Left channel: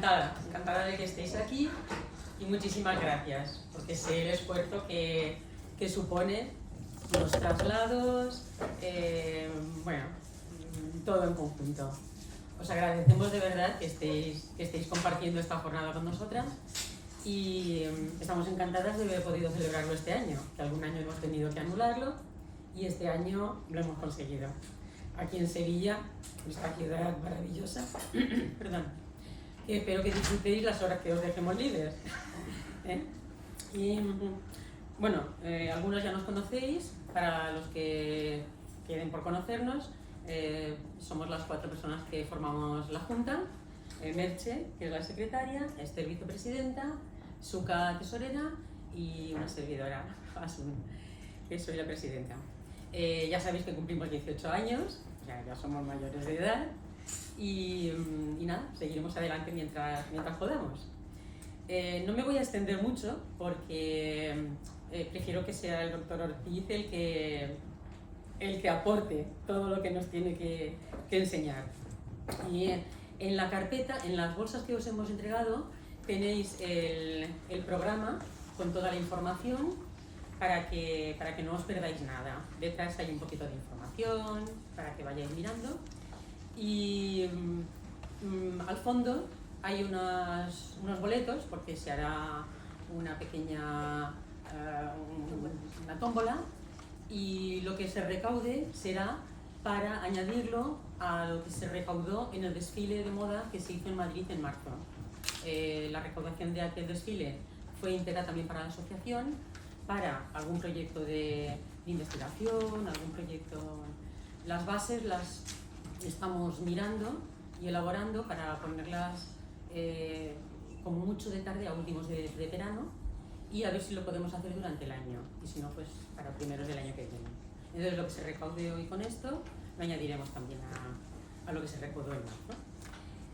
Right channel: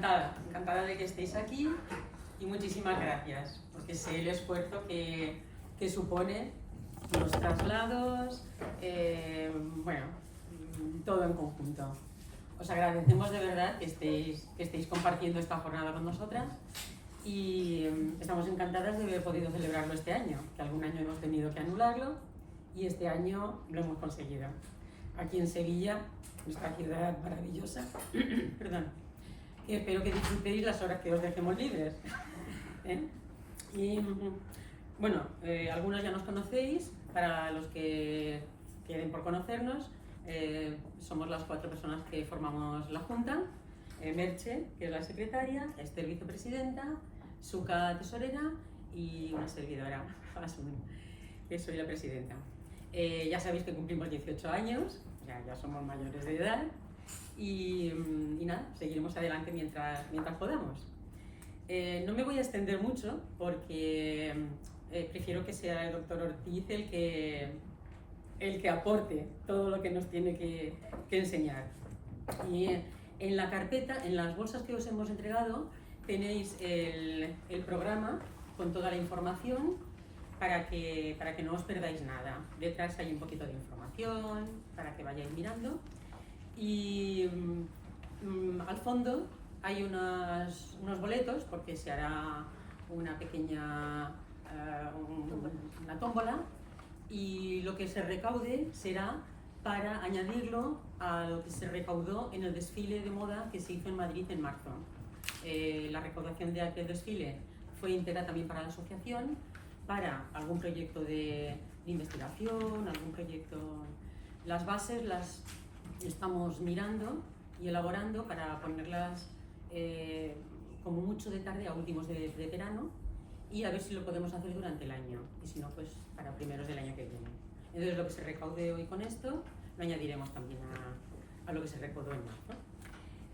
encantada de que estéis aquí y muchísimas gracias, porque sé el esfuerzo que supone los traslados, bueno, todo en conjunto. Os agradecemos de verdad que estéis compartiendo esta jornada con nosotras y estamos encantadas de haber podido celebrarlo este año, que algún año hemos tenido que anularlo y este año lo hemos conseguido. Aquí en Sevilla, esta ciudad maravillosa, perdón, que espero que disfrutéis las horas que os dejemos libres. Y bueno, algunos ya nos conocéis, para los que queden por conocernos, somos las 4 personas que formamos la Junta, Merche, que es la secretaria, Esther, vicepresidenta, Suka, tesorera, y una servidora, Asun, que soy la presidenta. Ya sabéis que cumplimos 18 años, o sea, ya somos mayores de edad, y nada, seguiremos adelante mientras podamos. No me voy a extender mucho porque prefiero que sea el doctor Ortiz el que aporte todo lo que nos tiene que enseñar. Y en la carpeta, en las bolsas que os hemos entregado, tenéis el programa con toda la información para que no os perdáis nada. Detrás hay un poquito de información para que vayáis mirando. Y al fondo hay unos boletos, porque se hará una pequeña una tómbola, y lo que se recaude será para añadirlo a lo que se recaudó en el desfile de moda que se hizo en Madrid en marzo. La recaudación de aquel desfile fue íntegra también para la asociación, para algún proyecto de investigación, algún proyecto. Las bases las estamos mirando y elaborando para ponerlas como mucho de tarde a últimos de verano, y a ver si lo podemos hacer durante el año, y si no, pues para primeros del año que viene. Entonces lo que se recaude hoy con esto lo añadiremos también a lo que se recaudó en marzo.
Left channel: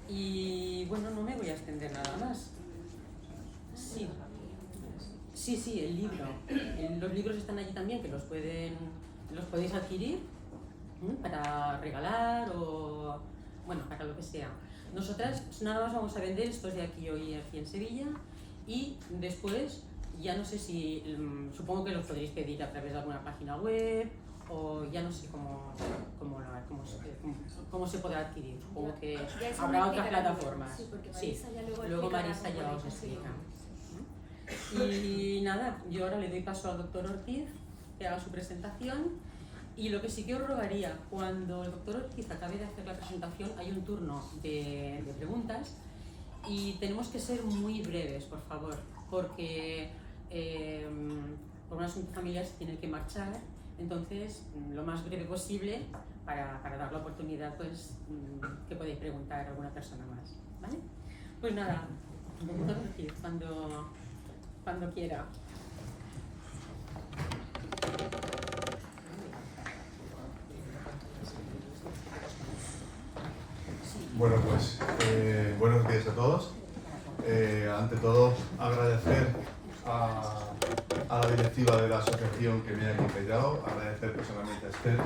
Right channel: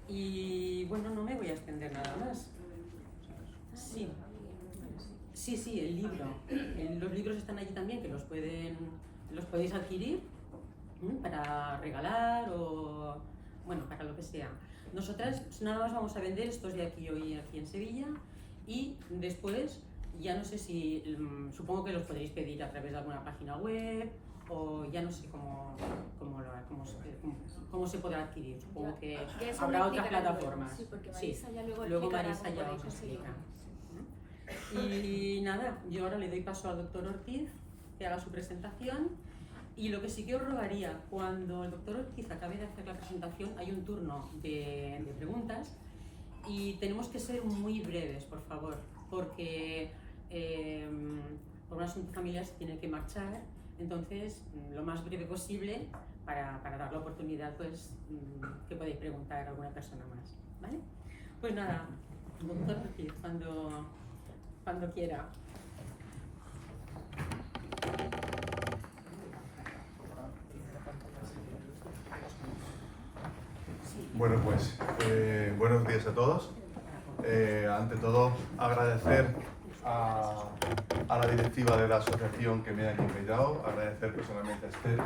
Y bueno, no me voy a extender nada más. Sí, el libro. Los libros están allí también, que los podéis adquirir para regalar o bueno, para lo que sea. Nosotras nada más vamos a vender estos de aquí hoy aquí en Sevilla, y después ya no sé si, supongo que los podréis pedir a través de alguna página web, o ya no sé cómo se podrá adquirir. Supongo que habrá otras plataformas. Sí, porque Marisa ya luego Marisa ya os explica. Y nada, yo ahora le doy paso al doctor Ortiz que haga su presentación, y lo que sí que os rogaría, cuando el doctor Ortiz acabe de hacer la presentación, hay un turno de preguntas, y tenemos que ser muy breves, por favor, porque por un asunto familiar se tiene que marchar. Entonces, lo más breve posible para dar la oportunidad, pues, que podáis preguntar a alguna persona más, ¿vale? Pues nada, doctor Ortiz, cuando quiera. Bueno, pues buenos días a todos. Ante todo, agradecer a la directiva de la asociación que me ha invitado, agradecer personalmente a Esther,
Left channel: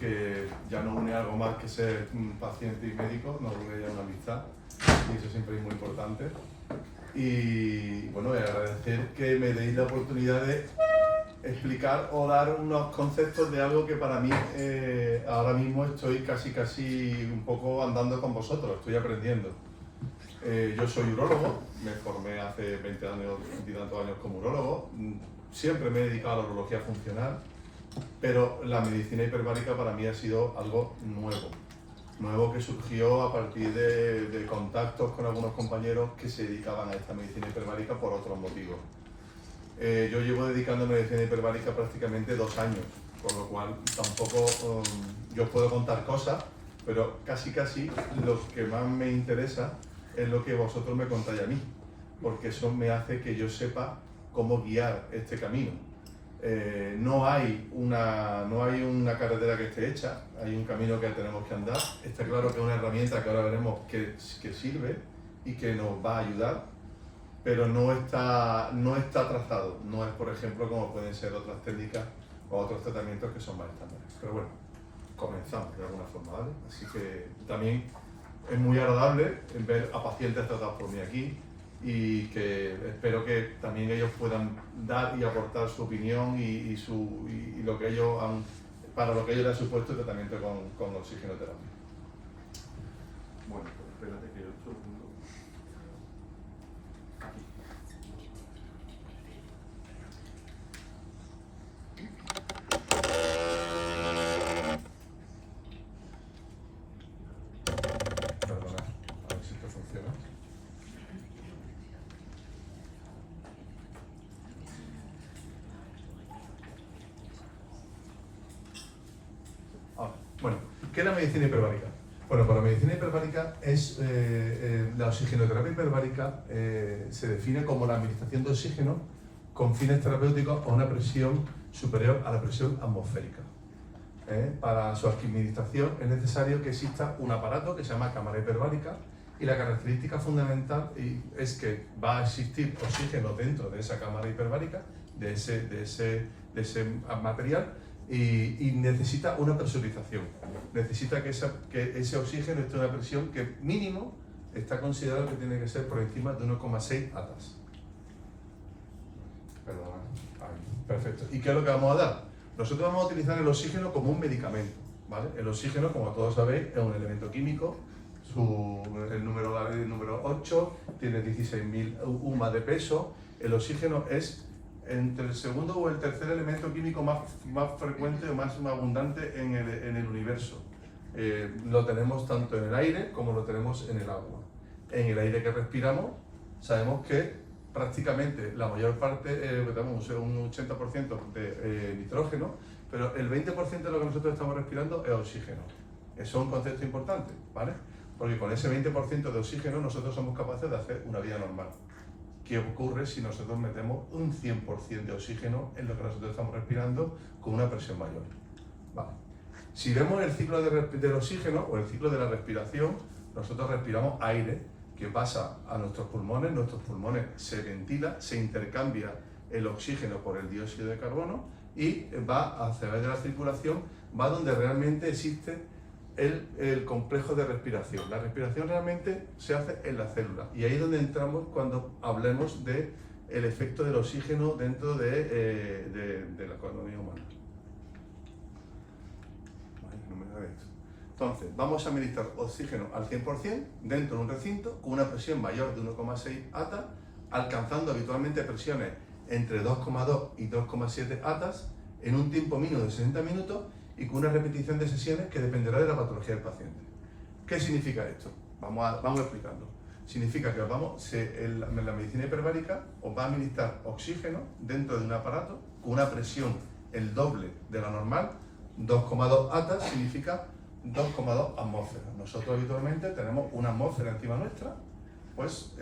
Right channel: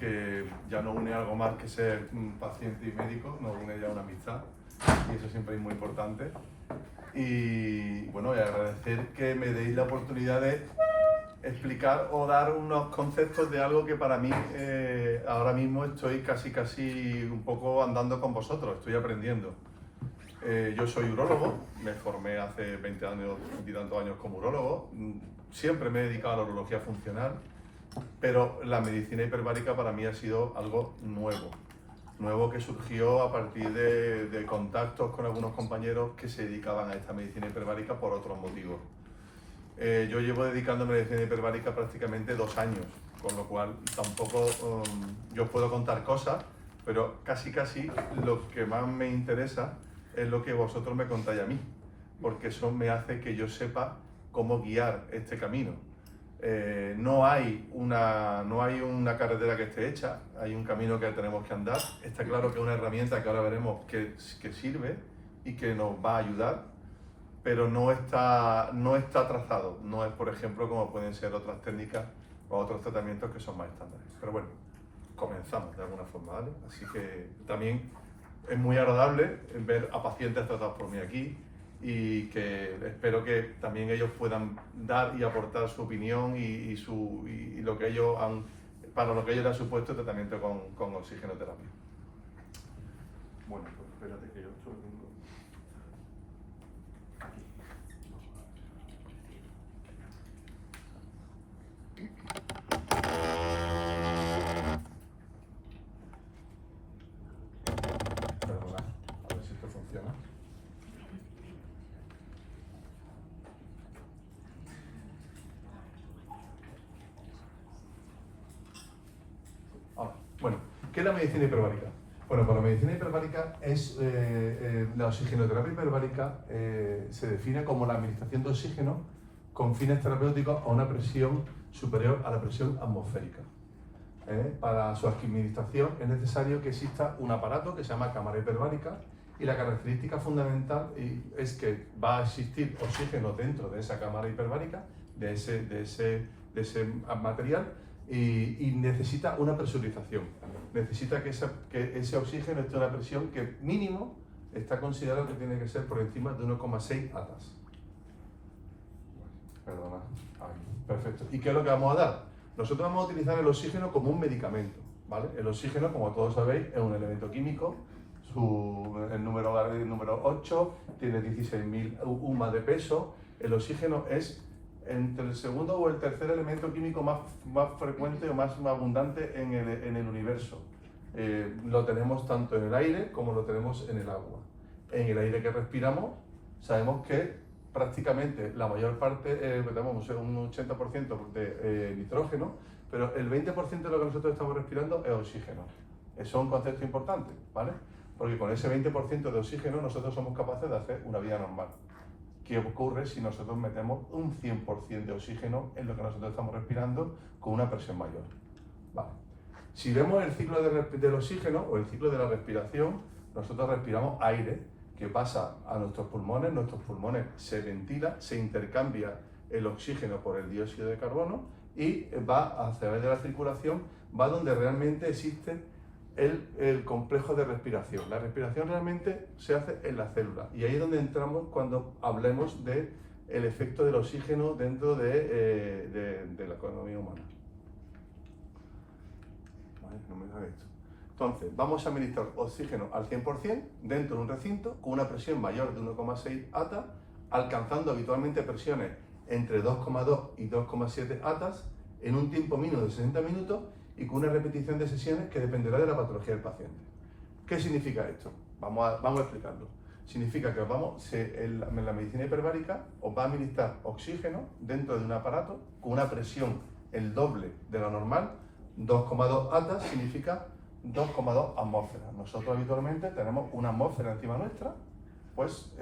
que ya nos une algo más que ser paciente y médico, nos une ya una amistad, y eso siempre es muy importante. Y bueno, agradecer que me deis la oportunidad de explicar o dar unos conceptos de algo que para mí ahora mismo estoy casi un poco andando con vosotros, estoy aprendiendo. Yo soy urólogo, me formé hace 20 y tantos años como urólogo, siempre me he dedicado a la urología funcional, pero la medicina hiperbárica para mí ha sido algo nuevo que surgió a partir de contactos con algunos compañeros que se dedicaban a esta medicina hiperbárica por otros motivos. Yo llevo dedicándome a medicina hiperbárica prácticamente 2 años, con lo cual tampoco yo os puedo contar cosas, pero casi lo que más me interesa es lo que vosotros me contáis a mí, porque eso me hace que yo sepa cómo guiar este camino. No hay una carretera que esté hecha, hay un camino que tenemos que andar. Está claro que es una herramienta que ahora veremos que sirve y que nos va a ayudar, pero no está trazado. No es, por ejemplo, como pueden ser otras técnicas o otros tratamientos que son más estándares. Pero bueno, comenzamos de alguna forma, ¿vale? Así que también es muy agradable ver a pacientes tratados por mí aquí y que espero que también ellos puedan dar y aportar su opinión y lo que ellos han, para lo que ellos le han supuesto el tratamiento con oxigenoterapia. Bueno, pues espérate que yo un segundo. Aquí. Perdona, a ver si esto funciona. Bueno, ¿qué es la medicina hiperbárica? Bueno, pues la medicina hiperbárica es, la oxigenoterapia hiperbárica se define como la administración de oxígeno con fines terapéuticos a una presión superior a la presión atmosférica. Para su administración es necesario que exista un aparato que se llama cámara hiperbárica y la característica fundamental es que va a existir oxígeno dentro de esa cámara hiperbárica, de ese material, y necesita una presurización. Necesita que ese oxígeno esté a una presión que mínimo está considerado que tiene que ser por encima de 1,6 atas. Perdona. Perfecto. ¿Y qué es lo que vamos a dar? Nosotros vamos a utilizar el oxígeno como un medicamento, ¿vale? El oxígeno, como todos sabéis, es un elemento químico. El número 8 tiene 16.000 UMA de peso. El oxígeno es entre el segundo o el tercer elemento químico más frecuente o más abundante en el universo. Lo tenemos tanto en el aire como lo tenemos en el agua. En el aire que respiramos, sabemos que prácticamente la mayor parte, tenemos un 80% de nitrógeno, pero el 20% de lo que nosotros estamos respirando es oxígeno. Eso es un concepto importante, ¿vale? Porque con ese 20% de oxígeno nosotros somos capaces de hacer una vida normal. ¿Qué ocurre si nosotros metemos un 100% de oxígeno en lo que nosotros estamos respirando con una presión mayor? Vale. Si vemos el ciclo del oxígeno o el ciclo de la respiración, nosotros respiramos aire que pasa a nuestros pulmones se ventila, se intercambia el oxígeno por el dióxido de carbono y va a través de la circulación, va donde realmente existe el complejo de respiración. La respiración realmente se hace en la célula y ahí es donde entramos cuando hablemos del efecto del oxígeno dentro de la economía humana. Vale, no me da esto. Entonces, vamos a administrar oxígeno al 100% dentro de un recinto con una presión mayor de 1,6 atas, alcanzando habitualmente presiones entre 2,2 y 2,7 atas en un tiempo mínimo de 60 minutos y con una repetición de sesiones que dependerá de la patología del paciente. ¿Qué significa esto? Vamos a explicarlo. Significa que la medicina hiperbárica os va a administrar oxígeno dentro de un aparato con una presión el doble de la normal. 2,2 atas significa 2,2 atmósferas. Nosotros habitualmente tenemos una atmósfera encima nuestra, pues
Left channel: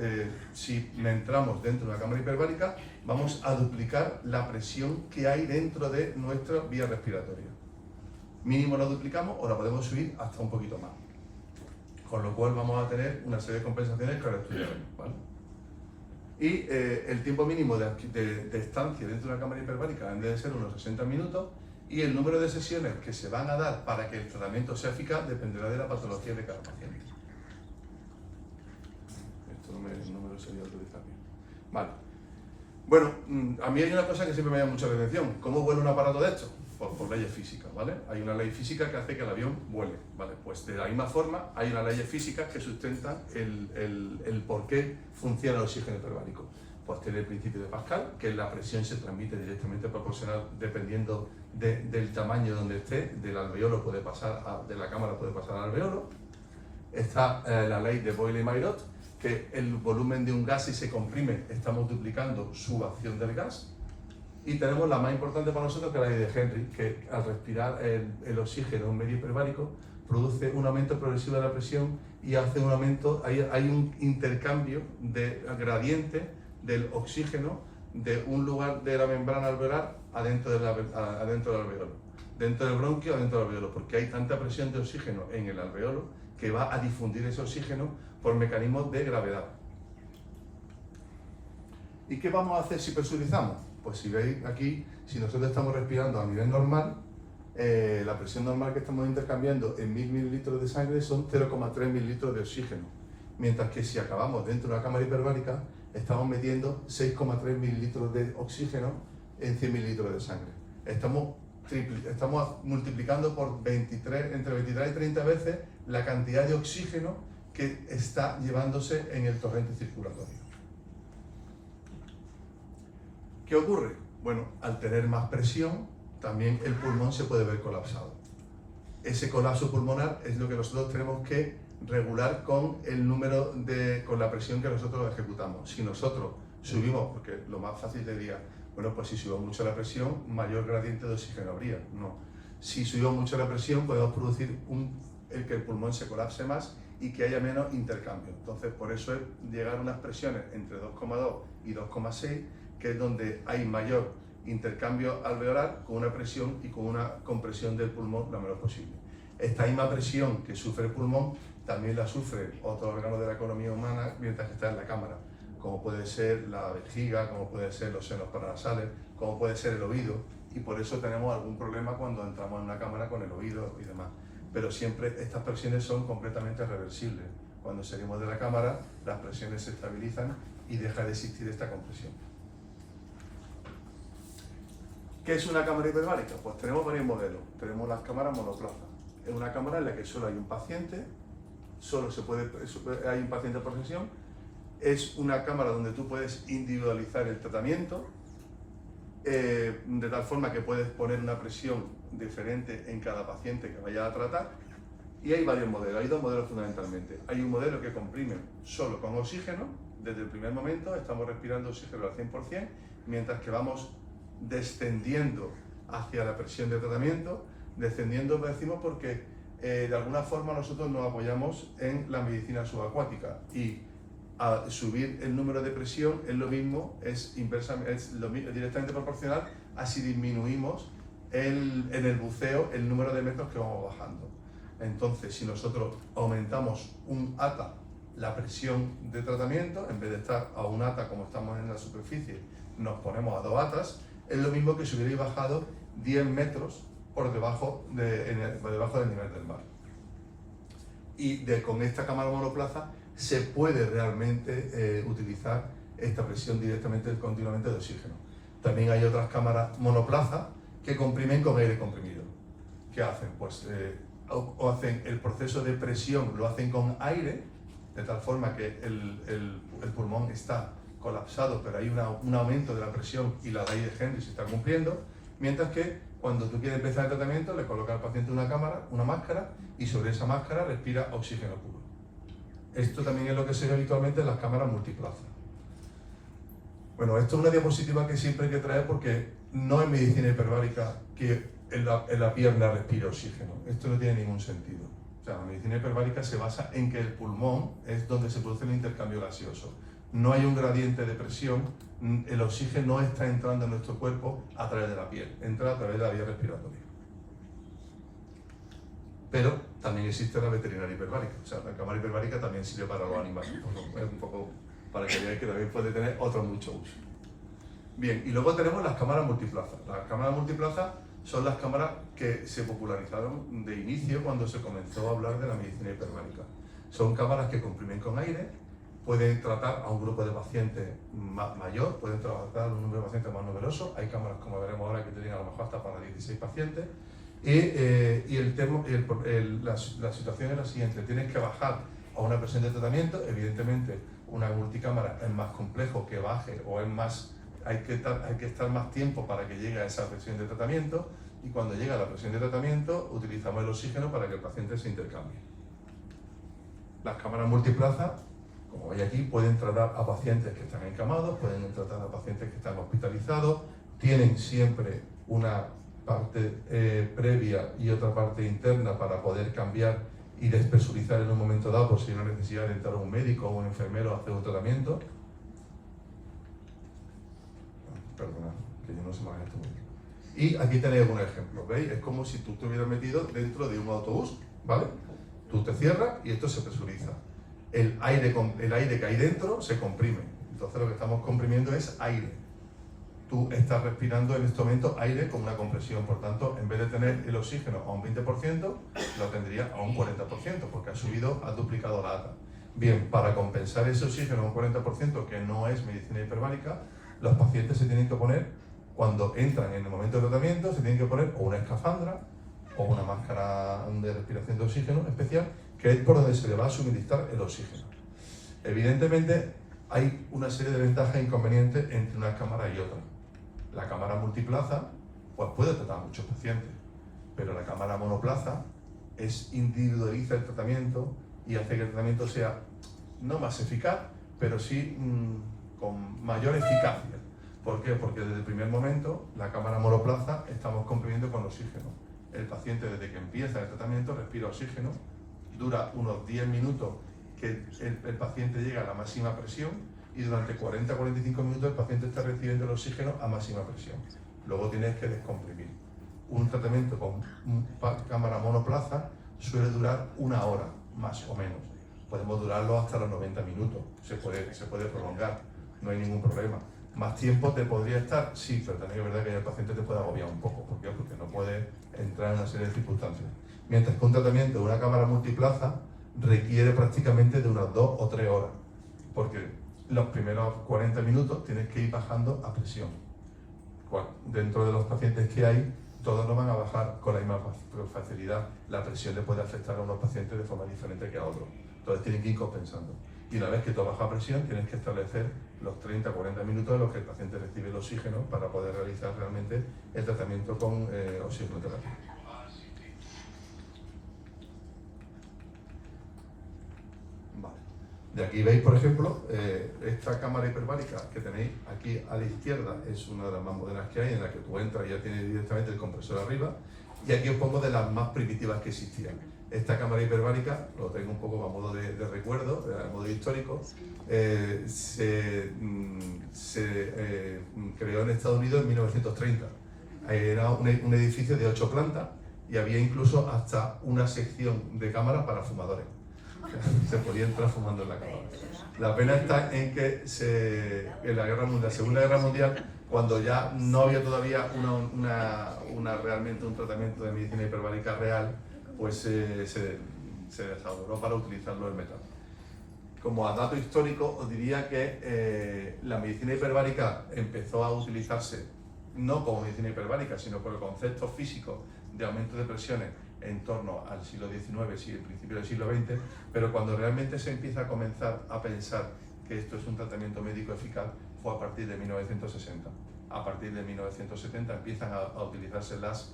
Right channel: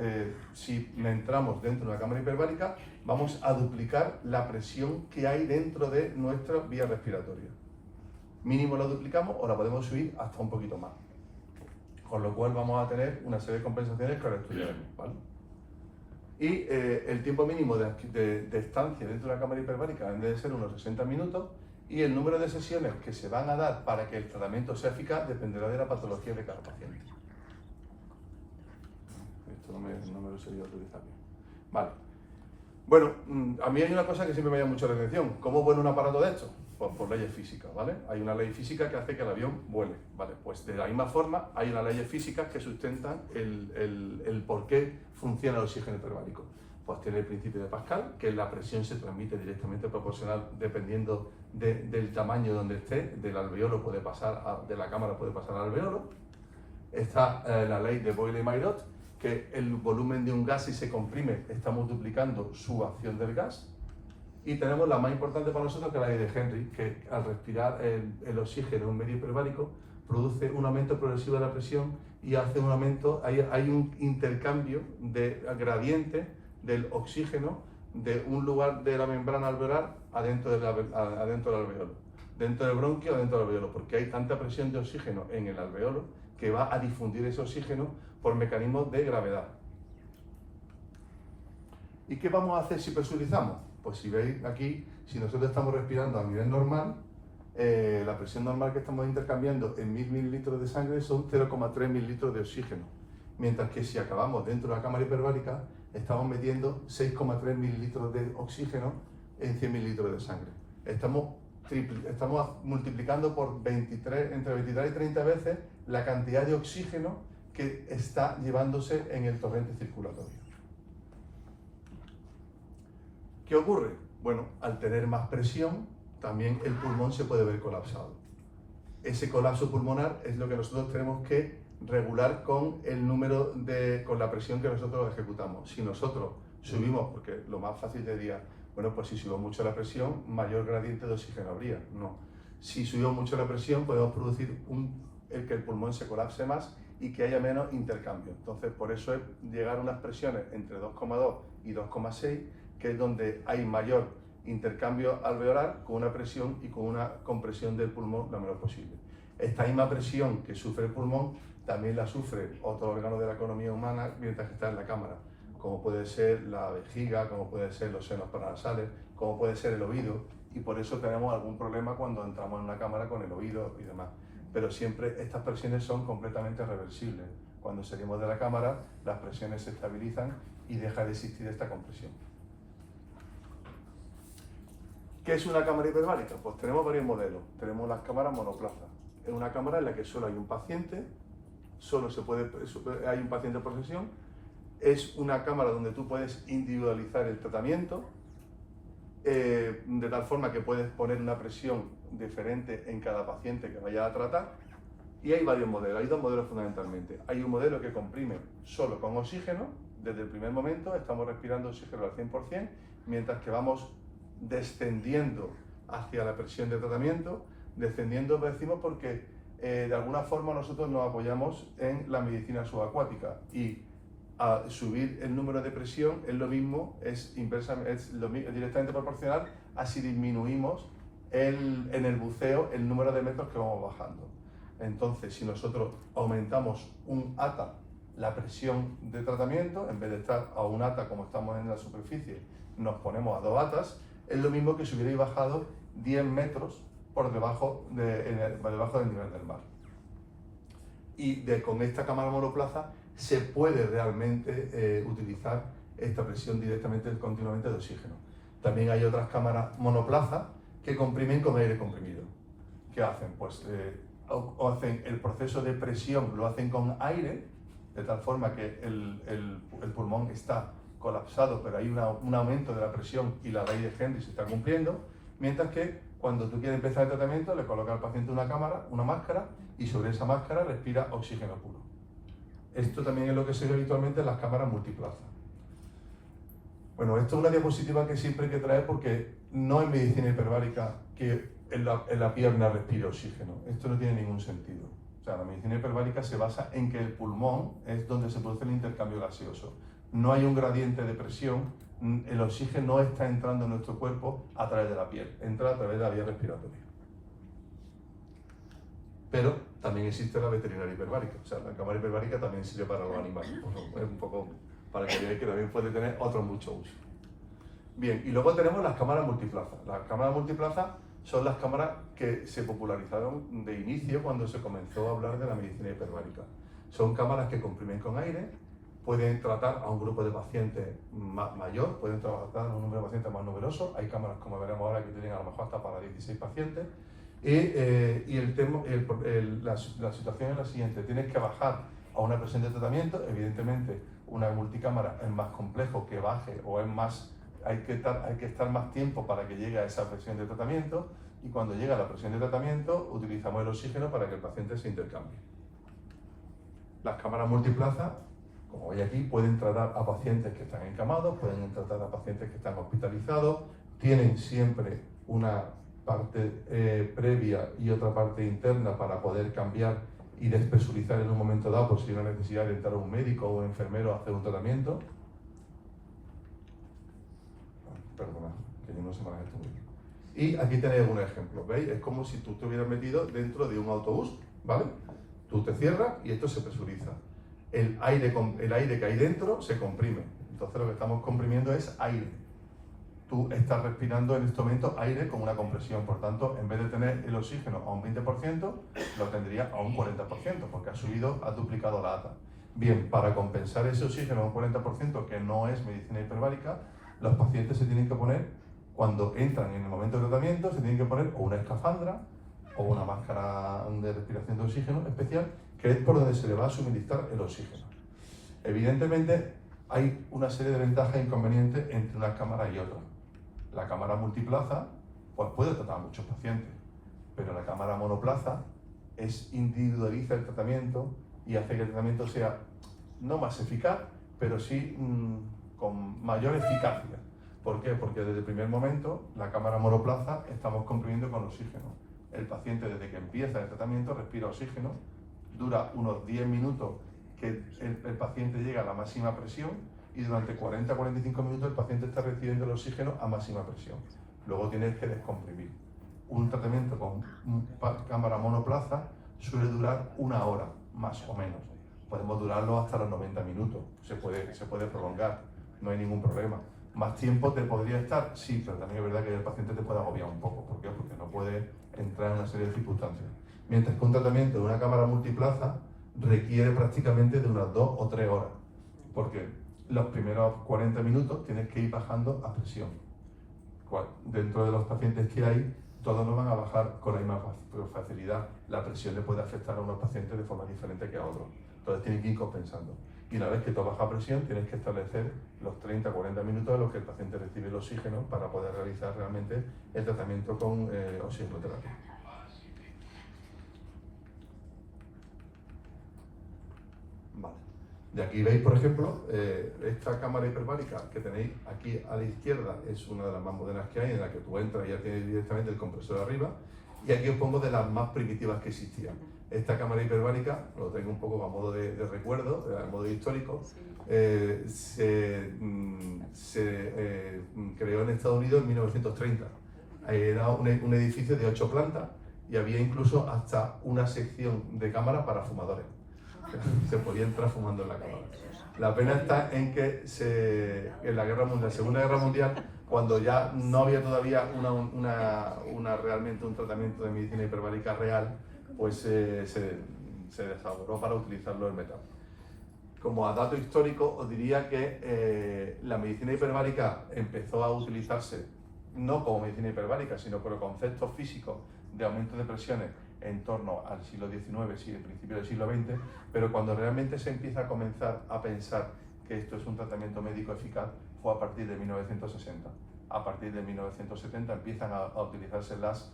si entramos dentro de la cámara hiperbárica vamos a duplicar la presión que hay dentro de nuestra vía respiratoria. Mínimo la duplicamos o la podemos subir hasta un poquito más. Con lo cual vamos a tener una serie de compensaciones que ahora estudiaremos, ¿vale? Y el tiempo mínimo de estancia dentro de la cámara hiperbárica debe ser unos 60 minutos y el número de sesiones que se van a dar para que el tratamiento sea eficaz dependerá de la patología de cada paciente. Esto no me lo sabía utilizar bien. Vale. Bueno, a mí hay una cosa que siempre me llama mucho la atención. ¿Cómo vuela un aparato de esto? Por leyes físicas, ¿vale? Hay una ley física que hace que el avión vuele, ¿vale? Pues de la misma forma hay unas leyes físicas que sustentan el por qué funciona el oxígeno hiperbárico. Pues tiene el principio de Pascal, que la presión se transmite directamente proporcional dependiendo del tamaño donde esté, del alveolo puede pasar, de la cámara puede pasar al alveolo. Está la ley de Boyle-Maillot, que el volumen de un gas si se comprime estamos duplicando su acción del gas. Y tenemos la más importante para nosotros, que es la ley de Henry, que al respirar el oxígeno en un medio hiperbárico produce un aumento progresivo de la presión y hace un aumento, hay un intercambio de gradiente del oxígeno de un lugar de la membrana alveolar adentro del alveolo, dentro del bronquio o dentro del alveolo, porque hay tanta presión de oxígeno en el alveolo que va a difundir ese oxígeno por mecanismos de gravedad. ¿Y qué vamos a hacer si presurizamos? Pues si veis aquí, si nosotros estamos respirando a nivel normal, la presión normal que estamos intercambiando en 1000 mililitros de sangre son 0,3 mililitros de oxígeno, mientras que si acabamos dentro de una cámara hiperbárica estamos metiendo 6,3 mililitros de oxígeno en 100 mililitros de sangre. Estamos multiplicando por 23, entre 23 y 30 veces la cantidad de oxígeno que está llevándose en el torrente circulatorio. ¿Qué ocurre? Bueno, al tener más presión, también el pulmón se puede ver colapsado. Ese colapso pulmonar es lo que nosotros tenemos que regular con el número con la presión que nosotros ejecutamos. Si nosotros subimos, porque lo más fácil sería, bueno, pues si subimos mucho la presión, mayor gradiente de oxígeno habría. No. Si subimos mucho la presión, podemos producir que el pulmón se colapse más y que haya menos intercambio. Entonces, por eso es llegar a unas presiones entre 2,2 y 2,6, que es donde hay mayor intercambio alveolar con una presión y con una compresión del pulmón lo menor posible. Esta misma presión que sufre el pulmón también la sufre otro órgano de la economía humana mientras que está en la cámara, como puede ser la vejiga, como puede ser los senos paranasales, como puede ser el oído, y por eso tenemos algún problema cuando entramos en una cámara con el oído y demás. Pero siempre estas presiones son completamente reversibles. Cuando salimos de la cámara, las presiones se estabilizan y deja de existir esta compresión. ¿Qué es una cámara hiperbárica? Pues tenemos varios modelos. Tenemos las cámaras monoplaza. Es una cámara en la que solo hay un paciente, hay un paciente por sesión. Es una cámara donde tú puedes individualizar el tratamiento, de tal forma que puedes poner una presión diferente en cada paciente que vaya a tratar. Y hay varios modelos, hay dos modelos fundamentalmente. Hay un modelo que comprime solo con oxígeno, desde el primer momento estamos respirando oxígeno al 100%, mientras que vamos descendiendo hacia la presión de tratamiento. Descendiendo, decimos, porque de alguna forma nosotros nos apoyamos en la medicina subacuática y a subir el número de presión es lo mismo, es directamente proporcional a si disminuimos en el buceo el número de metros que vamos bajando. Entonces, si nosotros aumentamos un ATA la presión de tratamiento, en vez de estar a un ATA como estamos en la superficie, nos ponemos a 2 ATAs, es lo mismo que si hubierais bajado 10 metros por debajo del nivel del mar. Y con esta cámara monoplaza se puede realmente utilizar esta presión continuamente de oxígeno. También hay otras cámaras monoplaza que comprimen con aire comprimido. ¿Qué hacen? Pues hacen el proceso de presión, lo hacen con aire, de tal forma que el pulmón está colapsado, pero hay un aumento de la presión y la ley de Henry se está cumpliendo, mientras que cuando tú quieres empezar el tratamiento, le colocas al paciente una máscara, y sobre esa máscara respira oxígeno puro. Esto también es lo que se ve habitualmente en las cámaras multiplaza. Bueno, esto es una diapositiva que siempre hay que traer porque no es medicina hiperbárica que en la pierna respire oxígeno. Esto no tiene ningún sentido. O sea, la medicina hiperbárica se basa en que el pulmón es donde se produce el intercambio gaseoso. No hay un gradiente de presión, el oxígeno no está entrando en nuestro cuerpo a través de la piel, entra a través de la vía respiratoria. Pero también existe la veterinaria hiperbárica, o sea, la cámara hiperbárica también sirve para los animales, un poco para que veáis que también puede tener otro mucho uso. Bien, y luego tenemos las cámaras multiplaza. Las cámaras multiplaza son las cámaras que se popularizaron de inicio cuando se comenzó a hablar de la medicina hiperbárica. Son cámaras que comprimen con aire, pueden tratar a un grupo de pacientes mayor, pueden tratar a un número de pacientes más numeroso. Hay cámaras, como veremos ahora, que tienen a lo mejor hasta para 16 pacientes. La situación es la siguiente: tienes que bajar a una presión de tratamiento. Evidentemente, una multicámara es más complejo que baje, o es más, hay que estar más tiempo para que llegue a esa presión de tratamiento, y cuando llega a la presión de tratamiento utilizamos el oxígeno para que el paciente se intercambie. Las cámaras multiplaza, como veis aquí, pueden tratar a pacientes que están encamados, pueden tratar a pacientes que están hospitalizados, tienen siempre una parte previa y otra parte interna para poder cambiar y despresurizar en un momento dado, por si hay una necesidad de entrar un médico o un enfermero a hacer un tratamiento. Perdona, que yo no sé más esto muy bien. Y aquí tenéis un ejemplo, ¿veis? Es como si tú te hubieras metido dentro de un autobús, ¿vale? Tú te cierras y esto se presuriza. El aire que hay dentro se comprime. Entonces lo que estamos comprimiendo es aire. tú estás respirando en este momento aire con una compresión. Por tanto, en vez de tener el oxígeno a un 20%, lo tendría a un 40%, porque ha duplicado la ATA. Bien, para compensar ese oxígeno a un 40%, que no es medicina hiperbárica, los pacientes se tienen que poner, cuando entran en el momento de tratamiento, se tienen que poner o una escafandra o una máscara de respiración de oxígeno especial, que es por donde se le va a suministrar el oxígeno. Evidentemente, hay una serie de ventajas e inconvenientes entre una cámara y otra. La cámara multiplaza pues puede tratar muchos pacientes, pero la cámara monoplaza individualiza el tratamiento y hace que el tratamiento sea no más eficaz, pero sí con mayor eficacia. ¿Por qué? Porque desde el primer momento la cámara monoplaza estamos comprimiendo con oxígeno. El paciente, desde que empieza el tratamiento, respira oxígeno, dura unos 10 minutos que el paciente llega a la máxima presión, y durante 40-45 minutos el paciente está recibiendo el oxígeno a máxima presión. Luego tienes que descomprimir. Un tratamiento con cámara monoplaza suele durar 1 hora, más o menos. Podemos durarlo hasta los 90 minutos, se puede prolongar, no hay ningún problema. ¿Más tiempo te podría estar? Sí, pero también es verdad que el paciente te puede agobiar un poco. ¿Por qué? Porque no puede entrar en una serie de circunstancias. Mientras que un tratamiento de una cámara multiplaza requiere prácticamente de unas 2 o 3 horas, porque los primeros 40 minutos tienes que ir bajando a presión. Dentro de los pacientes que hay, todos no van a bajar con la misma facilidad. La presión le puede afectar a unos pacientes de forma diferente que a otros. Entonces tienen que ir compensando. Y una vez que tú bajas presión, tienes que establecer los 30-40 minutos en los que el paciente recibe el oxígeno para poder realizar realmente el tratamiento con oxigenoterapia. Vale. De aquí veis, por ejemplo, esta cámara hiperbárica que tenéis aquí a la izquierda es una de las más modernas que hay, en la que tú entras y ya tienes directamente el compresor arriba. Y aquí os pongo de las más primitivas que existían. Esta cámara hiperbárica, lo traigo un poco a modo de recuerdo, a modo histórico, se creó en Estados Unidos en 1930. Era un edificio de 8 plantas y había incluso hasta una sección de cámaras para fumadores. Se podía entrar fumando en la cámara. La pena está en que en la Segunda Guerra Mundial, cuando ya no había todavía realmente un tratamiento de medicina hiperbárica real, pues se desarrolló para utilizarlo en metal. Como a dato histórico, os diría que la medicina hiperbárica empezó a utilizarse no como medicina hiperbárica, sino con los conceptos físicos de aumento de presiones en torno al siglo XIX y el principio del siglo XX, pero cuando realmente se empieza a comenzar a pensar que esto es un tratamiento médico eficaz fue a partir de 1960. A partir de 1970 empiezan a utilizarse las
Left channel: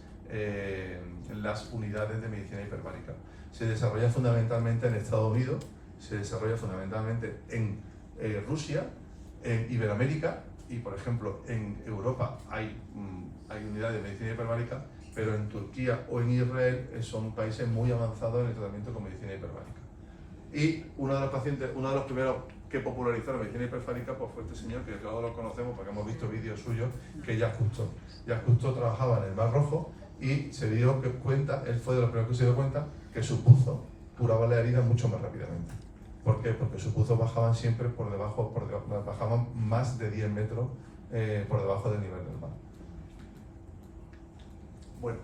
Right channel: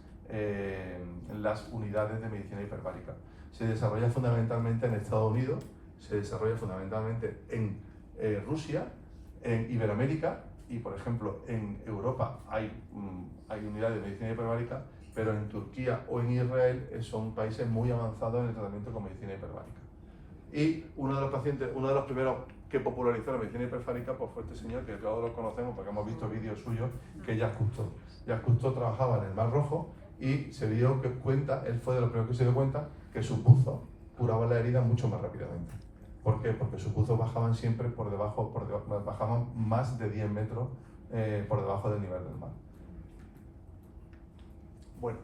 unidades de medicina hiperbárica. Se desarrolla fundamentalmente en Estados Unidos, se desarrolla fundamentalmente en Rusia, en Iberoamérica y, por ejemplo, en Europa hay unidades de medicina hiperbárica, pero en Turquía o en Israel son países muy avanzados en el tratamiento con medicina hiperbárica. Y uno de los primeros que popularizó la medicina hiperbárica pues fue este señor, que todos lo conocemos porque hemos visto vídeos suyos, que es Jacques Cousteau. Jacques Cousteau trabajaba en el Mar Rojo y se dio cuenta, él fue de los primeros que se dio cuenta, que sus buzos curaban la herida mucho más rápidamente. ¿Por qué? Porque sus buzos bajaban siempre bajaban más de 10 metros por debajo del nivel del mar. Bueno,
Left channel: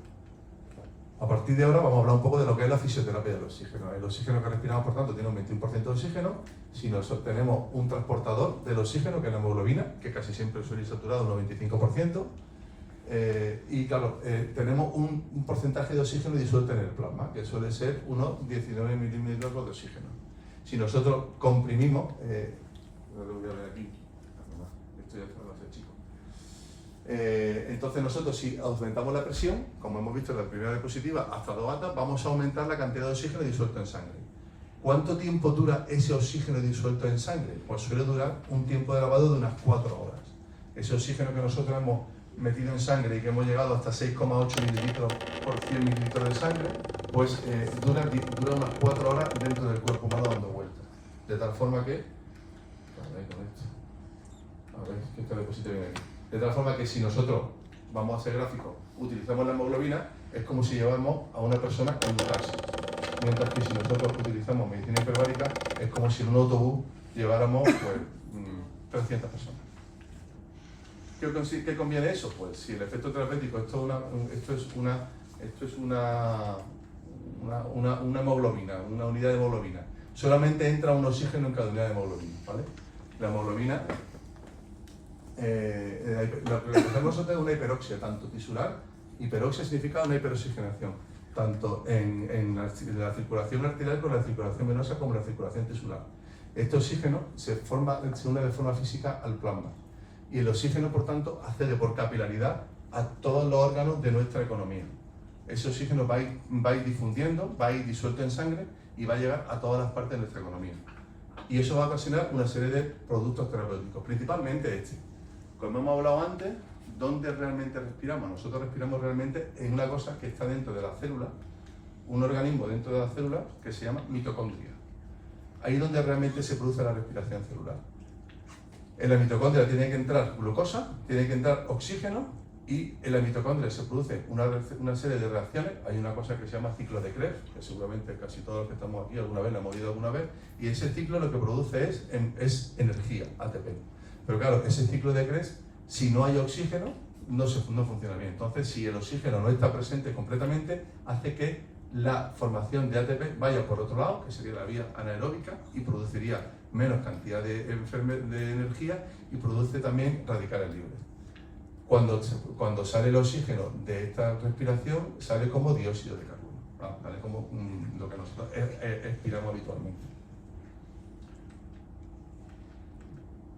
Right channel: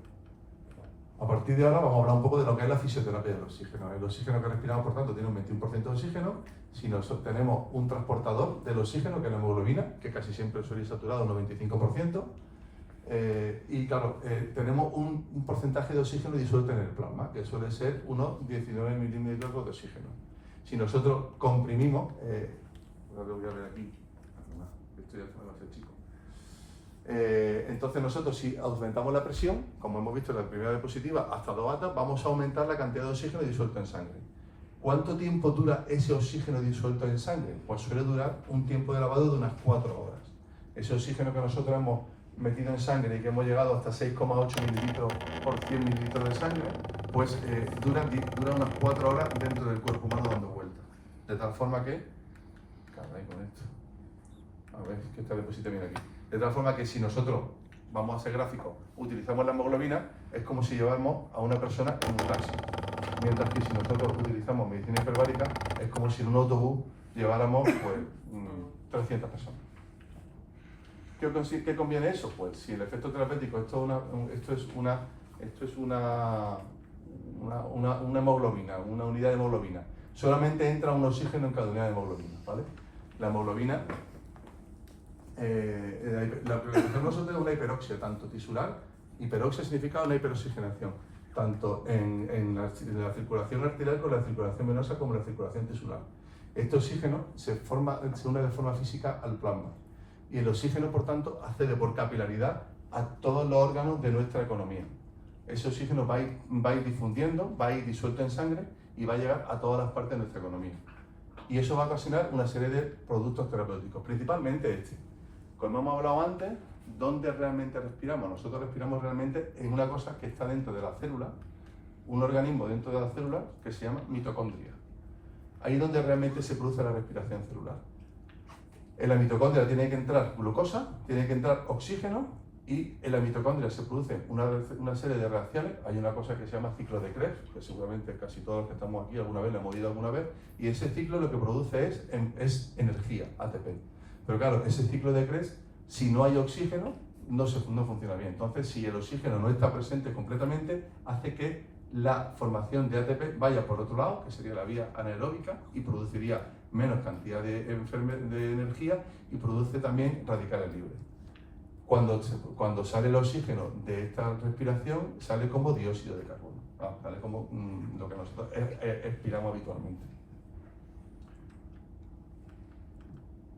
a partir de ahora vamos a hablar un poco de lo que es la fisioterapia del oxígeno. El oxígeno que respiramos, por tanto, tiene un 21% de oxígeno. Si nosotros tenemos un transportador del oxígeno, que es la hemoglobina, que casi siempre suele ir saturado un 95%, y claro, tenemos un porcentaje de oxígeno disuelto en el plasma, que suele ser unos 19 mililitros de oxígeno. Si nosotros comprimimos, no lo voy a ver aquí, esto ya está demasiado chico. Entonces nosotros, si aumentamos la presión, como hemos visto en la primera diapositiva, hasta 2 atas, vamos a aumentar la cantidad de oxígeno disuelto en sangre. ¿Cuánto tiempo dura ese oxígeno disuelto en sangre? Pues suele durar un tiempo de lavado de unas 4 horas. Ese oxígeno que nosotros hemos metido en sangre y que hemos llegado hasta 6,8 mililitros por 100 mililitros de sangre, pues dura unas 4 horas dentro del cuerpo humano dando vueltas. De tal forma que... A ver, que esta diapositiva viene aquí. De tal forma que si nosotros, vamos a hacer gráficos, utilizamos la hemoglobina, es como si llevamos a una persona en un taxi. Mientras que si nosotros utilizamos medicina hiperbárica, es como si en un autobús lleváramos pues, 300 personas. ¿Qué conviene eso? Pues si el efecto terapéutico, esto es una hemoglobina, una unidad de hemoglobina. Solamente entra un oxígeno en cada unidad de hemoglobina, ¿vale? La hemoglobina, lo que nosotros es una hiperoxia, tanto tisular, hiperoxia significa una hiperoxigenación, tanto en la circulación arterial como en la circulación venosa como en la circulación tisular. Este oxígeno se une de forma física al plasma y el oxígeno, por tanto, accede por capilaridad a todos los órganos de nuestra economía. Ese oxígeno va a ir difundiendo, va a ir disuelto en sangre y va a llegar a todas las partes de nuestra economía. Y eso va a ocasionar una serie de productos terapéuticos, principalmente este. Como hemos hablado antes, ¿dónde realmente respiramos? Nosotros respiramos realmente en una cosa que está dentro de la célula, un organismo dentro de la célula que se llama mitocondria. Ahí es donde realmente se produce la respiración celular. En la mitocondria tiene que entrar glucosa, tiene que entrar oxígeno y en la mitocondria se produce una serie de reacciones. Hay una cosa que se llama ciclo de Krebs, que seguramente casi todos los que estamos aquí alguna vez lo hemos oído alguna vez, y ese ciclo lo que produce es energía, ATP. Pero claro, ese ciclo de Krebs, si no hay oxígeno, no funciona bien. Entonces, si el oxígeno no está presente completamente, hace que la formación de ATP vaya por otro lado, que sería la vía anaeróbica, y produciría menos cantidad de energía y produce también radicales libres. Cuando sale el oxígeno de esta respiración, sale como dióxido de carbono, sale como lo que nosotros expiramos habitualmente.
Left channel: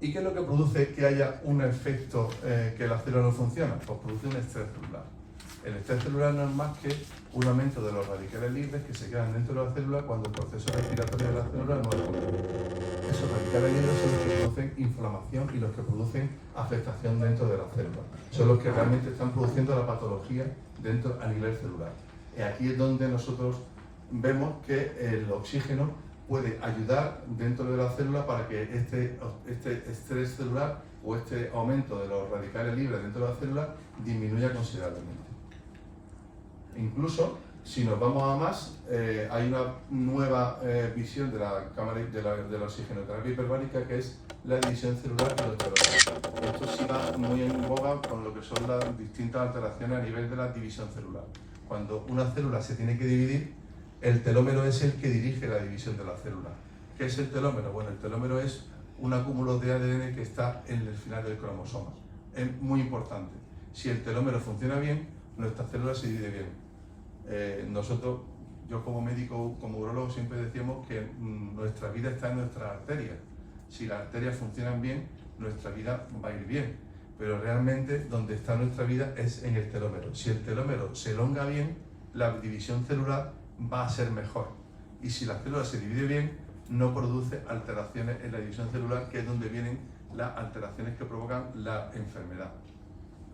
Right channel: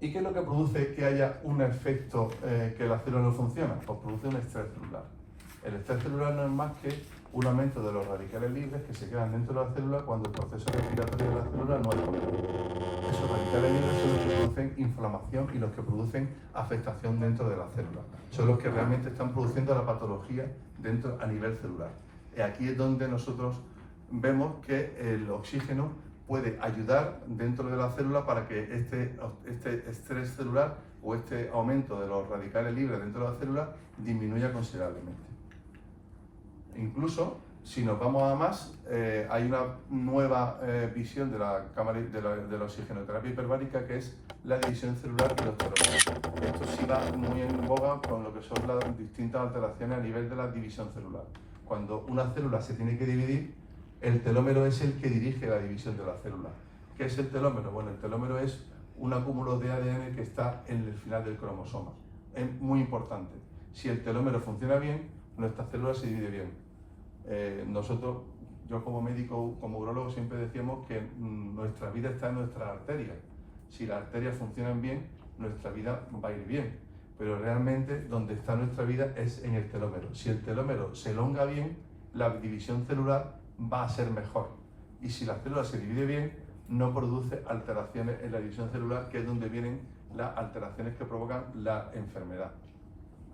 ¿Y qué es lo que produce que haya un efecto que la célula no funciona? Pues produce un estrés celular. El estrés celular no es más que un aumento de los radicales libres que se quedan dentro de la célula cuando el proceso respiratorio de la célula no es completo. Esos radicales libres son los que producen inflamación y los que producen afectación dentro de la célula. Son los que realmente están produciendo la patología a nivel celular. Y aquí es donde nosotros vemos que el oxígeno puede ayudar dentro de la célula para que este estrés celular o este aumento de los radicales libres dentro de la célula disminuya considerablemente. Incluso, si nos vamos a más, hay una nueva visión de la oxigenoterapia hiperbárica, que es la división celular y los telómeros. Esto sí va muy en boga con lo que son las distintas alteraciones a nivel de la división celular. Cuando una célula se tiene que dividir, el telómero es el que dirige la división de la célula. ¿Qué es el telómero? Bueno, el telómero es un acúmulo de ADN que está en el final del cromosoma. Es muy importante. Si el telómero funciona bien, nuestra célula se divide bien. Yo como médico, como urólogo, siempre decíamos que nuestra vida está en nuestras arterias. Si las arterias funcionan bien, nuestra vida va a ir bien. Pero realmente donde está nuestra vida es en el telómero. Si el telómero se elonga bien, la división celular va a ser mejor. Y si la célula se divide bien, no produce alteraciones en la división celular, que es donde vienen las alteraciones que provocan la enfermedad.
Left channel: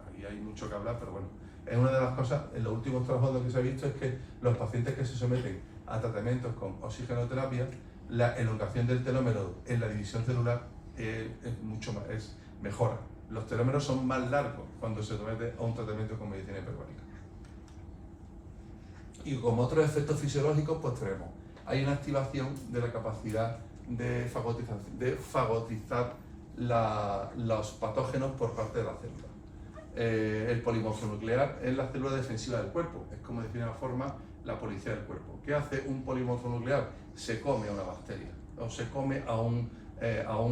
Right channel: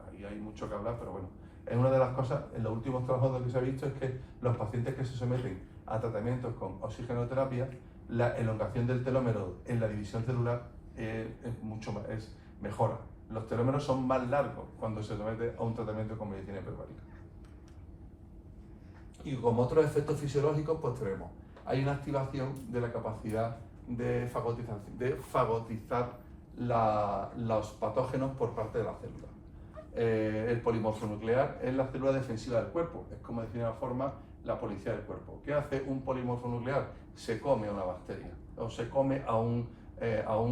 Ahí hay mucho que hablar, pero bueno. Es una de las cosas, en los últimos trabajos que se ha visto, es que los pacientes que se someten a tratamientos con oxigenoterapia, la elongación del telómero en la división celular es mejora. Los telómeros son más largos cuando se somete a un tratamiento con medicina hiperbárica. Y como otros efectos fisiológicos, pues hay una activación de la capacidad de fagotizar los patógenos por parte de la célula. El polimorfonuclear es la célula defensiva del cuerpo, es como decir de una forma la policía del cuerpo. ¿Qué hace un polimorfonuclear? Se come a una bacteria, o se come a un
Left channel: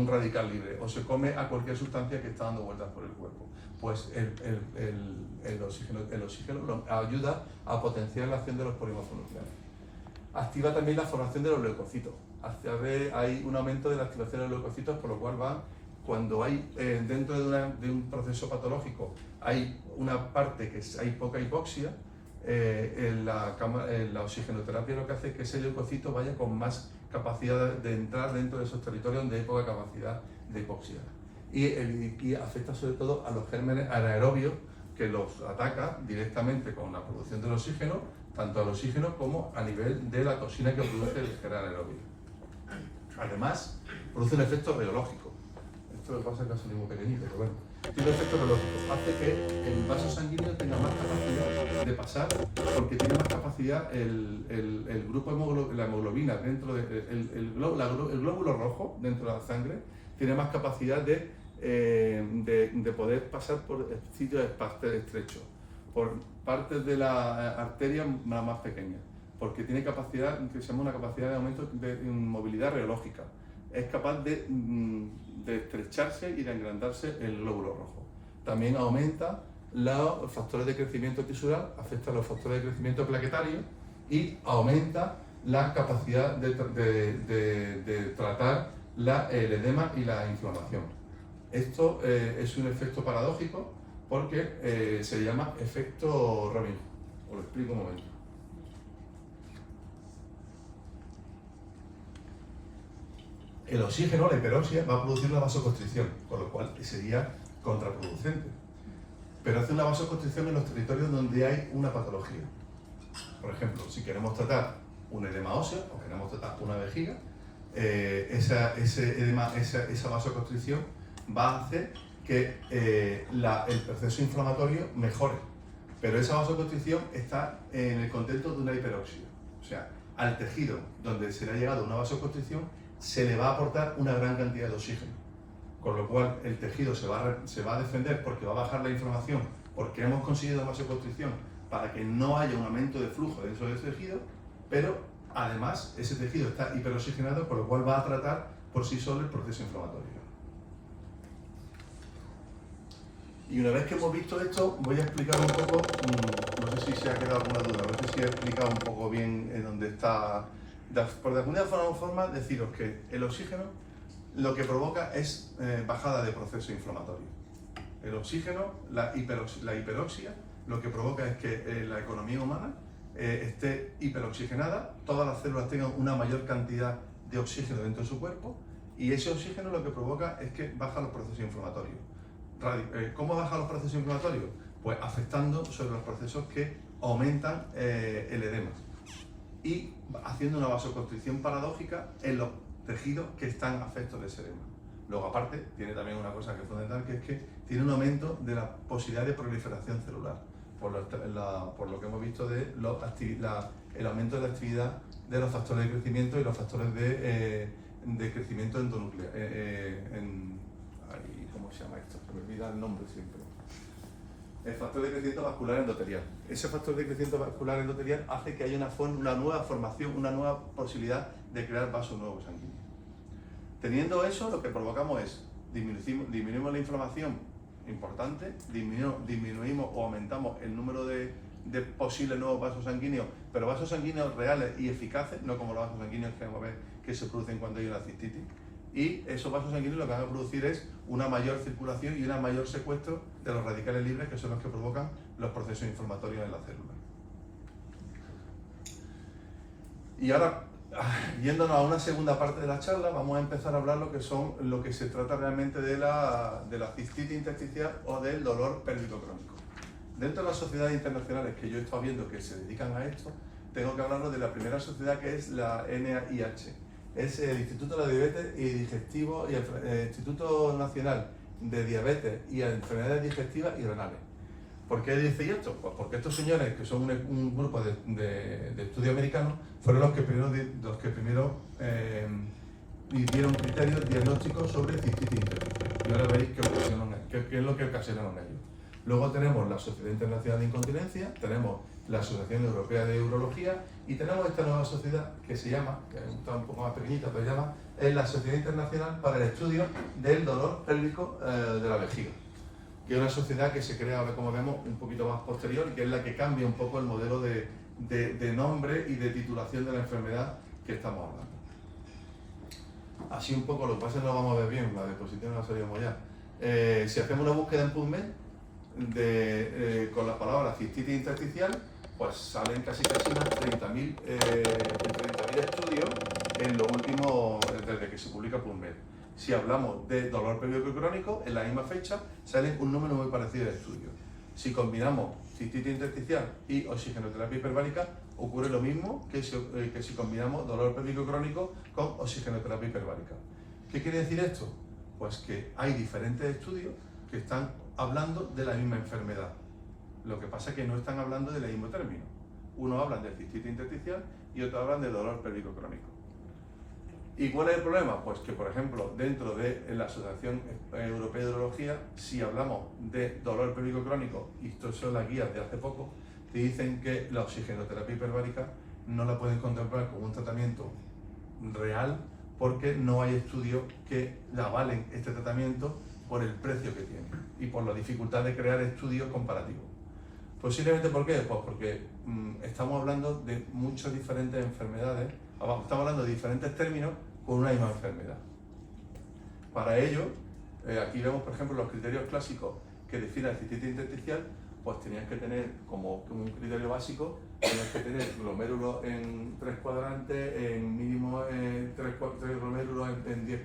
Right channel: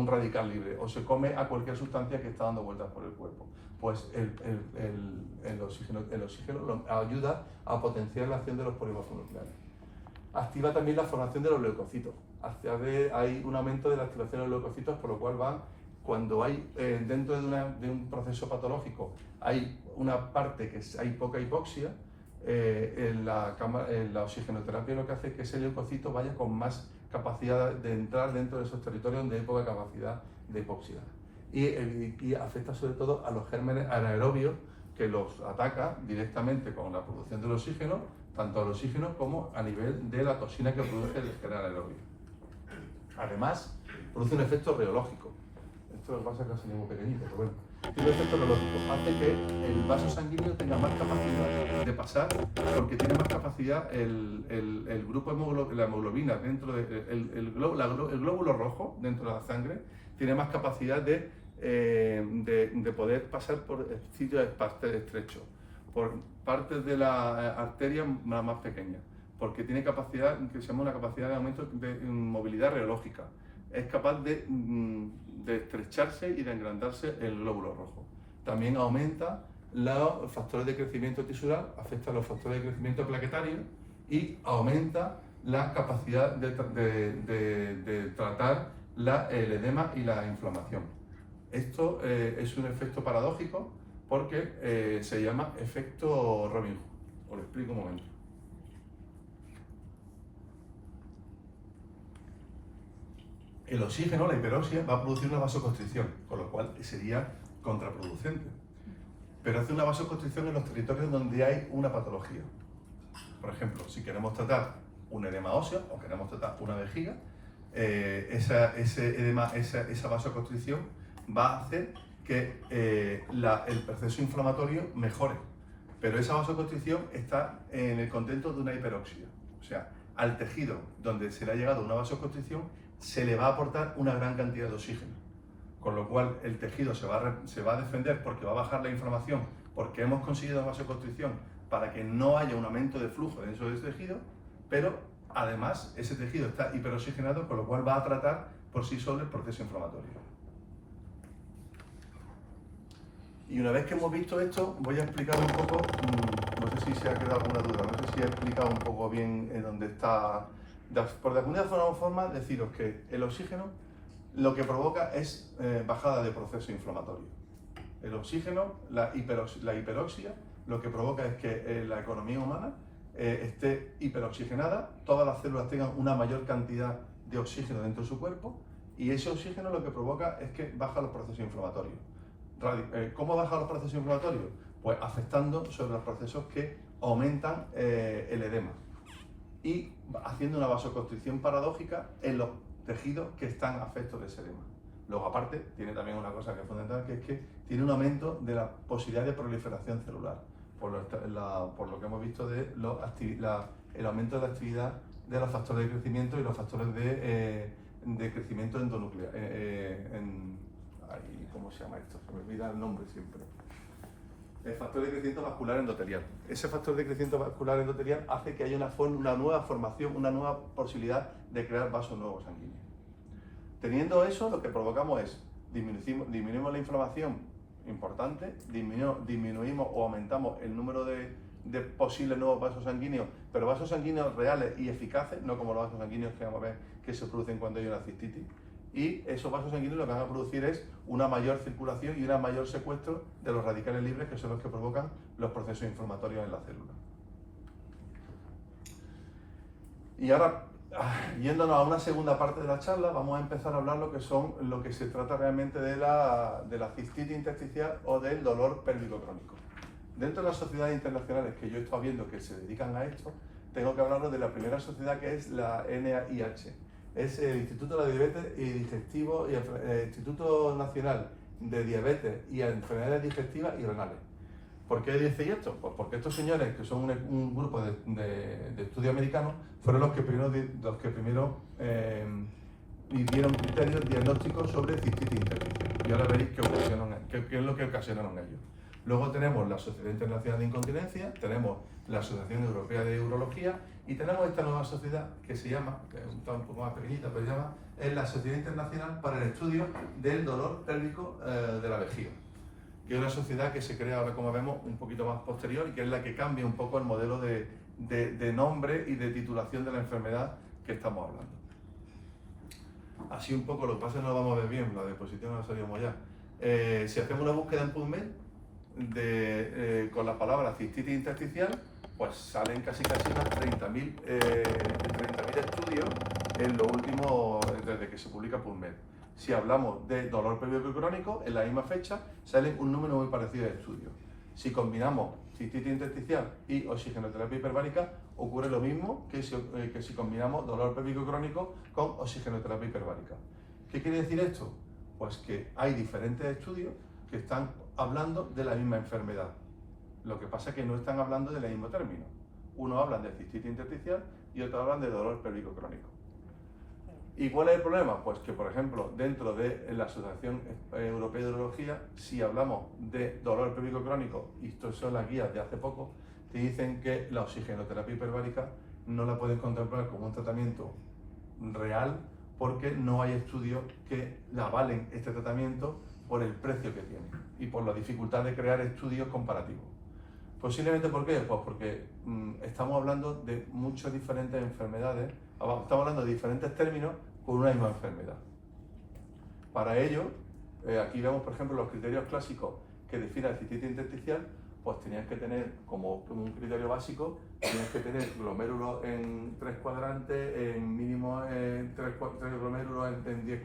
radical libre, o se come a cualquier sustancia que está dando vueltas por el cuerpo. Pues el oxígeno ayuda a potenciar la acción de los polimorfonucleares. Activa también la formación de los leucocitos. Hay un aumento de la activación de los leucocitos, por lo cual cuando hay dentro de un proceso patológico hay una parte que hay poca hipoxia, en la oxigenoterapia lo que hace es que ese leucocito vaya con más capacidad de entrar dentro de esos territorios donde hay poca capacidad de hipoxia. Y afecta sobre todo a los gérmenes anaerobios, que los ataca directamente con la producción del oxígeno, tanto al oxígeno como a nivel de la toxina que produce el gen anaerobio. Además, produce un efecto reológico. Esto lo pasa casi muy pequeñito, pero bueno. Tiene un efecto reológico. Hace que el vaso sanguíneo tenga más capacidad de pasar, porque tiene más capacidad el grupo la hemoglobina dentro del el glóbulo rojo dentro de la sangre, tiene más capacidad de de poder pasar por sitios estrechos, por partes de la arteria más pequeñas, porque tiene capacidad, que se llama una capacidad de aumento de movilidad reológica. Es capaz de estrecharse y de engrandarse el glóbulo rojo. También aumenta los factores de crecimiento tisular, afecta a los factores de crecimiento plaquetario y aumenta la capacidad de tratar el edema y la inflamación. Esto es un efecto paradójico porque se llama efecto Robin Hood. Os lo explico un momento. El oxígeno, la hiperoxia, va a producir una vasoconstricción, con lo cual sería contraproducente. Pero hace una vasoconstricción en los territorios donde hay una patología. Por ejemplo, si queremos tratar un edema óseo o queremos tratar una vejiga, esa vasoconstricción va a hacer que el proceso inflamatorio mejore. Pero esa vasoconstricción está en el contexto de una hiperoxia. O sea, al tejido donde se le ha llegado una vasoconstricción se le va a aportar una gran cantidad de oxígeno. Con lo cual el tejido se va a defender porque va a bajar la inflamación, porque hemos conseguido vasoconstricción para que no haya un aumento de flujo dentro de ese tejido, pero además ese tejido está hiperoxigenado, con lo cual va a tratar por sí solo el proceso inflamatorio. Y una vez que hemos visto esto, voy a explicar un poco, no sé si se ha quedado alguna duda, no sé si he explicado un poco bien en dónde está. Por de alguna forma, deciros que el oxígeno lo que provoca es bajada de proceso inflamatorio. El oxígeno, la hiperoxia, lo que provoca es que la economía humana esté hiperoxigenada, todas las células tengan una mayor cantidad de oxígeno dentro de su cuerpo, y ese oxígeno lo que provoca es que baja los procesos inflamatorios. ¿Cómo baja los procesos inflamatorios? Pues afectando sobre los procesos que aumentan el edema y haciendo una vasoconstricción paradójica en los tejidos que están afectos de ese edema. Luego, aparte, tiene también una cosa que es fundamental, que es que tiene un aumento de la posibilidad de proliferación celular, por lo que hemos visto de el aumento de la actividad de los factores de crecimiento y los factores de crecimiento endonuclear. ¿Cómo se llama esto? Se me olvida el nombre siempre. El factor de crecimiento vascular endotelial. Ese factor de crecimiento vascular endotelial hace que haya una nueva formación, una nueva posibilidad de crear vasos nuevos sanguíneos. Teniendo eso, lo que provocamos es disminuimos la inflamación importante, disminuimos o aumentamos el número de posibles nuevos vasos sanguíneos, pero vasos sanguíneos reales y eficaces, no como los vasos sanguíneos que vamos a ver que se producen cuando hay una cistitis. Y esos vasos sanguíneos lo que van a producir es una mayor circulación y un mayor secuestro de los radicales libres, que son los que provocan los procesos inflamatorios en la célula. Y ahora, yéndonos a una segunda parte de la charla, vamos a empezar a hablar lo que se trata realmente de la cistitis intersticial o del dolor pélvico crónico. Dentro de las sociedades internacionales que yo he estado viendo que se dedican a esto, tengo que hablaros de la primera sociedad, que es la NIH. Es el Instituto de la Diabetes y Digestivo y el Instituto Nacional de Diabetes y Enfermedades Digestivas y Renales. ¿Por qué dice esto? Pues porque estos señores, que son un grupo de estudio americanos, fueron los que primero dieron criterios diagnósticos sobre cistitis intersticial. Y ahora veréis qué es lo que ocasionaron ellos. Luego tenemos la Sociedad Internacional de Incontinencia, tenemos la Asociación Europea de Urología y tenemos esta nueva sociedad que se llama, que está un poco más pequeñita, pero se llama, es la Sociedad Internacional para el Estudio del Dolor Pélvico de la Vejiga, que es una sociedad que se crea ahora, como vemos, un poquito más posterior y que es la que cambia un poco el modelo de nombre y de titulación de la enfermedad que estamos hablando. Así un poco, lo que pasa es que no lo vamos a ver bien, la diapositiva no la sabíamos ya. Si hacemos una búsqueda en PubMed con la palabra cistitis intersticial, pues salen casi unas 30.000 estudios en lo último, desde que se publica PubMed. Si hablamos de dolor pélvico crónico, en la misma fecha sale un número muy parecido de estudios. Si combinamos cistitis intersticial y oxigenoterapia hiperbárica, ocurre lo mismo que si combinamos dolor pélvico crónico con oxigenoterapia hiperbárica. ¿Qué quiere decir esto? Pues que hay diferentes estudios que están hablando de la misma enfermedad. Lo que pasa es que no están hablando del mismo término. Uno habla de cistitis intersticial y otro hablan de dolor pélvico crónico. ¿Y cuál es el problema? Pues que, por ejemplo, dentro de la Asociación Europea de Urología, si hablamos de dolor pélvico crónico, y esto son las guías de hace poco, que dicen que la oxigenoterapia hiperbárica no la pueden contemplar como un tratamiento real porque no hay estudios que avalen este tratamiento por el precio que tiene y por la dificultad de crear estudios comparativos. Posiblemente, ¿por qué? Pues porque estamos hablando de muchas diferentes enfermedades, estamos hablando de diferentes términos con una misma enfermedad. Para ello, aquí vemos, por ejemplo, los criterios clásicos que definen la cistitis intersticial, pues tenían que tener como un criterio básico, tenías que tener glomérulos en 3 cuadrantes, en mínimo 3 glomérulos en 10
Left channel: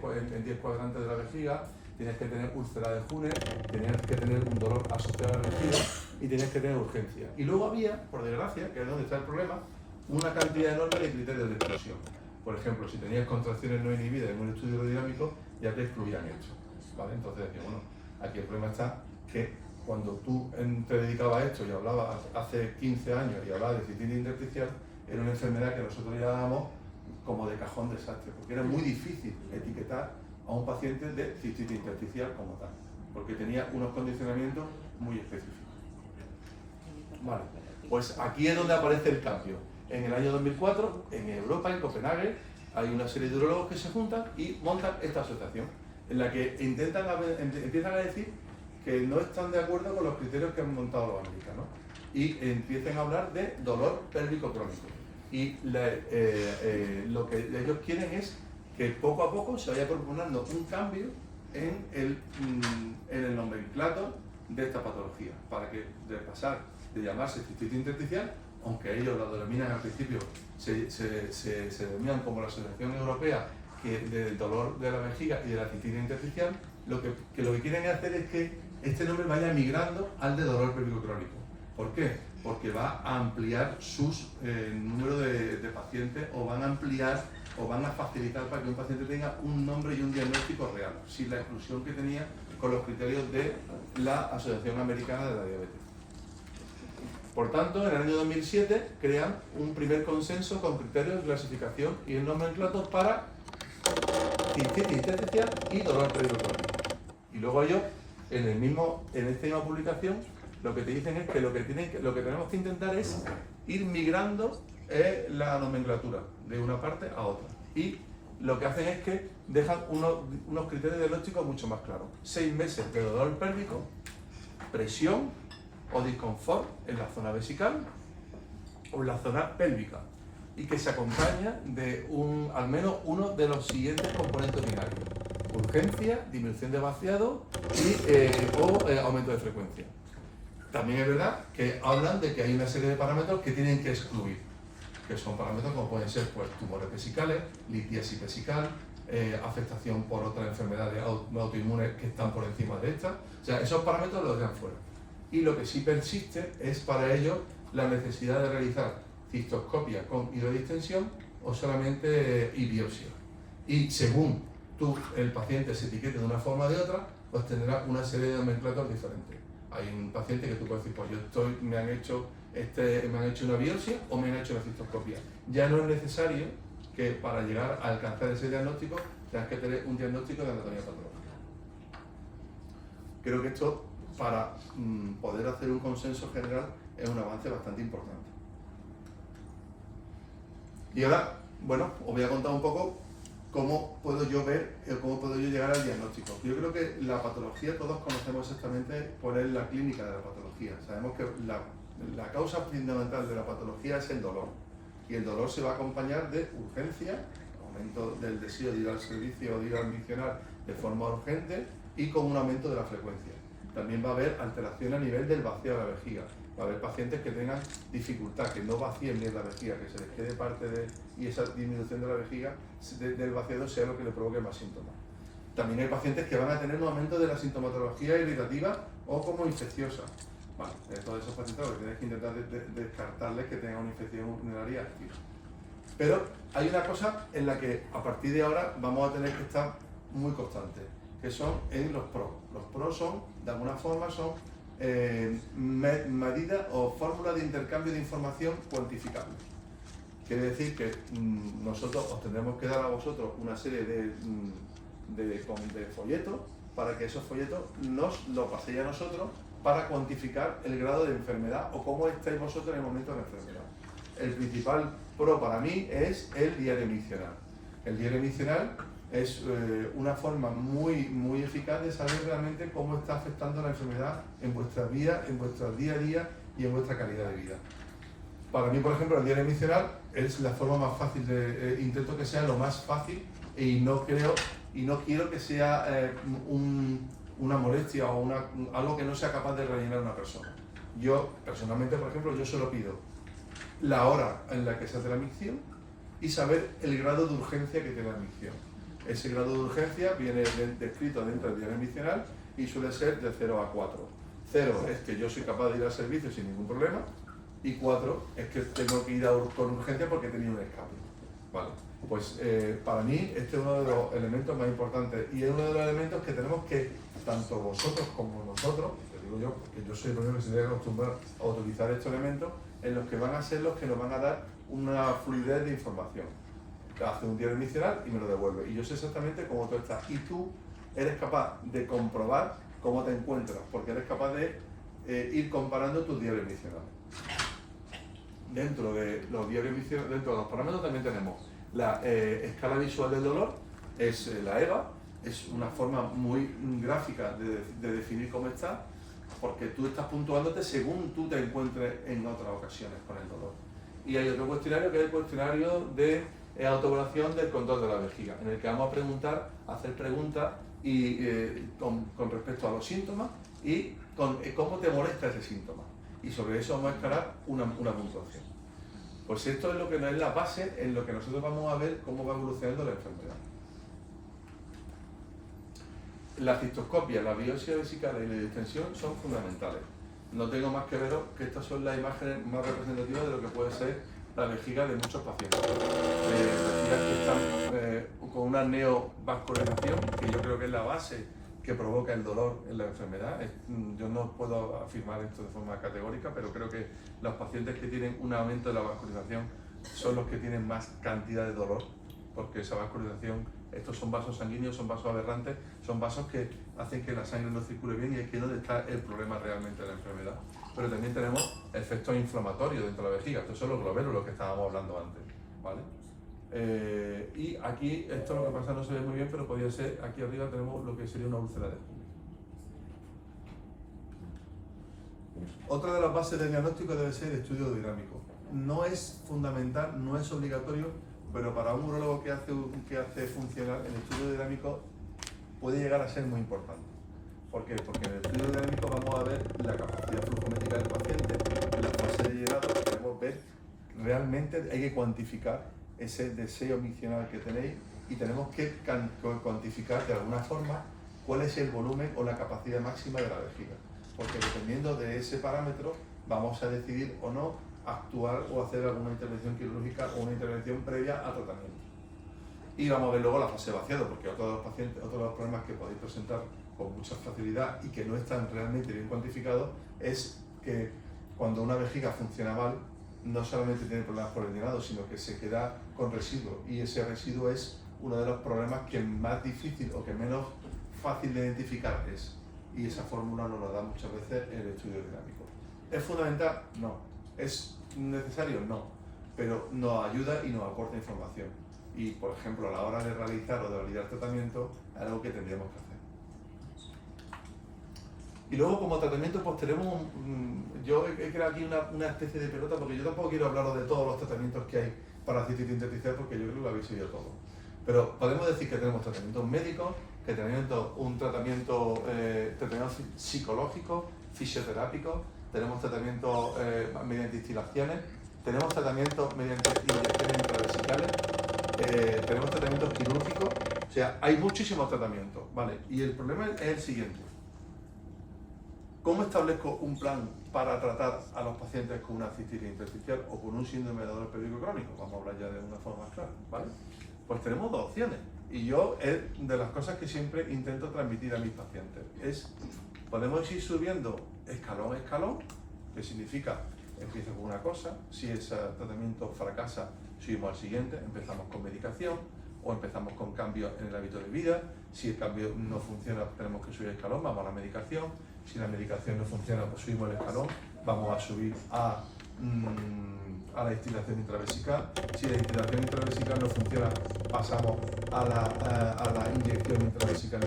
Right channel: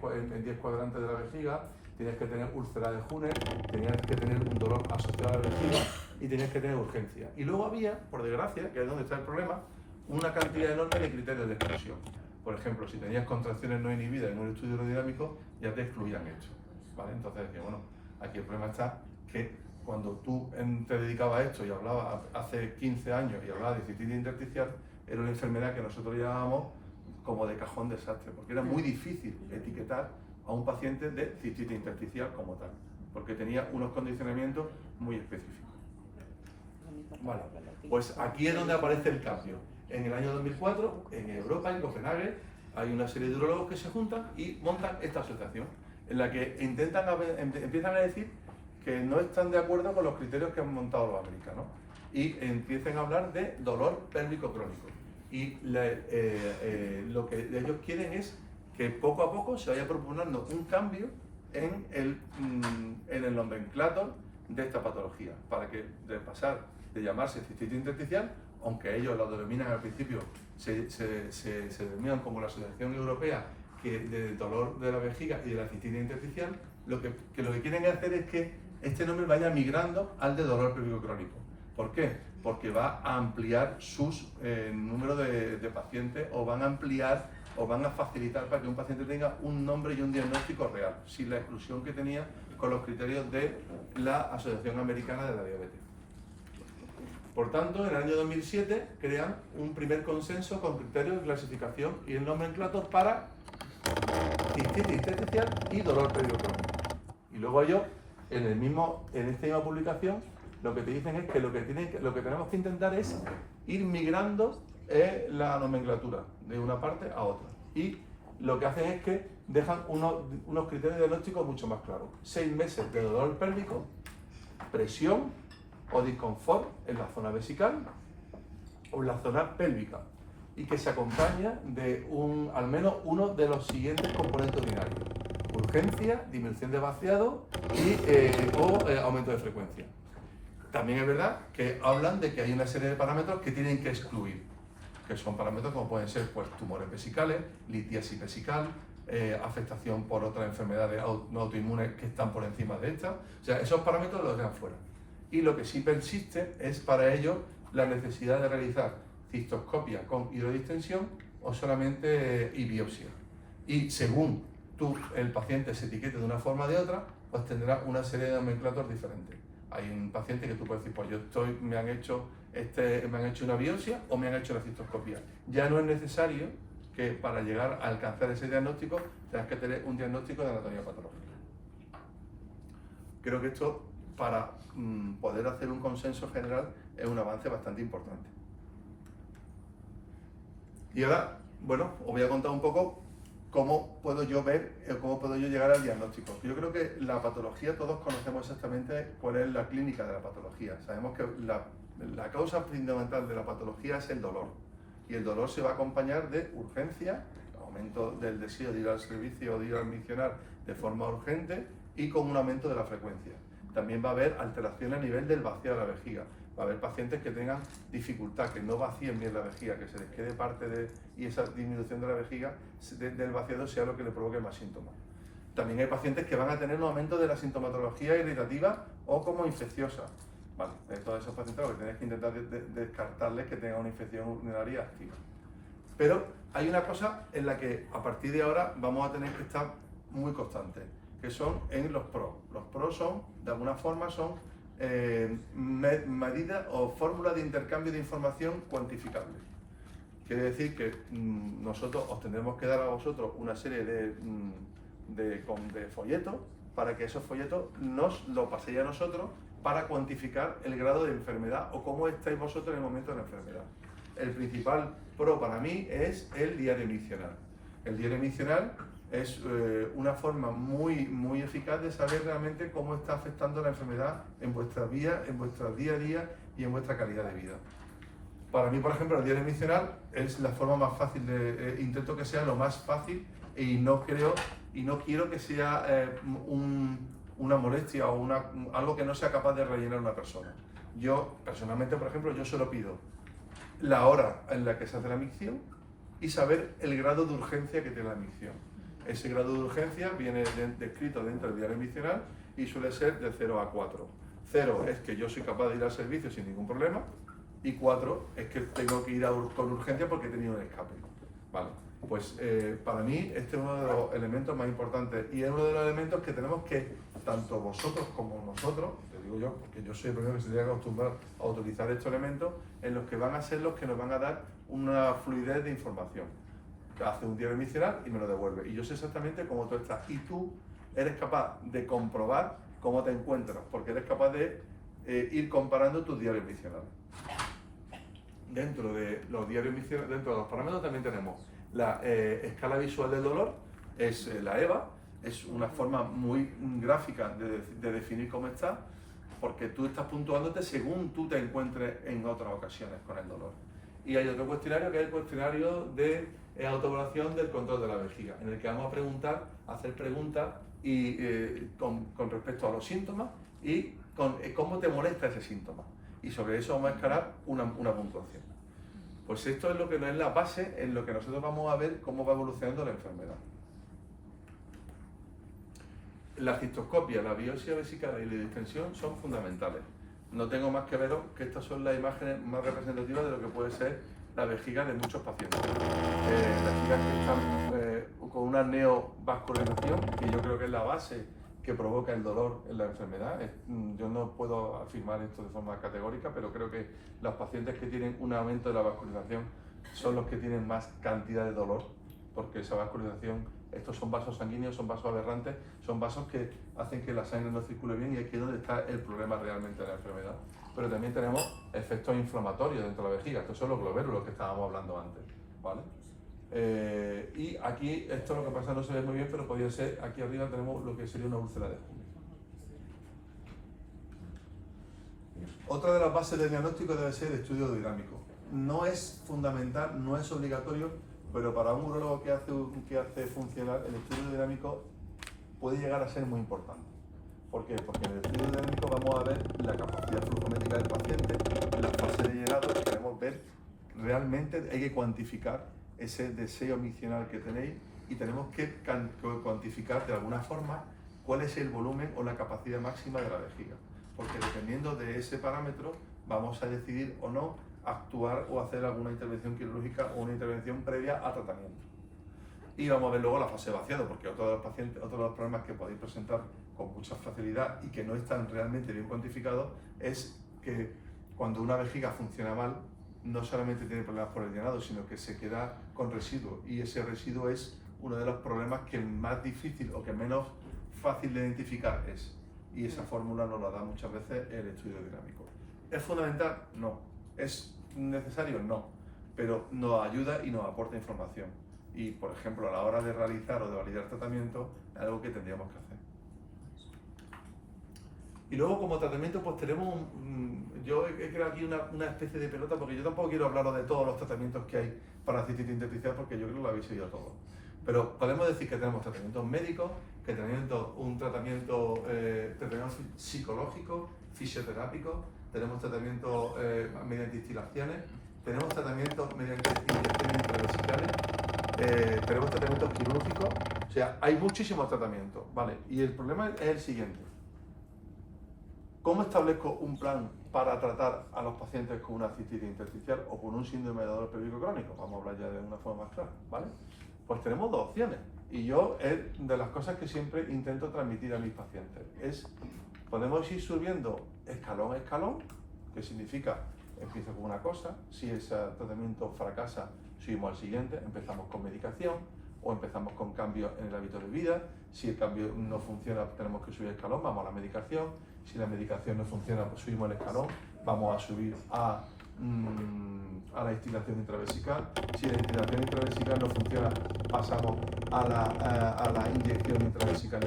cuadrantes de la vejiga, tenías que tener úlcera de Hunner, tenías que tener un dolor asociado a la vejiga y tenías que tener urgencia. Y luego había, por desgracia, que es donde está el problema, una cantidad enorme de criterios de exclusión. Por ejemplo, si tenías contracciones no inhibidas en un estudio aerodinámico, ya te excluían esto, ¿vale? Entonces decía, bueno, aquí el problema está que cuando tú te dedicabas a esto y hablabas hace 15 años y hablabas de cistitis intersticial, era una enfermedad que nosotros llamábamos como de cajón desastre, porque era muy difícil etiquetar a un paciente de cistitis intersticial como tal, porque tenía unos condicionamientos muy específicos. Vale, pues aquí es donde aparece el cambio. En el año 2004, en Europa, en Copenhague, hay una serie de urólogos que se juntan y montan esta asociación, en la que empiezan a decir que no están de acuerdo con los criterios que han montado los americanos y empiezan a hablar de dolor pélvico crónico. Y lo que ellos quieren es que poco a poco se vaya proponiendo un cambio en el nomenclator de esta patología, para que de pasar de llamarse cistitis intersticial, aunque ellos lo denominan al principio, se denominan como la Asociación Europea del dolor de la vejiga y de la cistitis intersticial, lo que quieren hacer es que este nombre vaya migrando al de dolor pélvico crónico. ¿Por qué? Porque va a ampliar sus número de pacientes, o van a ampliar o van a facilitar para que un paciente tenga un nombre y un diagnóstico real, sin la exclusión que tenía con los criterios de la Asociación Americana de la Diabetes. Por tanto, en el año 2007 crean un primer consenso con criterios de clasificación y el nomenclator para cistitis intersticial y dolor pélvico crónico. Y luego ellos, en esta misma publicación, lo que te dicen es que lo que tenemos que intentar es ir migrando la nomenclatura de una parte a otra. Y lo que hacen es que dejan unos criterios diagnósticos mucho más claros. 6 meses de dolor pélvico, presión o disconfort en la zona vesical o en la zona pélvica, y que se acompaña de al menos uno de los siguientes componentes urinarios: urgencia, disminución de vaciado o aumento de frecuencia. También es verdad que hablan de que hay una serie de parámetros que tienen que excluir, que son parámetros como pueden ser pues, tumores vesicales, litiasis vesical, afectación por otras enfermedades no autoinmunes que están por encima de estas. O sea, esos parámetros los dejan fuera. Y lo que sí persiste es para ellos la necesidad de realizar cistoscopia con hidrodistensión o solamente y biopsia. Y según el paciente se etiquete de una forma o de otra, pues tendrá una serie de nomenclatos diferentes. Hay un paciente que tú puedes decir, pues me han hecho una biopsia o me han hecho una cistoscopia. Ya no es necesario que para llegar a alcanzar ese diagnóstico tengas que tener un diagnóstico de anatomía patológica. Creo que esto, para poder hacer un consenso general, es un avance bastante importante. Y ahora, bueno, os voy a contar un poco cómo puedo yo llegar al diagnóstico. Yo creo que la patología, todos conocemos exactamente cuál es la clínica de la patología. Sabemos que la causa fundamental de la patología es el dolor. Y el dolor se va a acompañar de urgencia, aumento del deseo de ir al servicio o de ir al misionar de forma urgente, y con un aumento de la frecuencia. También va a haber alteración a nivel del vacío de la vejiga. Va a haber pacientes que tengan dificultad, que no vacíen bien la vejiga, que se les quede parte y esa disminución de la vejiga, del vaciado, sea lo que le provoque más síntomas. También hay pacientes que van a tener un aumento de la sintomatología irritativa o como infecciosa. Vale, todos esos pacientes lo que tienes que intentar descartarles que tengan una infección urinaria activa. Pero hay una cosa en la que a partir de ahora vamos a tener que estar muy constantes, que son en los PRO. Los PRO son, de alguna forma, medidas o fórmulas de intercambio de información cuantificables. Quiere decir que nosotros os tendremos que dar a vosotros una serie de folletos para que esos folletos nos lo paséis a nosotros para cuantificar el grado de enfermedad o cómo estáis vosotros en el momento de la enfermedad. El principal pro para mí es el diario miccional. El diario miccional es una forma muy eficaz de saber realmente cómo está afectando la enfermedad en vuestra vida, en vuestro día a día y en vuestra calidad de vida. Para mí, por ejemplo, el diario miccional es la forma más fácil intento que sea lo más fácil y no quiero que sea una molestia o algo que no sea capaz de rellenar una persona. Yo, personalmente, por ejemplo, yo solo pido la hora en la que se hace la micción y saber el grado de urgencia que tiene la micción. Ese grado de urgencia viene descrito dentro del diario miccional y suele ser de 0 a 4. 0 es que yo soy capaz de ir al servicio sin ningún problema y 4 es que tengo que ir con urgencia porque he tenido un escape. Vale. Pues para mí este es uno de los elementos más importantes y es uno de los elementos que tenemos que, tanto vosotros como nosotros, te digo yo, porque yo soy el primero que se tiene que acostumbrar a utilizar estos elementos, en los que van a ser los que nos van a dar una fluidez de información. Hace un diario miccional y me lo devuelve y yo sé exactamente cómo tú estás y tú eres capaz de comprobar cómo te encuentras porque eres capaz de ir comparando tus diarios miccionales. Dentro de los diarios miccionales, dentro de los parámetros también tenemos la escala visual del dolor, es la EVA, es una forma muy gráfica de definir cómo estás, porque tú estás puntuándote según tú te encuentres en otras ocasiones con el dolor. Y hay otro cuestionario que es el cuestionario de autoevaluación del control de la vejiga, en el que vamos a hacer preguntas con respecto a los síntomas y con cómo te molesta ese síntoma. Y sobre eso vamos a escalar una puntuación. Pues esto es lo que es la base en lo que nosotros vamos a ver cómo va evolucionando la enfermedad. La cistoscopia, la biopsia vesical y la distensión son fundamentales. No tengo más que veros que estas son las imágenes más representativas de lo que puede ser la vejiga de muchos pacientes. Vejigas que están con una neovascularización, que yo creo que es la base que provoca el dolor en la enfermedad. Yo no puedo afirmar esto de forma categórica, pero creo que los pacientes que tienen un aumento de la vascularización son los que tienen más cantidad de dolor, porque esa vascularización, estos son vasos sanguíneos, son vasos aberrantes, son vasos que hacen que la sangre no circule bien y aquí es donde está el problema realmente de la enfermedad. Pero también tenemos efectos inflamatorios dentro de la vejiga, estos son los glomérulos que estábamos hablando antes, ¿vale? Y aquí, esto lo que pasa no se ve muy bien, pero podría ser, aquí arriba tenemos lo que sería una úlcera de Julian. Otra de las bases del diagnóstico debe ser el estudio dinámico. No es fundamental, no es obligatorio, pero para un urólogo que hace funcionar el estudio dinámico puede llegar a ser muy importante. ¿Por qué? Porque en el estudio dinámico vamos a ver la capacidad flujométrica del paciente, en la fase de llenado queremos ver realmente, hay que cuantificar ese deseo miccional que tenéis y tenemos que cuantificar de alguna forma cuál es el volumen o la capacidad máxima de la vejiga, porque dependiendo de ese parámetro vamos a decidir o no actuar o hacer alguna intervención quirúrgica o una intervención previa a tratamiento. Y vamos a ver luego la fase de vaciado, porque otro de los problemas que podéis presentar con mucha facilidad y que no están realmente bien cuantificados es que cuando una vejiga funciona mal, no solamente tiene problemas por el llenado, sino que se queda con residuo y ese residuo es uno de los problemas que más difícil o que menos fácil de identificar es. Y esa fórmula nos la da muchas veces el estudio dinámico. ¿Es fundamental? No. ¿Es necesario? No. Pero nos ayuda y nos aporta información. Y, por ejemplo, a la hora de realizar o de validar tratamiento, es algo que tendríamos que hacer. Y luego como tratamiento pues tenemos, yo he creado aquí una especie de pelota porque yo tampoco quiero hablaros de todos los tratamientos que hay para cistitis intersticial porque yo creo que lo habéis oído todo. Pero podemos decir que tenemos tratamientos médicos, que tenemos un tratamiento psicológico, fisioterápico, tenemos tratamientos mediante instilaciones, tenemos tratamientos mediante inyecciones intravesicales, tenemos tratamientos quirúrgicos, o sea, hay muchísimos tratamientos, ¿vale? Y el problema es el siguiente. ¿Cómo establezco un plan para tratar a los pacientes con una cistitis intersticial o con un síndrome de dolor pélvico crónico? Vamos a hablar ya de una forma más clara, ¿vale? Pues tenemos dos opciones y yo es de las cosas que siempre intento transmitir a mis pacientes. Podemos ir subiendo escalón a escalón, que significa empiezo con una cosa, si ese tratamiento fracasa, subimos al siguiente, empezamos con medicación o empezamos con cambios en el hábito de vida. Si el cambio no funciona, tenemos que subir el escalón, vamos a la medicación. Si la medicación no funciona, pues subimos el escalón, vamos a subir a la instilación intravesical. Si la instilación intravesical no funciona, pasamos a la inyección intravesical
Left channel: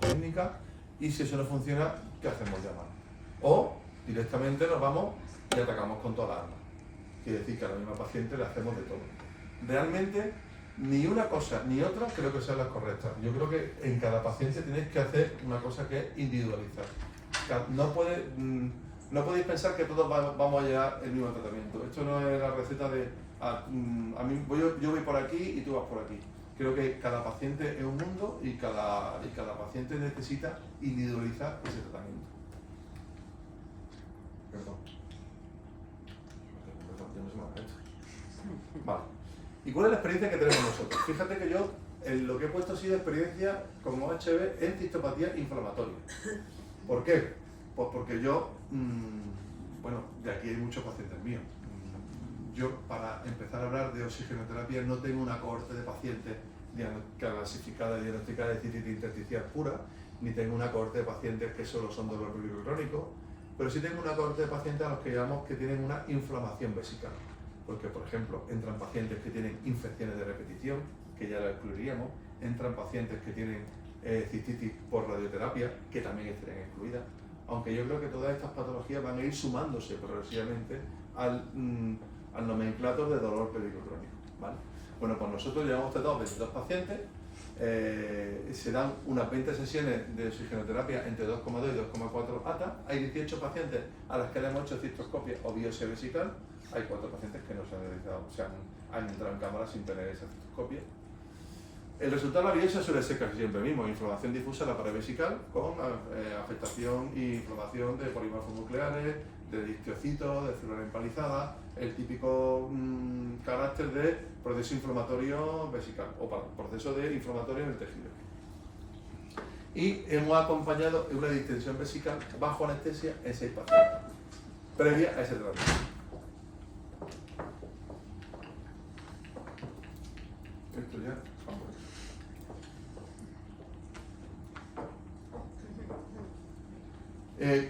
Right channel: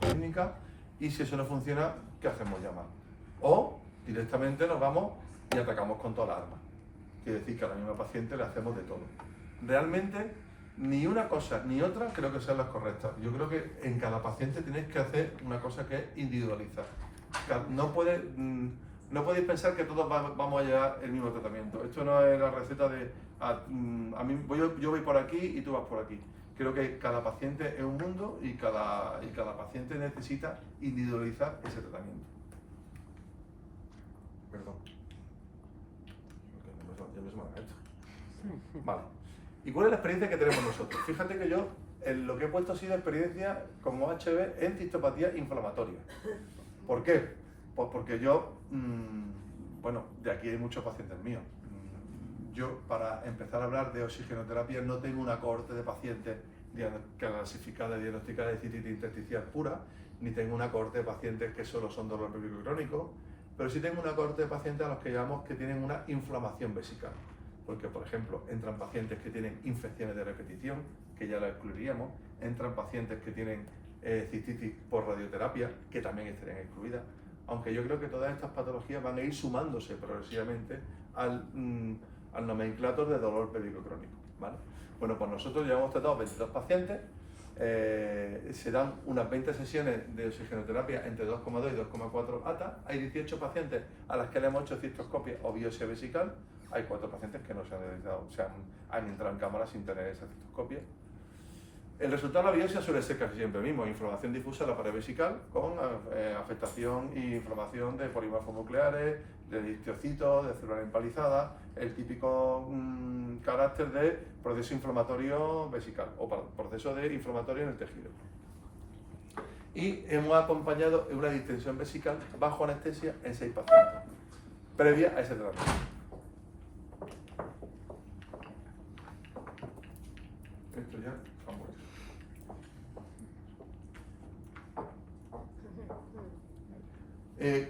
clínica. Y si eso no funciona, ¿qué hacemos? Llamar. O directamente nos vamos y atacamos con toda la arma. Quiere decir que a la misma paciente le hacemos de todo. Realmente, ni una cosa ni otra creo que sean las correctas. Yo creo que en cada paciente tenéis que hacer una cosa que es individualizar. No podéis pensar que todos vamos a llevar el mismo tratamiento. Esto no es la receta de yo voy por aquí y tú vas por aquí. Creo que cada paciente es un mundo y cada paciente necesita individualizar ese tratamiento. Perdón. Ya me he hecho. Vale. ¿Y cuál es la experiencia que tenemos nosotros? Fíjate que yo lo que he puesto ha sido experiencia como HB en cistopatía inflamatoria. ¿Por qué? Pues porque yo, bueno, de aquí hay muchos pacientes míos. Yo, para empezar a hablar de oxigenoterapia, no tengo una cohorte de pacientes clasificada, diagnosticada de cistitis intersticial pura, ni tengo una cohorte de pacientes que solo son dolor pélvico crónico, pero sí tengo una cohorte de pacientes a los que llamamos que tienen una inflamación vesical. Porque, por ejemplo, entran pacientes que tienen infecciones de repetición, que ya la excluiríamos, entran pacientes que tienen cistitis por radioterapia, que también estarían excluidas, aunque yo creo que todas estas patologías van a ir sumándose progresivamente al nomenclator de dolor pélvico crónico, ¿vale? Bueno, pues nosotros ya hemos tratado 22 pacientes, se dan unas 20 sesiones de oxigenoterapia entre 2,2 y 2,4 ATA, hay 18 pacientes a las que le hemos hecho cistoscopia o biopsia vesical, hay 4 pacientes que no se han realizado, han entrado en cámara sin tener esa cistoscopia. El resultado de la biopsia suele ser casi siempre el mismo: inflamación difusa de la pared vesical con afectación e inflamación de polimorfos nucleares, de distiocitos, de células empalizadas, el típico carácter de proceso inflamatorio vesical o proceso de inflamatorio en el tejido. Y hemos acompañado una distensión vesical bajo anestesia en 6 pacientes, previa a ese tratamiento. Esto ya está muerto.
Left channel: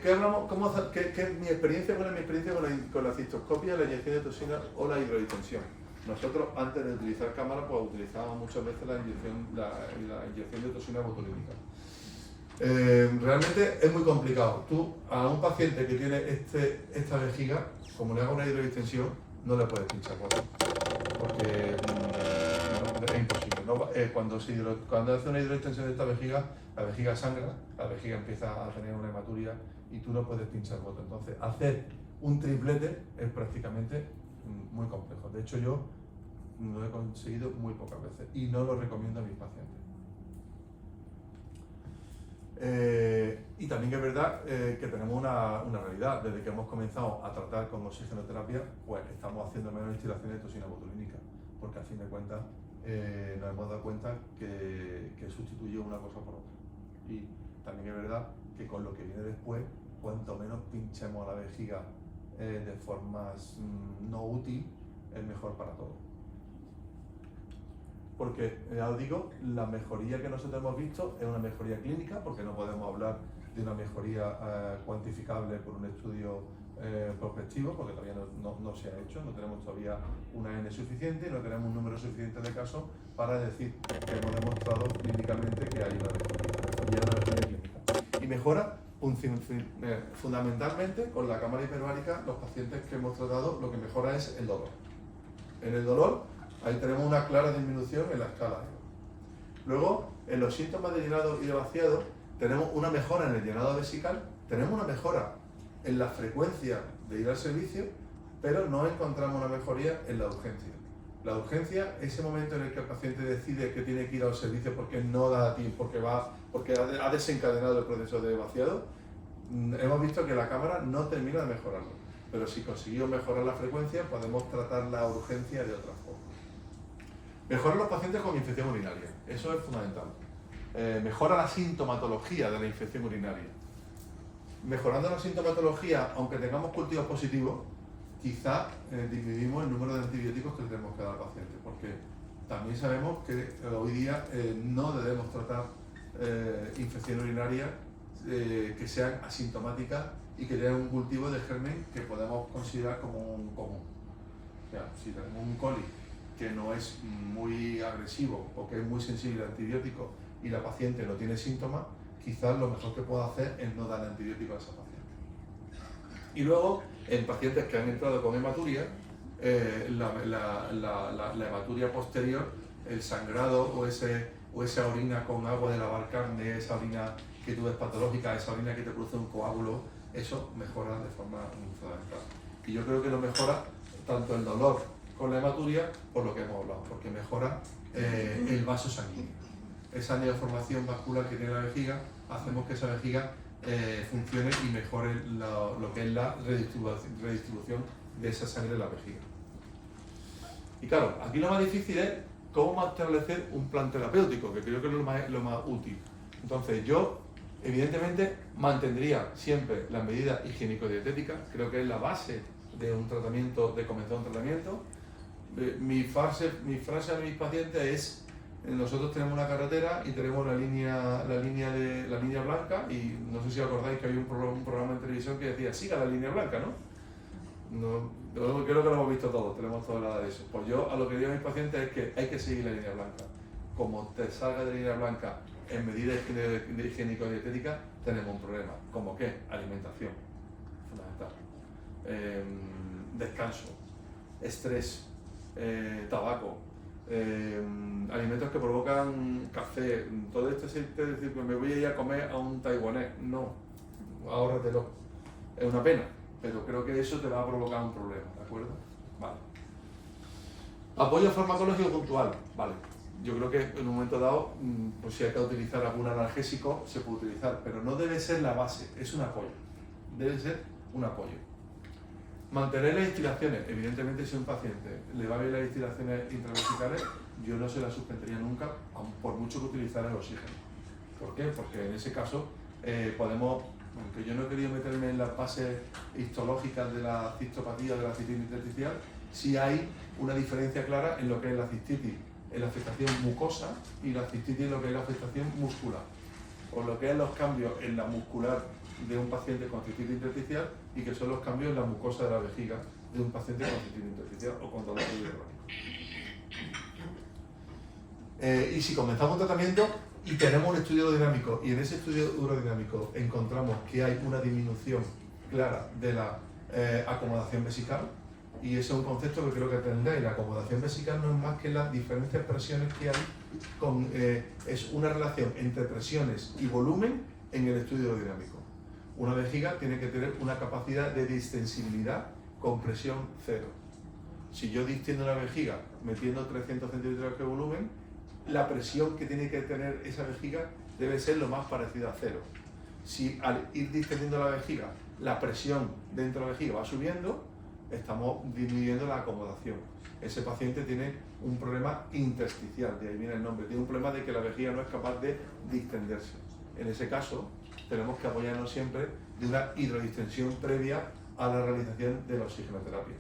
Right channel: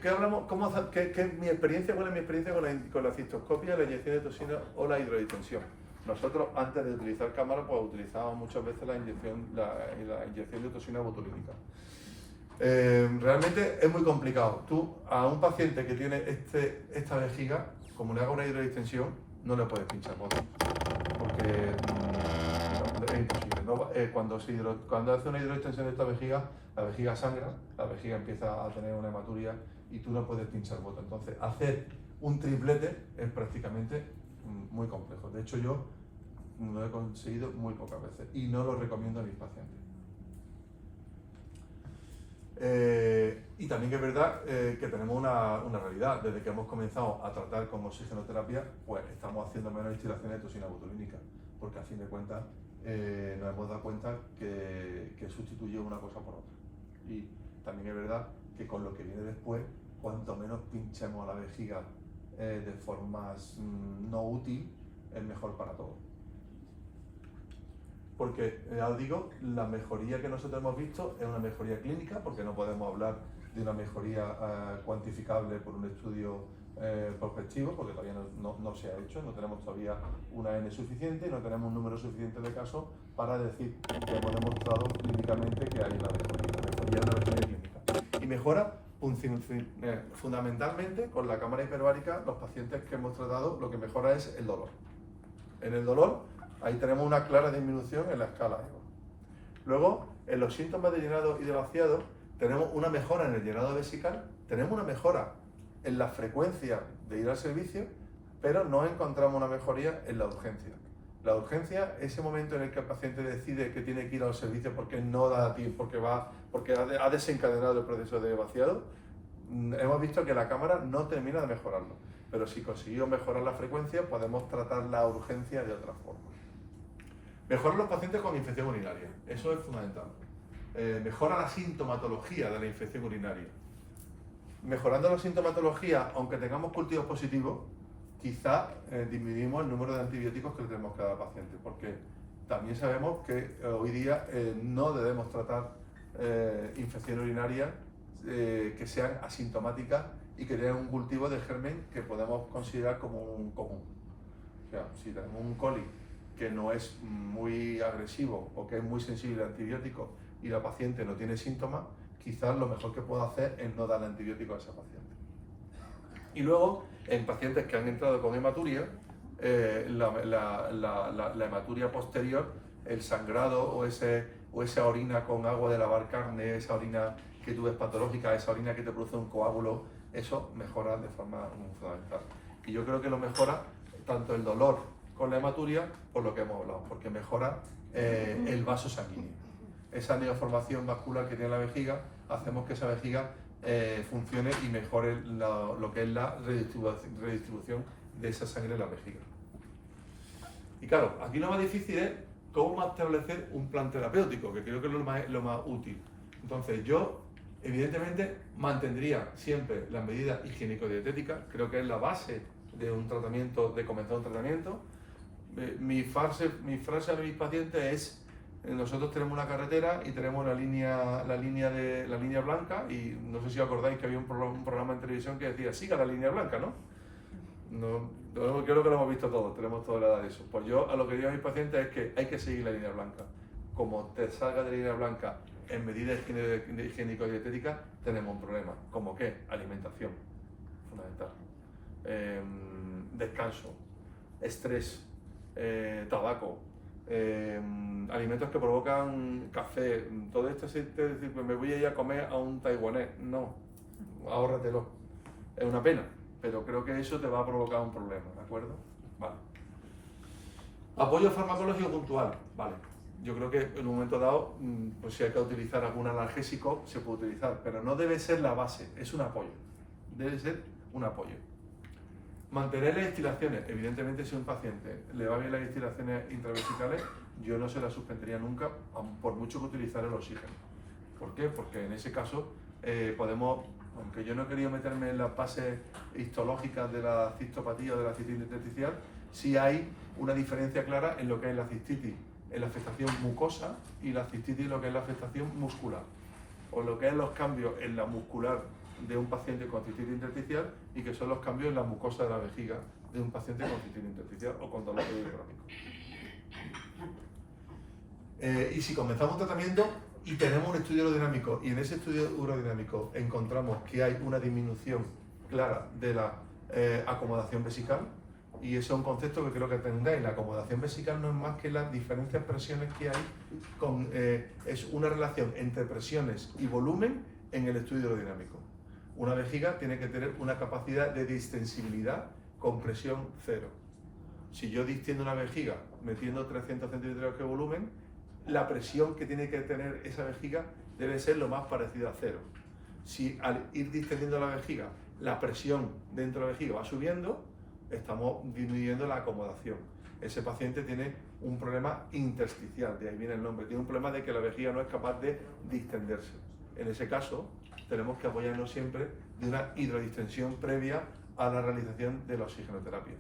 ¿Qué hablamos? ¿Qué es mi experiencia? ¿Cuál es mi experiencia con la cistoscopia, la inyección de toxina o la hidrodistensión? Nosotros, antes de utilizar cámara, pues utilizábamos muchas veces la inyección de toxina botulínica. Realmente es muy complicado. Tú, a un paciente que tiene esta vejiga, como le haga una hidrodistensión, no le puedes pinchar botas, porque es imposible, ¿no? Cuando hace una hidroextensión de esta vejiga, la vejiga sangra, la vejiga empieza a tener una hematuria y tú no puedes pinchar bota. Entonces, hacer un triplete es prácticamente muy complejo. De hecho, yo lo he conseguido muy pocas veces y no lo recomiendo a mis pacientes. Y también es verdad que tenemos una realidad. Desde que hemos comenzado a tratar con oxigenoterapia, pues estamos haciendo menos instilaciones de toxina botulínica, porque a fin de cuentas nos hemos dado cuenta que sustituye una cosa por otra. Y también es verdad que con lo que viene después, cuanto menos pinchemos a la vejiga de formas no útil, es mejor para todos. Porque, ya os digo, la mejoría que nosotros hemos visto es una mejoría clínica, porque no podemos hablar de una mejoría cuantificable por un estudio prospectivo, porque todavía no se ha hecho, no tenemos todavía una N suficiente y no tenemos un número suficiente de casos para decir que hemos demostrado clínicamente que hay una mejoría clínica. Y mejora fundamentalmente con la cámara hiperbárica. Los pacientes que hemos tratado, lo que mejora es el dolor. En el dolor, ahí tenemos una clara disminución en la escala. Luego, en los síntomas de llenado y de vaciado, tenemos una mejora en el llenado vesical, tenemos una mejora en la frecuencia de ir al servicio, pero no encontramos una mejoría en la urgencia. La urgencia, ese momento en el que el paciente decide que tiene que ir al servicio porque no da tiempo, porque ha desencadenado el proceso de vaciado, hemos visto que la cámara no termina de mejorarlo. Pero si conseguimos mejorar la frecuencia, podemos tratar la urgencia de otra forma. Mejorar los pacientes con infección urinaria, eso es fundamental. Mejora la sintomatología de la infección urinaria. Mejorando la sintomatología, aunque tengamos cultivos positivos, quizá disminuimos el número de antibióticos que le tenemos que dar al paciente, porque también sabemos que hoy día no debemos tratar infecciones urinarias que sean asintomáticas y que tengan un cultivo de germen que podemos considerar como un común. O sea, si tenemos un coli que no es muy agresivo o que es muy sensible al antibiótico y la paciente no tiene síntomas, quizás lo mejor que puedo hacer es no dar antibiótico a esa paciente. Y luego, en pacientes que han entrado con hematuria, la hematuria posterior, el sangrado o esa orina con agua de lavar carne, esa orina que tú ves patológica, esa orina que te produce un coágulo, eso mejora de forma fundamental. Y yo creo que lo mejora tanto el dolor con la hematuria, por lo que hemos hablado, porque mejora el vaso sanguíneo. Esa neoformación vascular que tiene la vejiga, hacemos que esa vejiga funcione y mejore lo que es la redistribución de esa sangre en la vejiga. Y claro, aquí lo más difícil es cómo establecer un plan terapéutico, que creo que es lo más útil. Entonces yo, evidentemente, mantendría siempre las medidas higiénico-dietéticas, creo que es la base de un tratamiento, de comenzar un tratamiento. Mi frase a mis pacientes es: nosotros tenemos una carretera y tenemos la línea blanca, y no sé si os acordáis que había un programa en televisión que decía siga la línea blanca, ¿no? Creo que lo hemos visto todos, tenemos toda la edad de eso. Pues yo a lo que digo a mis pacientes es que hay que seguir la línea blanca. Como te salga de la línea blanca en medidas higiénico-dietéticas, tenemos un problema. ¿Cómo qué? Alimentación, fundamental. Descanso, estrés, tabaco, alimentos que provocan café, todo esto es decir, me voy a ir a comer a un taiwanés. No, ahórratelo. Es una pena, pero creo que eso te va a provocar un problema, ¿de acuerdo? Vale. Apoyo farmacológico puntual, vale. Yo creo que en un momento dado, pues si hay que utilizar algún analgésico, se puede utilizar, pero no debe ser la base, es un apoyo. Debe ser un apoyo. Mantener las instilaciones. Evidentemente, si a un paciente le va bien las instilaciones intravesicales, yo no se las suspendería nunca, por mucho que utilizar el oxígeno. ¿Por qué? Porque en ese caso podemos, aunque yo no he querido meterme en las bases histológicas de la cistopatía o de la cistitis intersticial, sí hay una diferencia clara en lo que es la cistitis, en la afectación mucosa, y la cistitis en lo que es la afectación muscular, o lo que es los cambios en la muscular de un paciente con cistitis intersticial y que son los cambios en la mucosa de la vejiga de un paciente con cistitis intersticial o con dolor crónico. Y si comenzamos un tratamiento y tenemos un estudio urodinámico y en ese estudio urodinámico encontramos que hay una disminución clara de la acomodación vesical, y ese es un concepto que creo que tendréis. La acomodación vesical no es más que las diferentes presiones que hay, es una relación entre presiones y volumen en el estudio urodinámico. Una vejiga tiene que tener una capacidad de distensibilidad con presión cero. Si yo distiendo una vejiga metiendo 300 centímetros de volumen, la presión que tiene que tener esa vejiga debe ser lo más parecida a cero. Si al ir distendiendo la vejiga, la presión dentro de la vejiga va subiendo, estamos disminuyendo la acomodación. Ese paciente tiene un problema intersticial, de ahí viene el nombre, tiene un problema de que la vejiga no es capaz de distenderse. En ese caso, tenemos que apoyarnos siempre de una hidrodistensión previa a la realización de la oxigenoterapia.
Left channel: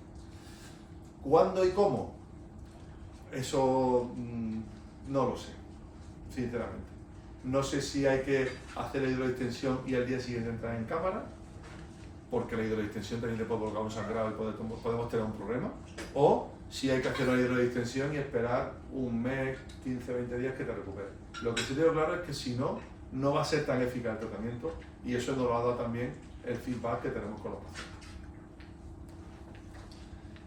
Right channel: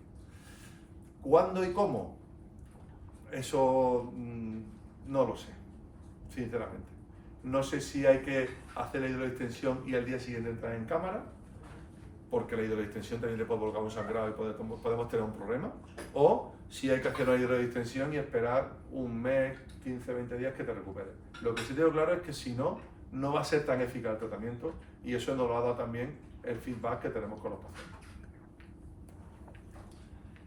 ¿Cuándo y cómo? Eso no lo sé, sinceramente. No sé si hay que hacer la hidrodistensión y al día siguiente entrar en cámara, porque la hidrodistensión también le puede provocar un sangrado y podemos tener un problema, o si hay que hacer una hidrodistensión y esperar un mes, 15, 20 días que te recuperes. Lo que sí tengo claro es que si no, no va a ser tan eficaz el tratamiento, y eso nos lo ha dado también el feedback que tenemos con los pacientes.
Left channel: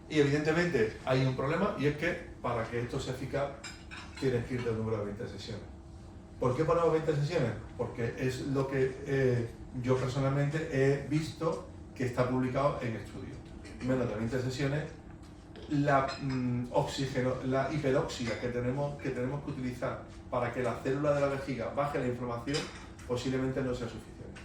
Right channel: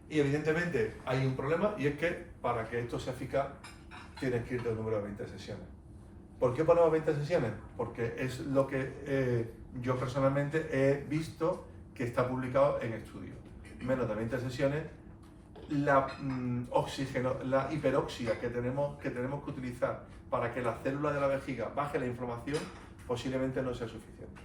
Y evidentemente hay un problema, y es que para que esto sea eficaz tienes que ir del número de 20 sesiones. ¿Por qué ponemos 20 sesiones? Porque es lo que yo personalmente he visto que está publicado en estudios. Menos de 20 sesiones, la hiperoxia que tenemos que utilizar para que la célula de la vejiga baje la inflamación posiblemente no sea suficiente.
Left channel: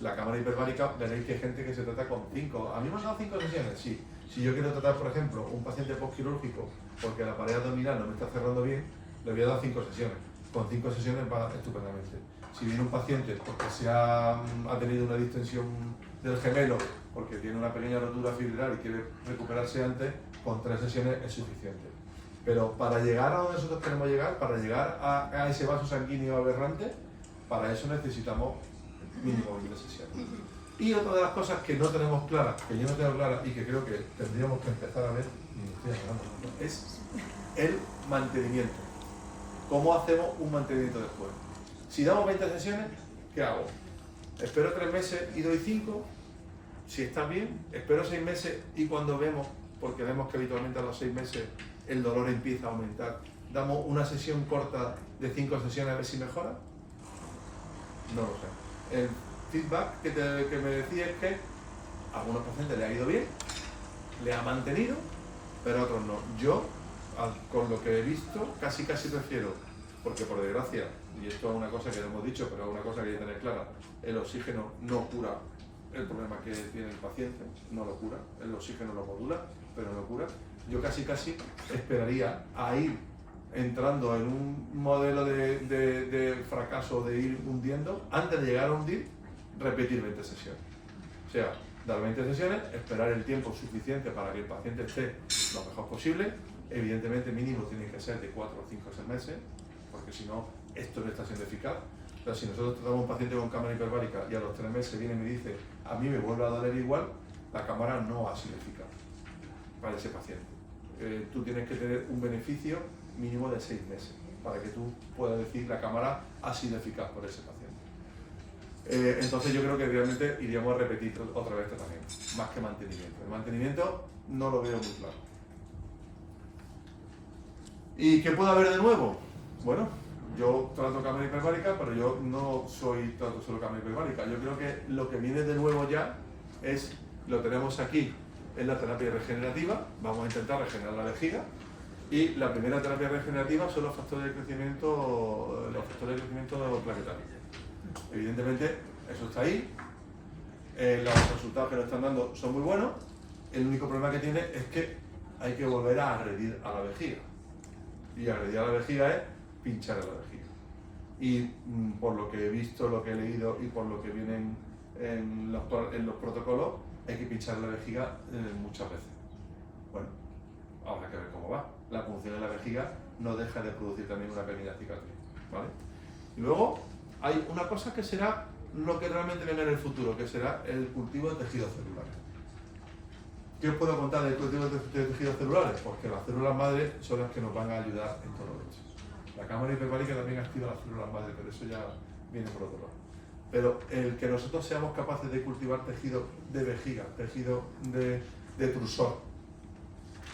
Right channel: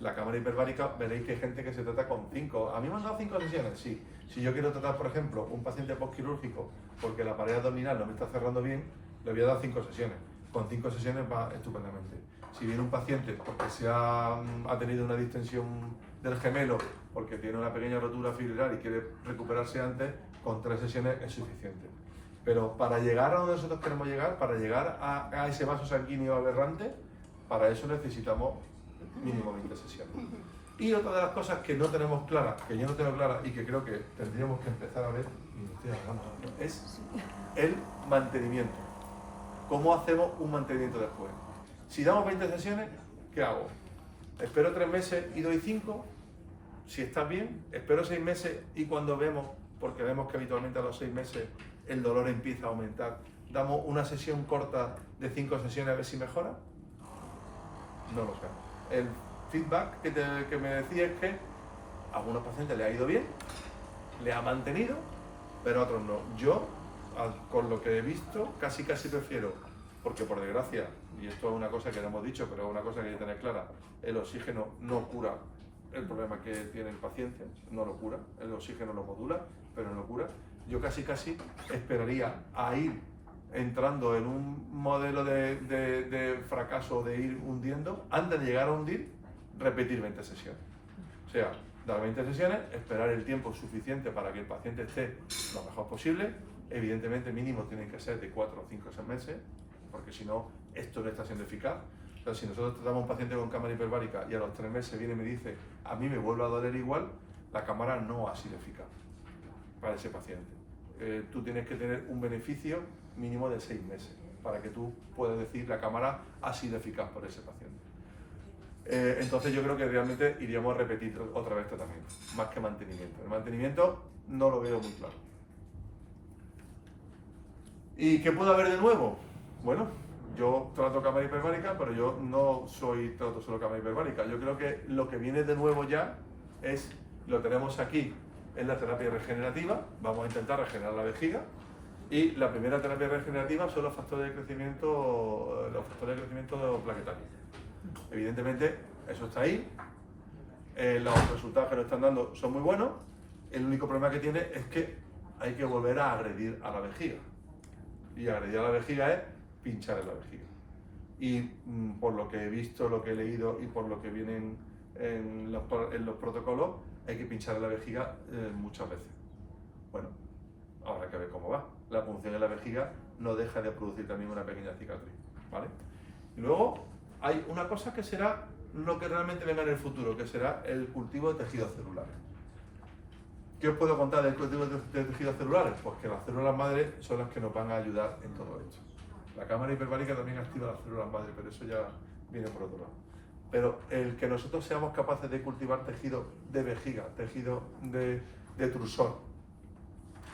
La cámara hiperbárica, veréis que hay gente que se trata con 5. ¿A mí me han dado 5 sesiones? Sí. Si yo quiero tratar, por ejemplo, un paciente postquirúrgico porque la pared abdominal no me está cerrando bien, le voy a dar 5 sesiones. Con 5 sesiones va estupendamente. Si viene un paciente porque ha tenido una distensión del gemelo porque tiene una pequeña rotura fibrilar y quiere recuperarse antes, con 3 sesiones es suficiente. Pero para llegar a donde nosotros queremos llegar, para llegar a ese vaso sanguíneo aberrante, para eso necesitamos mínimo 20 sesiones. Y otra de las cosas que no tenemos claras, que yo no tengo claras y que creo que tendríamos que empezar a ver, es el mantenimiento. ¿Cómo hacemos un mantenimiento después? Si damos 20 sesiones, ¿qué hago? ¿Espero 3 meses y doy 5? Si está bien, espero 6 meses y cuando vemos, porque vemos que habitualmente a los 6 meses el dolor empieza a aumentar, damos una sesión corta de 5 sesiones a ver si mejora. No lo sé. El feedback que me decía es que a algunos pacientes le ha ido bien, le ha mantenido, pero a otros no. Yo, con lo que he visto, casi prefiero, porque por desgracia, y esto es una cosa que no hemos dicho, pero es una cosa que hay que tener clara, el oxígeno no cura el problema que tiene el paciente, no lo cura, el oxígeno lo modula, pero no lo cura. Yo casi esperaría a ir entrando en un modelo de fracaso, de ir hundiendo, antes de llegar a hundir, repetir 20 sesiones. O sea, dar 20 sesiones, esperar el tiempo suficiente para que el paciente esté lo mejor posible. Evidentemente mínimo tiene que ser de 4 o 5 o 6 meses, porque si no, esto no está siendo eficaz. O sea, si nosotros tratamos a un paciente con cámara hiperbárica y a los 3 meses viene y me dice, a mí me vuelve a doler igual, la cámara no ha sido eficaz para ese paciente. Tú tienes que tener un beneficio mínimo de 6 meses para que tú puedas decir la cámara ha sido eficaz por ese paciente. Entonces yo creo que realmente iríamos a repetir otra vez tratamiento, más que mantenimiento. El mantenimiento no lo veo muy claro. ¿Y qué puede haber de nuevo? Bueno, yo trato cámara hiperbárica, pero yo no trato solo cámara hiperbárica. Yo creo que lo que viene de nuevo ya es, lo tenemos aquí, es la terapia regenerativa. Vamos a intentar regenerar la vejiga. Y la primera terapia regenerativa son los factores de crecimiento plaquetarios. Evidentemente, eso está ahí. Los resultados que nos están dando son muy buenos. El único problema que tiene es que hay que volver a agredir a la vejiga. Y agredir a la vejiga es pinchar en la vejiga. Y por lo que he visto, lo que he leído y por lo que vienen en los protocolos, hay que pinchar en la vejiga muchas veces. Bueno, habrá que ver cómo va. La punción en la vejiga no deja de producir también una pequeña cicatriz, ¿vale? Y luego hay una cosa que será lo que realmente venga en el futuro, que será el cultivo de tejidos celulares. ¿Qué os puedo contar del cultivo de tejidos celulares? Pues que las células madre son las que nos van a ayudar en todo esto. La cámara hiperbárica también activa las células madre, pero eso ya viene por otro lado. Pero el que nosotros seamos capaces de cultivar tejido de vejiga, tejido de trusor,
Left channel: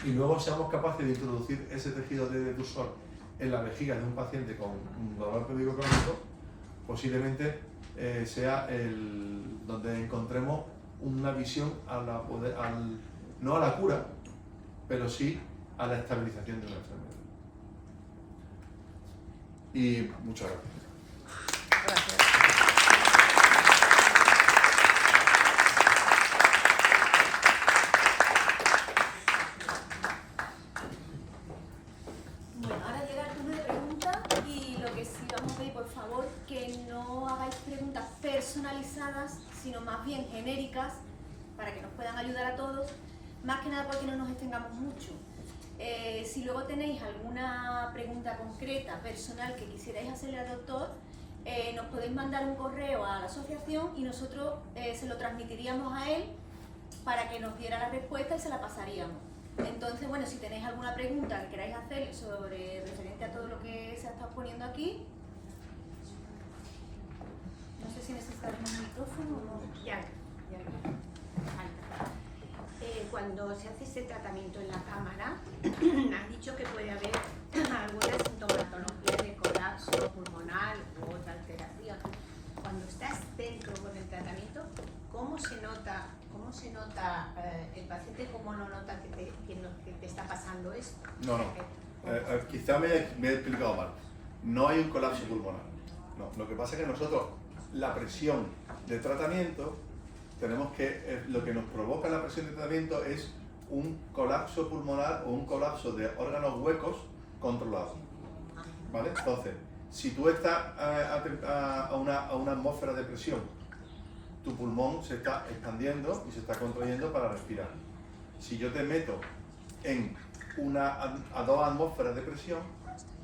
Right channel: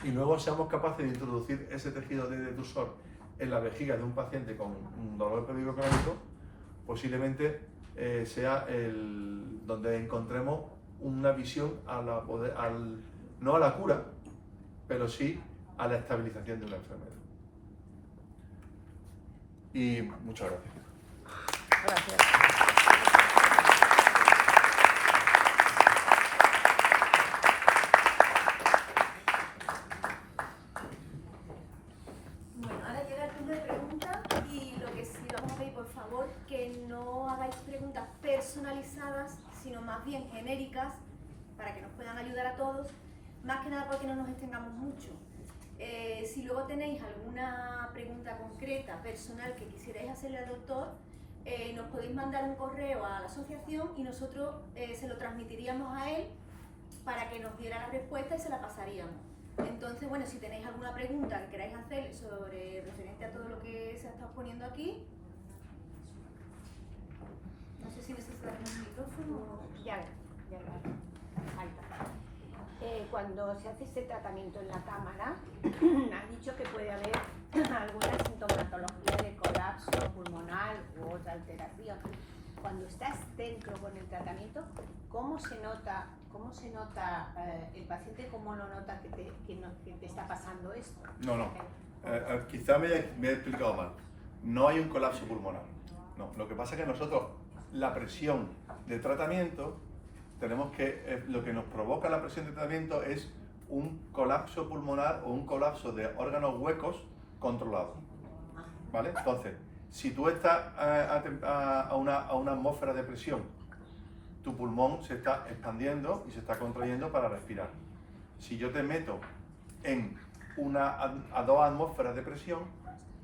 y luego seamos capaces de introducir ese tejido de trusor en la vejiga de un paciente con un dolor pélvico crónico, posiblemente sea donde encontremos una visión no a la cura, pero sí a la estabilización de la enfermedad. Y muchas gracias. Bueno, ahora llega el turno de preguntas y lo que sí vamos a pedir, por favor, que no hagáis preguntas personalizadas, sino más bien genéricas, para que nos puedan ayudar a todos, más que nada porque no nos extendamos mucho. Si luego tenéis alguna pregunta concreta, personal, que quisierais hacerle al doctor, nos podéis mandar un correo a la asociación y nosotros se lo transmitiríamos a él para que nos diera la respuesta y se la pasaríamos. Entonces, bueno, si tenéis alguna pregunta que queráis hacer referente a todo lo que se ha estado poniendo aquí, no sé si necesitáis un micrófono o... Ya. Cuando se hace este tratamiento en la cámara, has dicho que puede haber alguna sintomatología de colapso pulmonar u otra alteración. Cuando estás dentro con el tratamiento, ¿cómo se nota el paciente, cómo lo nota que te está pasando esto? No. Quizá me he explicado mal. No hay un colapso pulmonar. No. Lo que pasa es que nosotros, la presión de tratamiento, lo que nos provoca la presión de tratamiento es un colapso pulmonar o un colapso de órganos huecos controlado, ¿vale? Entonces, si tú estás a una atmósfera de presión tu pulmón se está expandiendo y se está contrayendo para respirar. Si yo te meto a 2 atmósferas de presión,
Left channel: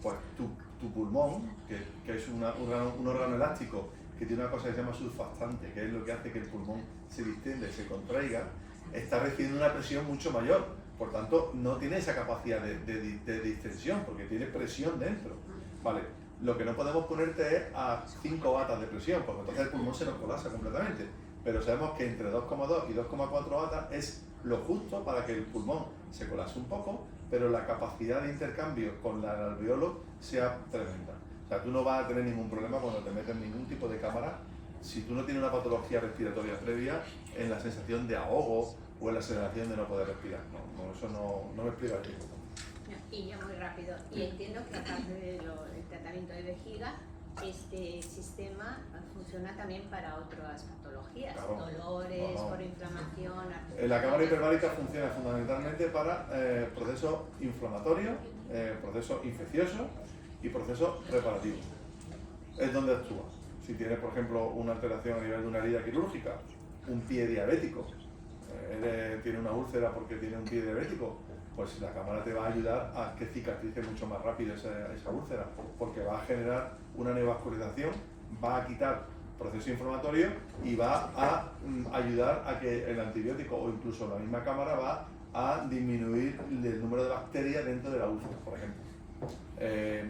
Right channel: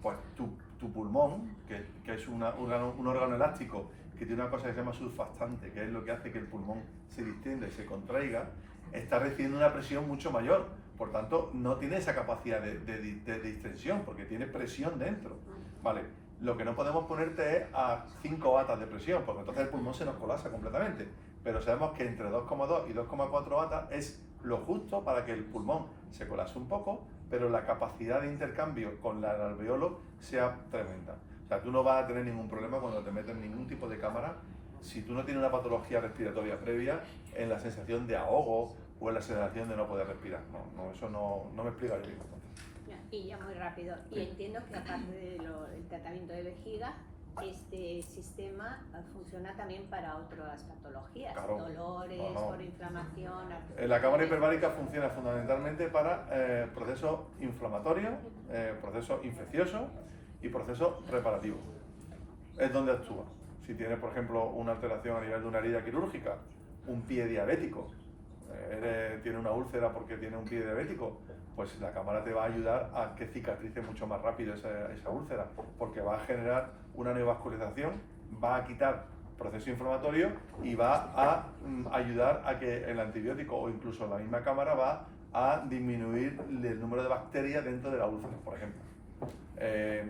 pues tu pulmón, que es un órgano elástico que tiene una cosa que se llama surfactante, que es lo que hace que el pulmón se distienda y se contraiga, está recibiendo una presión mucho mayor. Por tanto, no tiene esa capacidad de distensión, porque tiene presión dentro. Vale, lo que no podemos ponerte es a 5 batas de presión, porque entonces el pulmón se nos colapsa completamente. Pero sabemos que entre 2,2 y 2,4 batas es lo justo para que el pulmón se colapse un poco, pero la capacidad de intercambio con el alveolo sea tremenda. O sea, tú no vas a tener ningún problema cuando te metes ningún tipo de cámara, si tú no tienes una patología respiratoria previa, en la sensación de ahogo o en la sensación de no poder respirar. No, eso no me explica bien. Y ya muy rápido. Y entiendo que aparte del tratamiento de vejiga, este sistema funciona también para otras patologías, claro. Dolores, por inflamación. La cámara hiperbárica funciona fundamentalmente para procesos inflamatorios, procesos infecciosos y procesos reparativos. Es donde actúa. Si tienes, por ejemplo, una alteración a nivel de una herida quirúrgica, un pie diabético, tiene una úlcera porque tiene un pie diabético, pues la cámara te va a ayudar a que cicatrice mucho más rápido esa úlcera, porque va a generar una neovascularización, va a quitar proceso inflamatorio y va a ayudar a que el antibiótico o incluso la misma cámara va a disminuir el número de bacterias dentro de la úlcera, por ejemplo.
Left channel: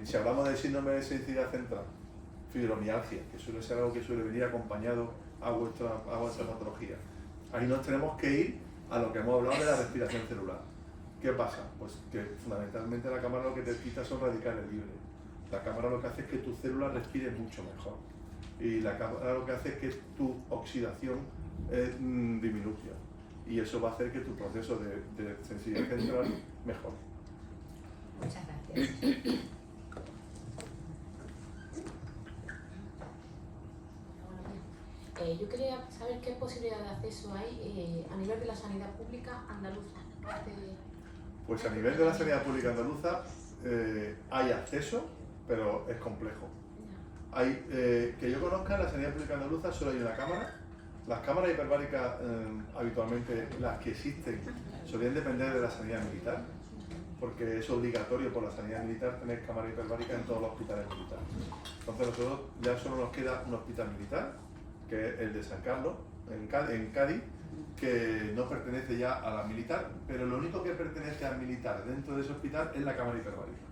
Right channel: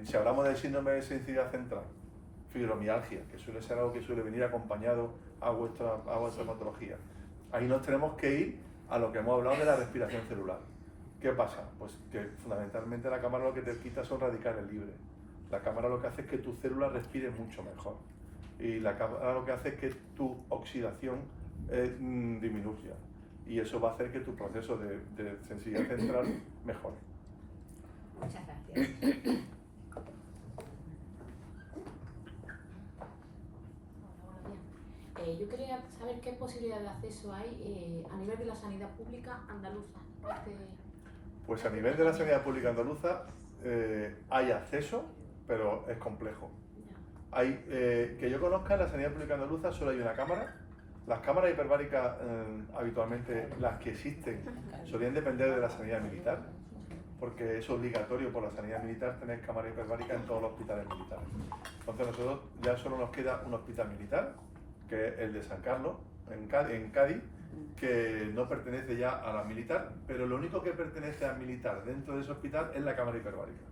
Si hablamos de síndrome de sensibilidad central, fibromialgia, que suele ser algo que suele venir acompañado a vuestra patología, ahí nos tenemos que ir a lo que hemos hablado de la respiración celular. ¿Qué pasa? Pues que fundamentalmente la cámara lo que te quita son radicales libres. La cámara lo que hace es que tu célula respire mucho mejor. Y la cámara lo que hace es que tu oxidación disminuya. Y eso va a hacer que tu proceso de sensibilidad central mejore. Muchas gracias. Yo quería saber qué posibilidad de acceso hay a nivel de la sanidad pública andaluza. Pues a nivel de la sanidad pública andaluza hay acceso, pero es complejo. Que yo conozca, en la sanidad pública andaluza solo hay una cámara. Las cámaras hiperbáricas, habitualmente las que existen, solían depender de la sanidad militar, porque es obligatorio por la sanidad militar tener cámara hiperbárica en todos los hospitales militares. Entonces nosotros ya solo nos queda un hospital militar, que es el de San Carlos, en Cádiz, que no pertenece ya a la militar, pero lo único que pertenece al militar dentro de ese hospital es la cámara hiperbárica.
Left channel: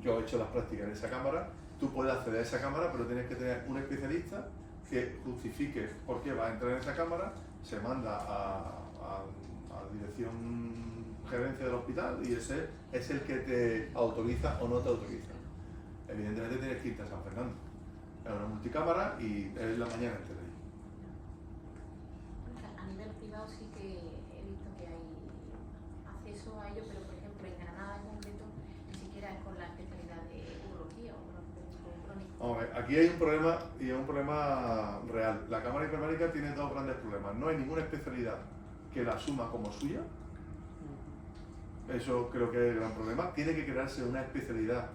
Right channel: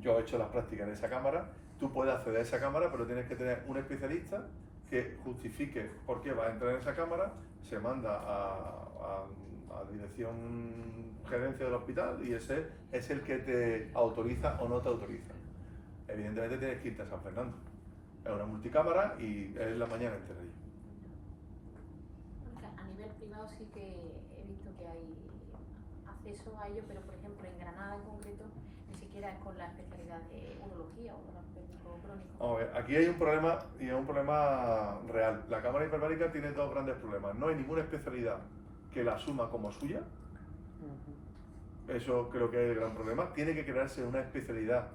Yo he hecho las prácticas en esa cámara, tú puedes acceder a esa cámara, pero tienes que tener un especialista que justifique por qué va a entrar en esa cámara, se manda a dirección gerencia del hospital y ese es el que te autoriza o no te autoriza. Evidentemente tienes que irte a San Fernando. Es una multicámara y es la mañana entera allí. A nivel privado sí que he visto que hay acceso a ello, pero por ejemplo en Granada en concreto ni siquiera es con la especialidad de urología o crónico. Vamos a ver, aquí hay un problema y es un problema real. La cámara hiperbárica tiene dos grandes problemas. No hay ninguna especialidad que la asuma como suya. Eso creo que es el gran problema. Tiene que crearse una especialidad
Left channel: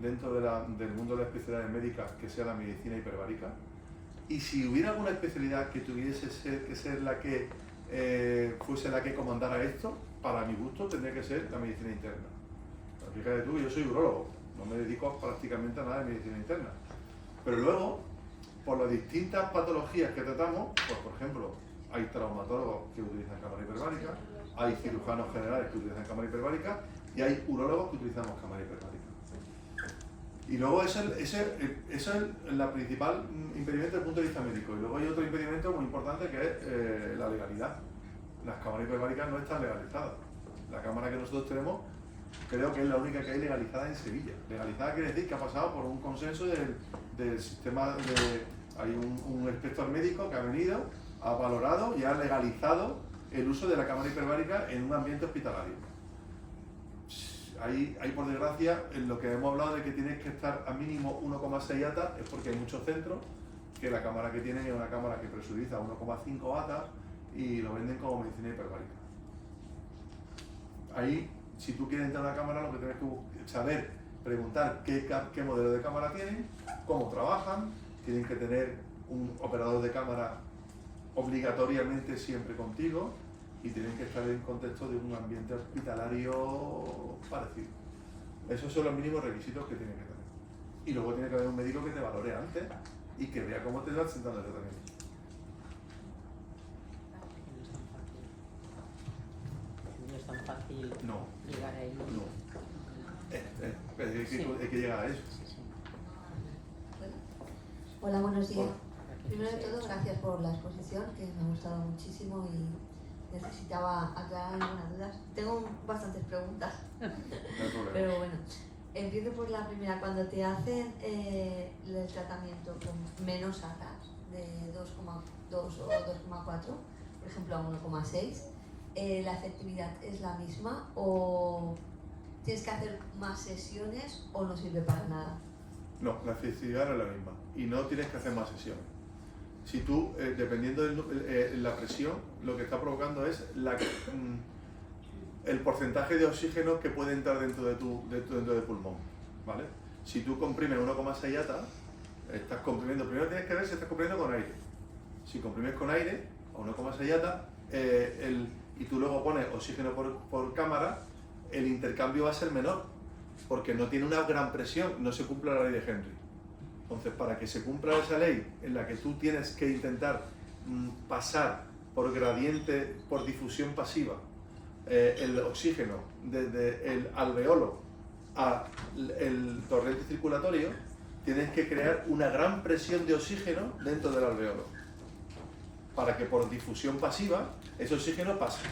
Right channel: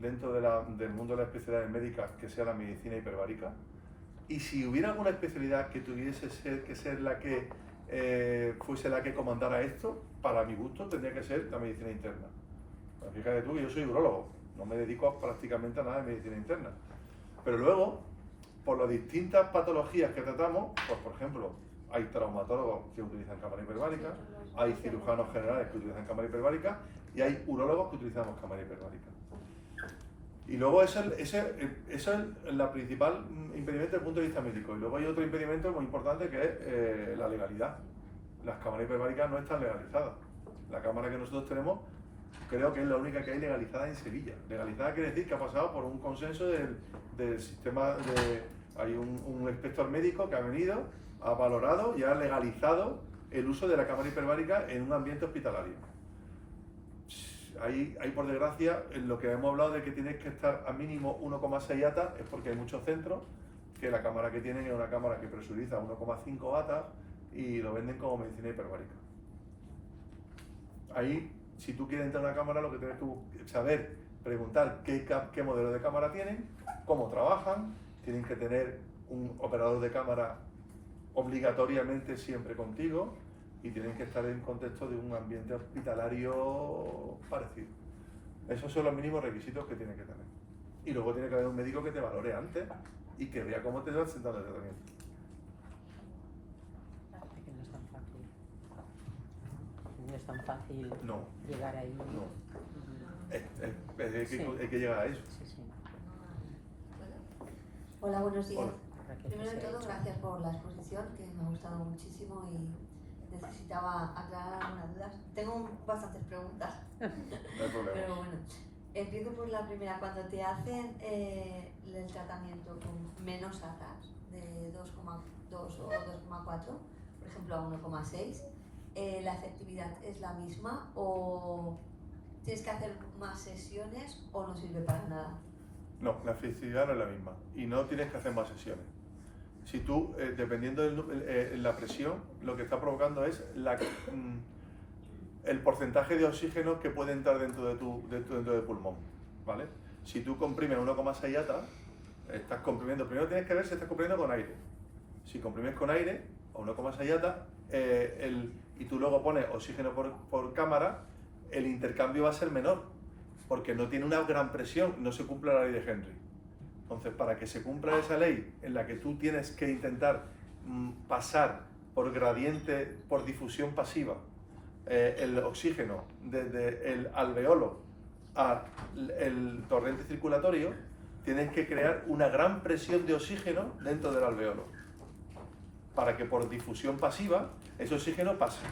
dentro del mundo de las especialidades médicas que sea la medicina hiperbárica. Y si hubiera alguna especialidad que tuviese que ser la que fuese la que comandara esto, para mi gusto tendría que ser la medicina interna. Pero fíjate tú, yo soy urólogo, no me dedico prácticamente a nada de medicina interna. Pero luego, por las distintas patologías que tratamos, pues por ejemplo, hay traumatólogos que utilizan cámara hiperbárica, hay cirujanos generales que utilizan cámara hiperbárica y hay urólogos que utilizamos cámara hiperbárica. Y luego eso es la principal impedimento desde el punto de vista médico. Y luego hay otro impedimento muy importante que es la legalidad. Las cámaras hiperbáricas no están legalizadas. La cámara que nosotros tenemos creo que es la única que hay legalizada en Sevilla. Legalizada quiere decir que ha pasado por un consenso del sistema hay un inspector médico que ha venido, ha valorado y ha legalizado el uso de la cámara hiperbárica en un ambiente hospitalario. Hay por desgracia, en lo que hemos hablado de que tienes que estar a mínimo 1,6 atas, es porque hay muchos centros que la cámara que tienen es una cámara que presuriza 1,5 atas y lo venden como medicina hiperbárica. Ahí, si tú quieres entrar a una cámara, lo que tienes que saber, preguntar qué modelo de cámara tienen, cómo trabajan, tienen que tener un operador de cámara obligatoriamente siempre contigo y tienen que estar en contexto de un ambiente hospitalario parecido. Esos son los mínimos requisitos que tienen que tener. Y luego tiene que haber un médico que te valore antes y que vea cómo te vas sentando el tratamiento. No es tan fácil No, llegar ahí. no. Hay que llegar a eso. Hola, buenos días. Hola. Primero de todo, gracias por la exposición, que me ha gustado muchísimo y necesitaba aclarar algunas dudas. Tengo bastantes preguntas, No hay problema. pero bueno. Empiezo por la primera. Cuando te hacen el tratamiento con menos ATAs, de 2,2 o 2,4, por ejemplo a 1,6, ¿la efectividad es la misma o tienes que hacer más sesiones o no sirve para nada? No, la efectividad no es la misma y no tienes que hacer más sesiones. Si tú, dependiendo de la presión, lo que está provocando es el porcentaje de oxígeno que puede entrar dentro del pulmón, ¿vale? Si tú comprimes 1,6 ATA, estás comprimiendo, primero tienes que ver si estás comprimiendo con aire. Si comprimes con aire, a 1,6 ATA, y tú luego pones oxígeno por cámara, el intercambio va a ser menor, porque no tiene una gran presión, no se cumple la ley de Henry. Entonces, para que se cumpla esa ley en la que tú tienes que intentar pasar por gradiente, por difusión pasiva, el oxígeno desde el alveolo al torrente circulatorio, tienes que crear una gran presión de oxígeno dentro del alveolo, para que por difusión pasiva ese oxígeno pase.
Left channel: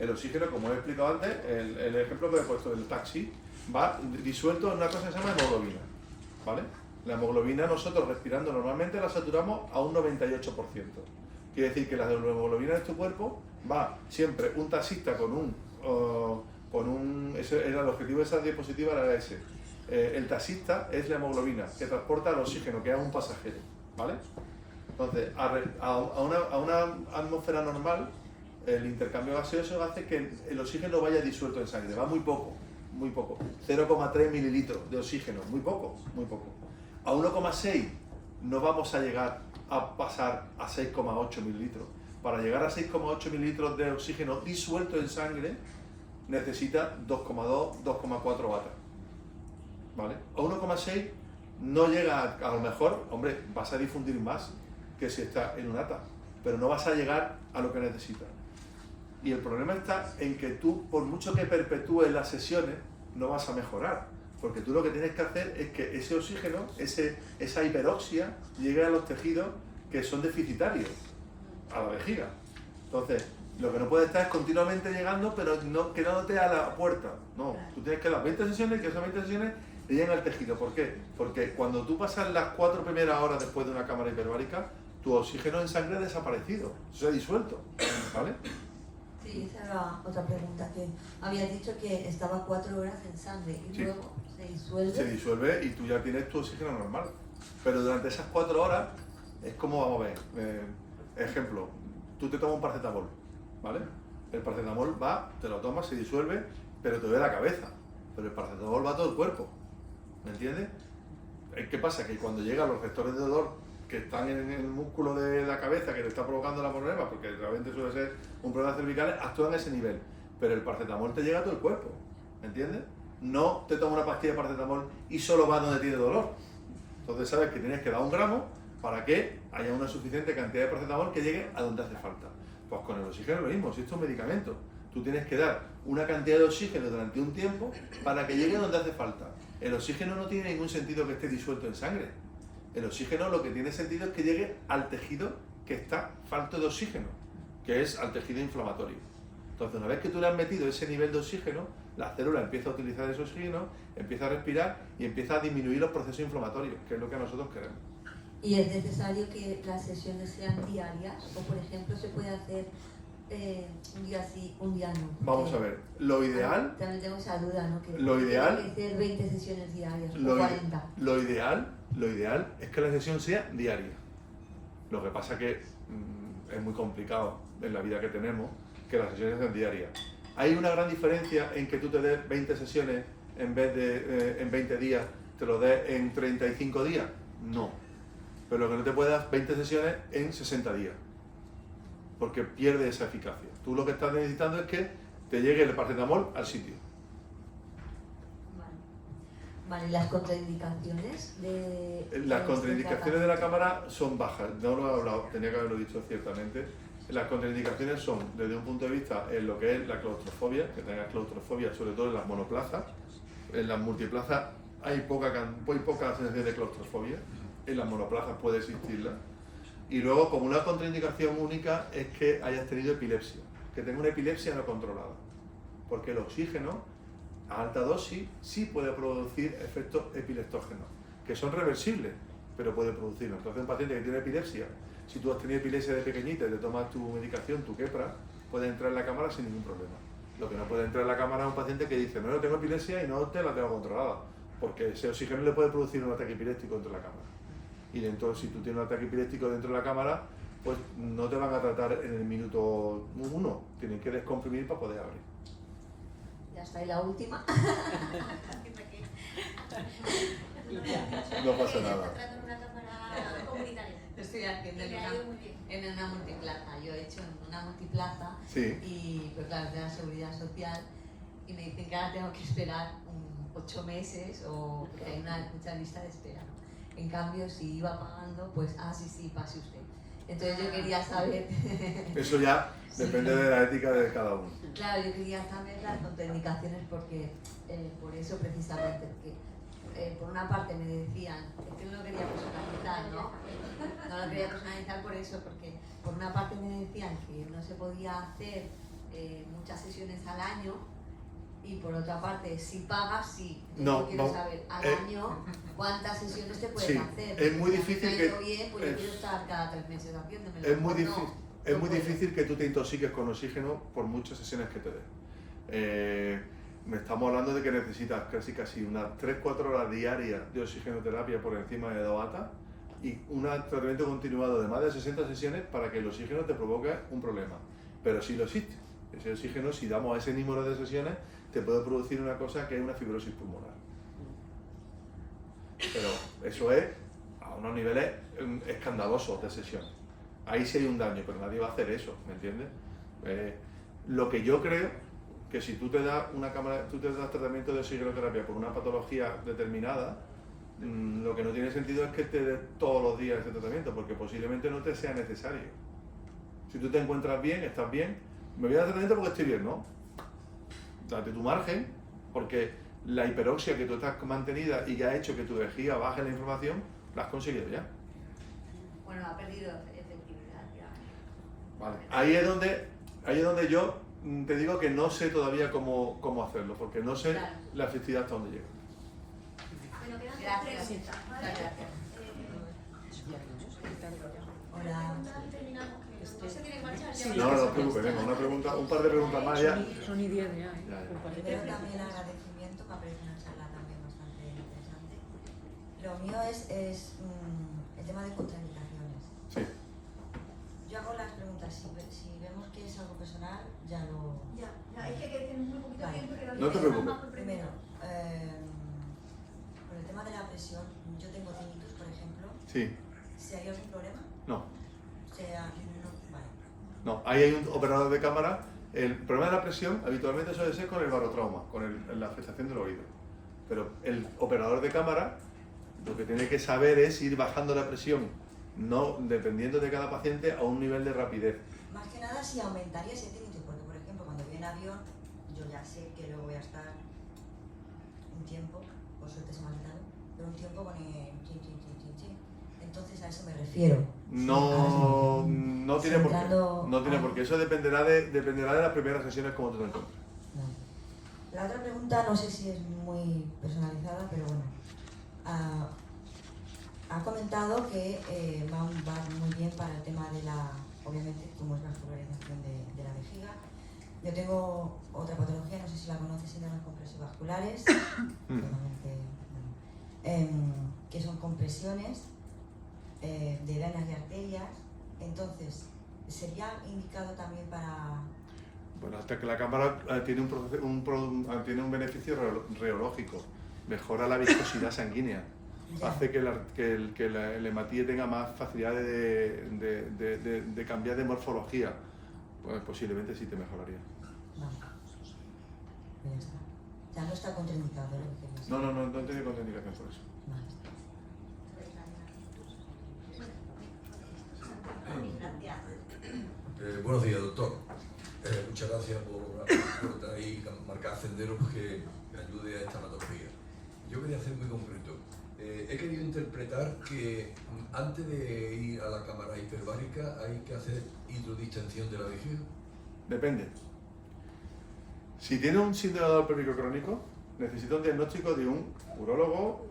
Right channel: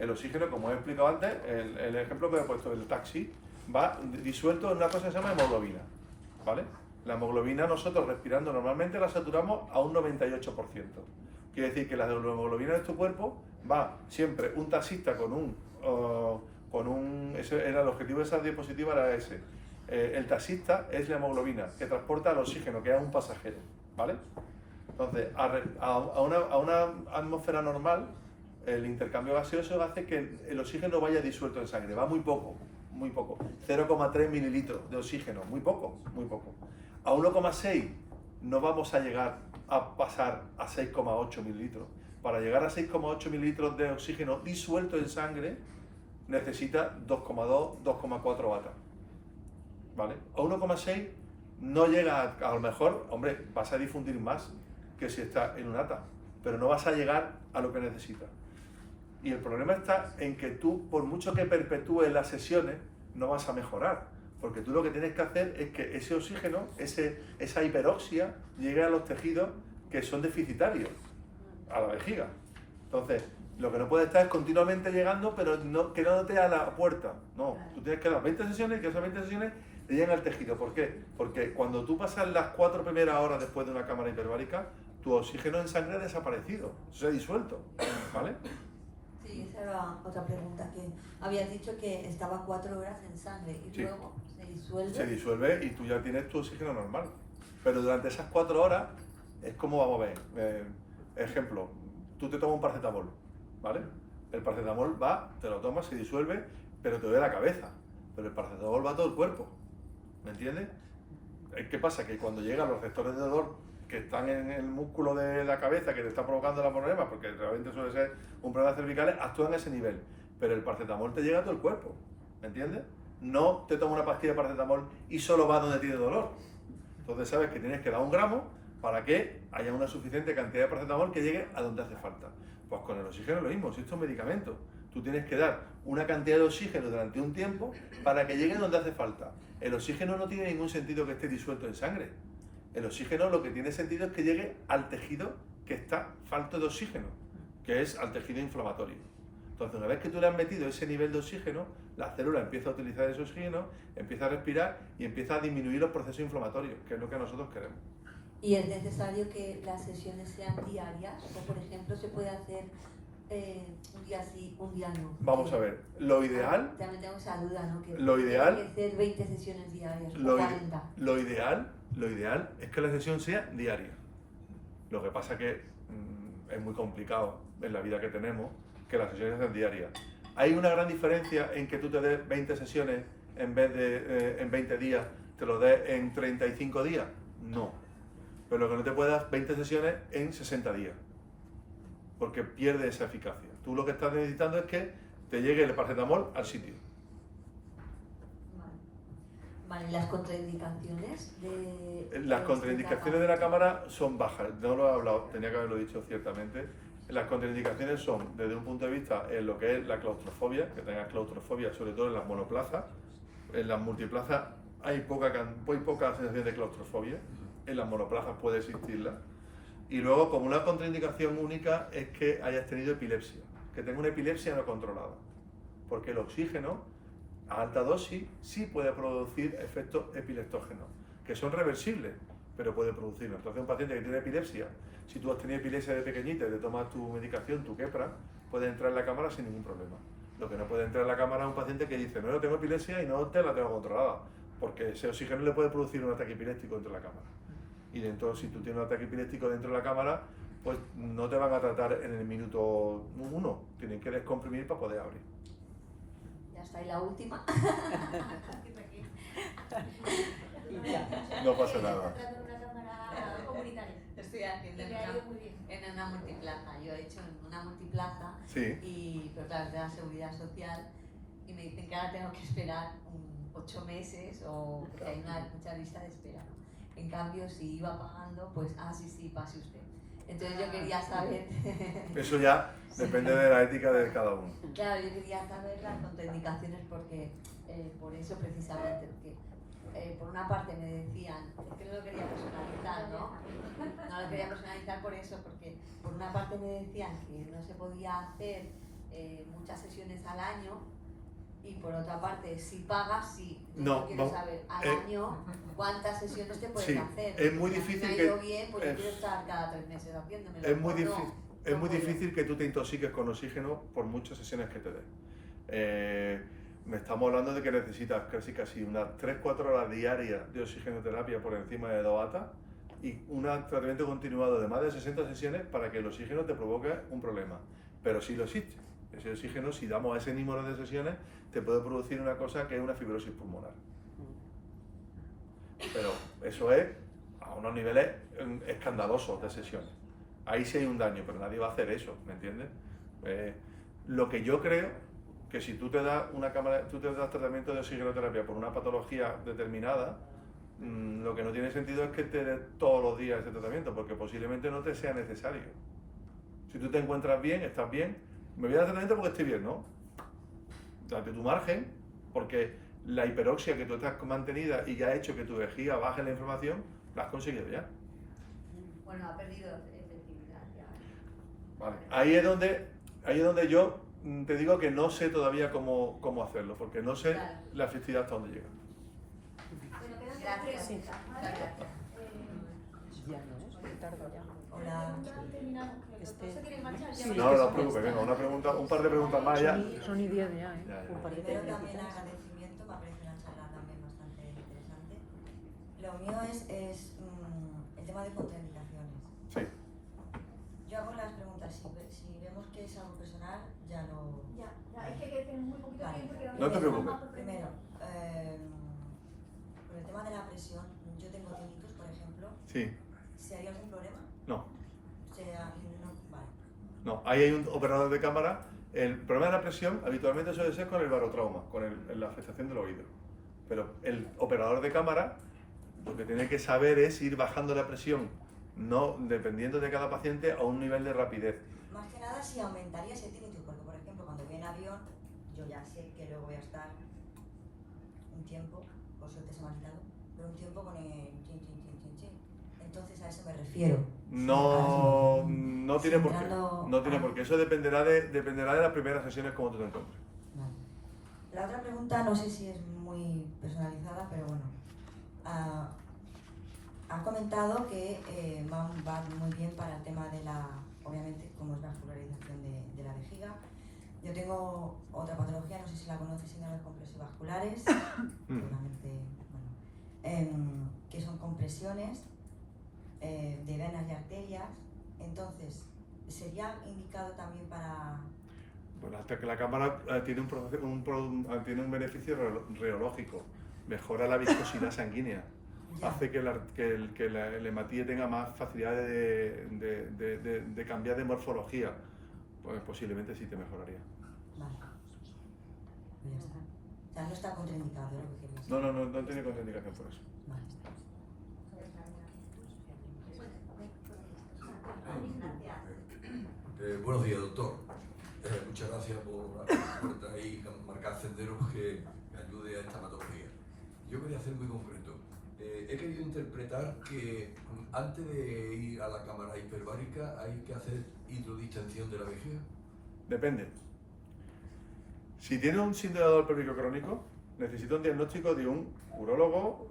El oxígeno, como he explicado antes, el ejemplo que he puesto del taxi, va disuelto en una cosa que se llama hemoglobina, ¿vale? La hemoglobina nosotros respirando normalmente la saturamos a un 98%. Quiere decir que la hemoglobina de tu cuerpo va siempre un taxista ese era el objetivo de esa diapositiva, era ese. El taxista es la hemoglobina que transporta el oxígeno, que es un pasajero, ¿vale? Entonces, a una atmósfera normal, el intercambio gaseoso hace que el oxígeno vaya disuelto en sangre, va muy poco, 0,3 mililitros de oxígeno, muy poco. A 1,6 no vamos a llegar a pasar a 6,8 mililitros. Para llegar a 6,8 mililitros de oxígeno disuelto en sangre, necesita 2,2, 2,4 ATA, ¿vale? A 1,6 no llega a lo mejor, hombre, vas a difundir más que si está en un ATA, pero no vas a llegar a lo que necesitas. Y el problema está en que tú, por mucho que perpetúes las sesiones, no vas a mejorar, porque tú lo que tienes que hacer es que ese oxígeno, esa hiperoxia, llegue a los tejidos que son deficitarios, a la vejiga. Entonces, lo que no puedes estar es continuamente llegando, pero no quedándote a la puerta. No, tú tienes que dar 20 sesiones, que esas 20 sesiones te lleguen al tejido. ¿Por qué? Porque cuando tú pasas las 4 primeras horas después de una cámara hiperbárica, tu oxígeno en sangre ha desaparecido, se ha disuelto, ¿vale? Sí, esa era otra pregunta, que habías dicho que estaba 4 horas en sangre y Sí. luego se disuelve. Se disuelve y tú ya tienes tu oxígeno normal. Pero durante esas 4 horas es como, vamos a ver, ejemplo, tú te tomas un paracetamol, ¿vale? El paracetamol va, te lo tomas, se disuelve, pero te duele la cabeza. Pero el paracetamol va a todo el cuerpo, ¿me entiendes? ¿Qué pasa? Que cuando llegan los receptores de dolor que están en el músculo de la cabeza que te está provocando la problema, porque realmente suele ser un problema cervical, actúan a ese nivel. Pero el paracetamol te llega a todo el cuerpo, ¿me entiendes? No te tomas una pastilla de paracetamol y solo va donde tiene dolor. Entonces sabes que tienes que dar 1 gramo para que haya una suficiente cantidad de paracetamol que llegue a donde hace falta. Pues con el oxígeno es lo mismo, si esto es un medicamento, tú tienes que dar una cantidad de oxígeno durante un tiempo para que llegue donde hace falta. El oxígeno no tiene ningún sentido que esté disuelto en sangre. El oxígeno lo que tiene sentido es que llegue al tejido que está falto de oxígeno, que es al tejido inflamatorio. Entonces, una vez que tú le has metido ese nivel de oxígeno, la célula empieza a utilizar ese oxígeno, empieza a respirar y empieza a disminuir los procesos inflamatorios, que es lo que nosotros queremos. ¿Y es necesario que las sesiones sean diarias? O, por ejemplo, se puede hacer un día sí, un día no. Vamos a ver, lo ideal, También tengo esa duda, ¿no? Que Lo ideal- tiene que ser 20 sesiones diarias lo, o i- 40. lo ideal es que la sesión sea diaria. Lo que pasa que es muy complicado en la vida que tenemos que las sesiones sean diarias. Hay una gran diferencia en que tú te des 20 sesiones en vez de en 20 días, te lo des en 35 días. No. Pero lo que no te puedes dar 20 sesiones en 60 días. porque pierde esa eficacia. Tú lo que estás necesitando es que te llegue el paracetamol al sitio. Vale, ¿las contraindicaciones de...? Las contraindicaciones de la cámara son bajas, no lo he hablado, tenía que haberlo dicho ciertamente. Las contraindicaciones son, desde un punto de vista, en lo que es la claustrofobia, que tengas claustrofobia, sobre todo en las monoplazas. En las multiplazas hay muy poca sensación de claustrofobia, en las monoplazas puede existirla. Y luego, como una contraindicación única, es que hayas tenido epilepsia, que tenga una epilepsia no controlada, porque el oxígeno a alta dosis sí puede producir efectos epileptógenos, que son reversibles, pero puede producirlo. Entonces, un paciente que tiene epilepsia, si tú has tenido epilepsia de pequeñita y te tomas tu medicación, tu Keppra, puede entrar en la cámara sin ningún problema. Lo que no puede entrar en la cámara es un paciente que dice, no, yo tengo epilepsia y no te la tengo controlada, porque ese oxígeno le puede producir un ataque epiléptico dentro de la cámara. Y dentro, si tú tienes un ataque epiléptico dentro de la cámara, pues no te van a tratar en el minuto 1, tienen que descomprimir para poder abrir. Ya está, y la última. No pasa nada. Está tratando en una cámara comunitaria. Estoy haciendo Y le ha ido muy bien. en una multiplaza. Yo he hecho en una multiplaza Sí. y pues claro, de la seguridad social y me dicen que ahora tengo que esperar 8 meses o porque hay mucha lista de espera, ¿no? En cambio, si iba pagando, pues sí, pase usted. Entonces yo quería saber... Eso ya depende de la ética de cada uno. Claro, yo quería saber las contraindicaciones porque, por eso precisamente, porque por una parte me decían, es que no lo quería personalizar, ¿no? No lo quería personalizar por eso, porque por una parte me decían que no se podía hacer muchas sesiones al año y por otra parte, si pagas, sí. No, Yo quiero vamos, saber al año cuántas sesiones te puedes sí, hacer. es muy Si a mí difícil me ha que- ido bien, pues yo es- quiero estar cada 3 meses haciéndomelo. Es muy, ¿O difícil, no? es No muy puedo. difícil que tú te intoxiques con oxígeno por muchas sesiones que te den. Me estamos hablando de que necesitas casi unas 3-4 horas diarias de oxigenoterapia por encima de 2 ATA y un tratamiento continuado de más de 60 sesiones para que el oxígeno te provoque un problema. Pero sí lo existe. Ese oxígeno, si damos ese número de sesiones, te puede producir una cosa que es una fibrosis pulmonar. Pero eso es a unos niveles escandalosos de sesiones. Ahí sí hay un daño, pero nadie va a hacer eso, ¿me entiendes? Lo que yo creo que si tú te das tú te das tratamiento de oxigenoterapia por una patología determinada, lo que no tiene sentido es que te des todos los días ese tratamiento, porque posiblemente no te sea necesario. Si tú te encuentras bien, estás bien, me voy a dar tratamiento porque estoy bien, ¿no? Date tu margen, porque la hiperoxia que tú estás mantenida y que ha hecho que tu vejiga baje la inflamación, la has conseguido ya. Bueno, ha perdido efectividad ya. Vale. Ahí es donde yo te digo que no sé todavía cómo hacerlo, porque no sé Claro. la efectividad hasta dónde llega. Bueno, quedan 2 Gracias. preguntas, ¿vale? Muchas gracias. Hola. Y terminamos, que los dos se quieren marchar. ya Sí. No, no os preocupéis, venga, un par de preguntas más ya. Son y 10 ya, ¿eh? Ya, ya. Primero también agradecimiento, me parece una charla también bastante interesante. Lo mío es el tema de contraindicaciones. Sí. Yo hago las preguntas, si vemos que es algo personal, ya lo... Ya, es que tenemos muy poquito Vale. tiempo. No te preocupes. Primero, con el tema de la presión, yo tengo tinnitus, por ejemplo, Sí. si hay algún problema, No. vale. No. Ahí hay un operador de cámara. El problema de la presión habitualmente suele ser con el barotrauma, con la afectación del oído. Pero el operador de cámara lo que tiene que saber es ir bajando la presión, no dependiendo de cada paciente, a un nivel de rapidez. Más que nada si aumentaría ese tinnitus, porque por ejemplo cuando voy en avión, yo ya sé que luego voy a estar un tiempo, por suerte se me ha quitado, pero un tiempo con el chin, chin, chin, chin, chin. Entonces a eso me refiero. No, no tiene por qué. Centrando- No tiene por qué. Eso dependerá de las primeras sesiones como tú te encuentres. Vale. La otra pregunta no sé si es muy personalizada, pero bueno. Ha comentado que va muy bien para el tema de la, obviamente, como es vascularización de la vejiga. Yo tengo otra patología, no sé si la conoces, síndromes compresivasculares, normalmente, bueno, que son compresiones de venas y arterias. Entonces, ¿sería indicado también para...? Bueno, hasta que la cámara tiene un beneficio reológico. Mejora la viscosidad sanguínea. Ya. Hace que el hematíe tenga más facilidad de cambiar de morfología. pues posiblemente sí te mejoraría. Vale. Ya está. Ya no está contraindicado lo que querías. No he tenido contraindicación por eso. Vale. Buenos días, doctor. Muchas gracias por traer marcar senderos que ayude a esta patología. Yo quería hacer muy concreto. He querido interpretar que antes de ir a la cámara hiperbárica hay que hacer hidrodistensión de la vejiga. Depende. Si tiene un síndrome pélvico crónico, necesita un diagnóstico de un urólogo,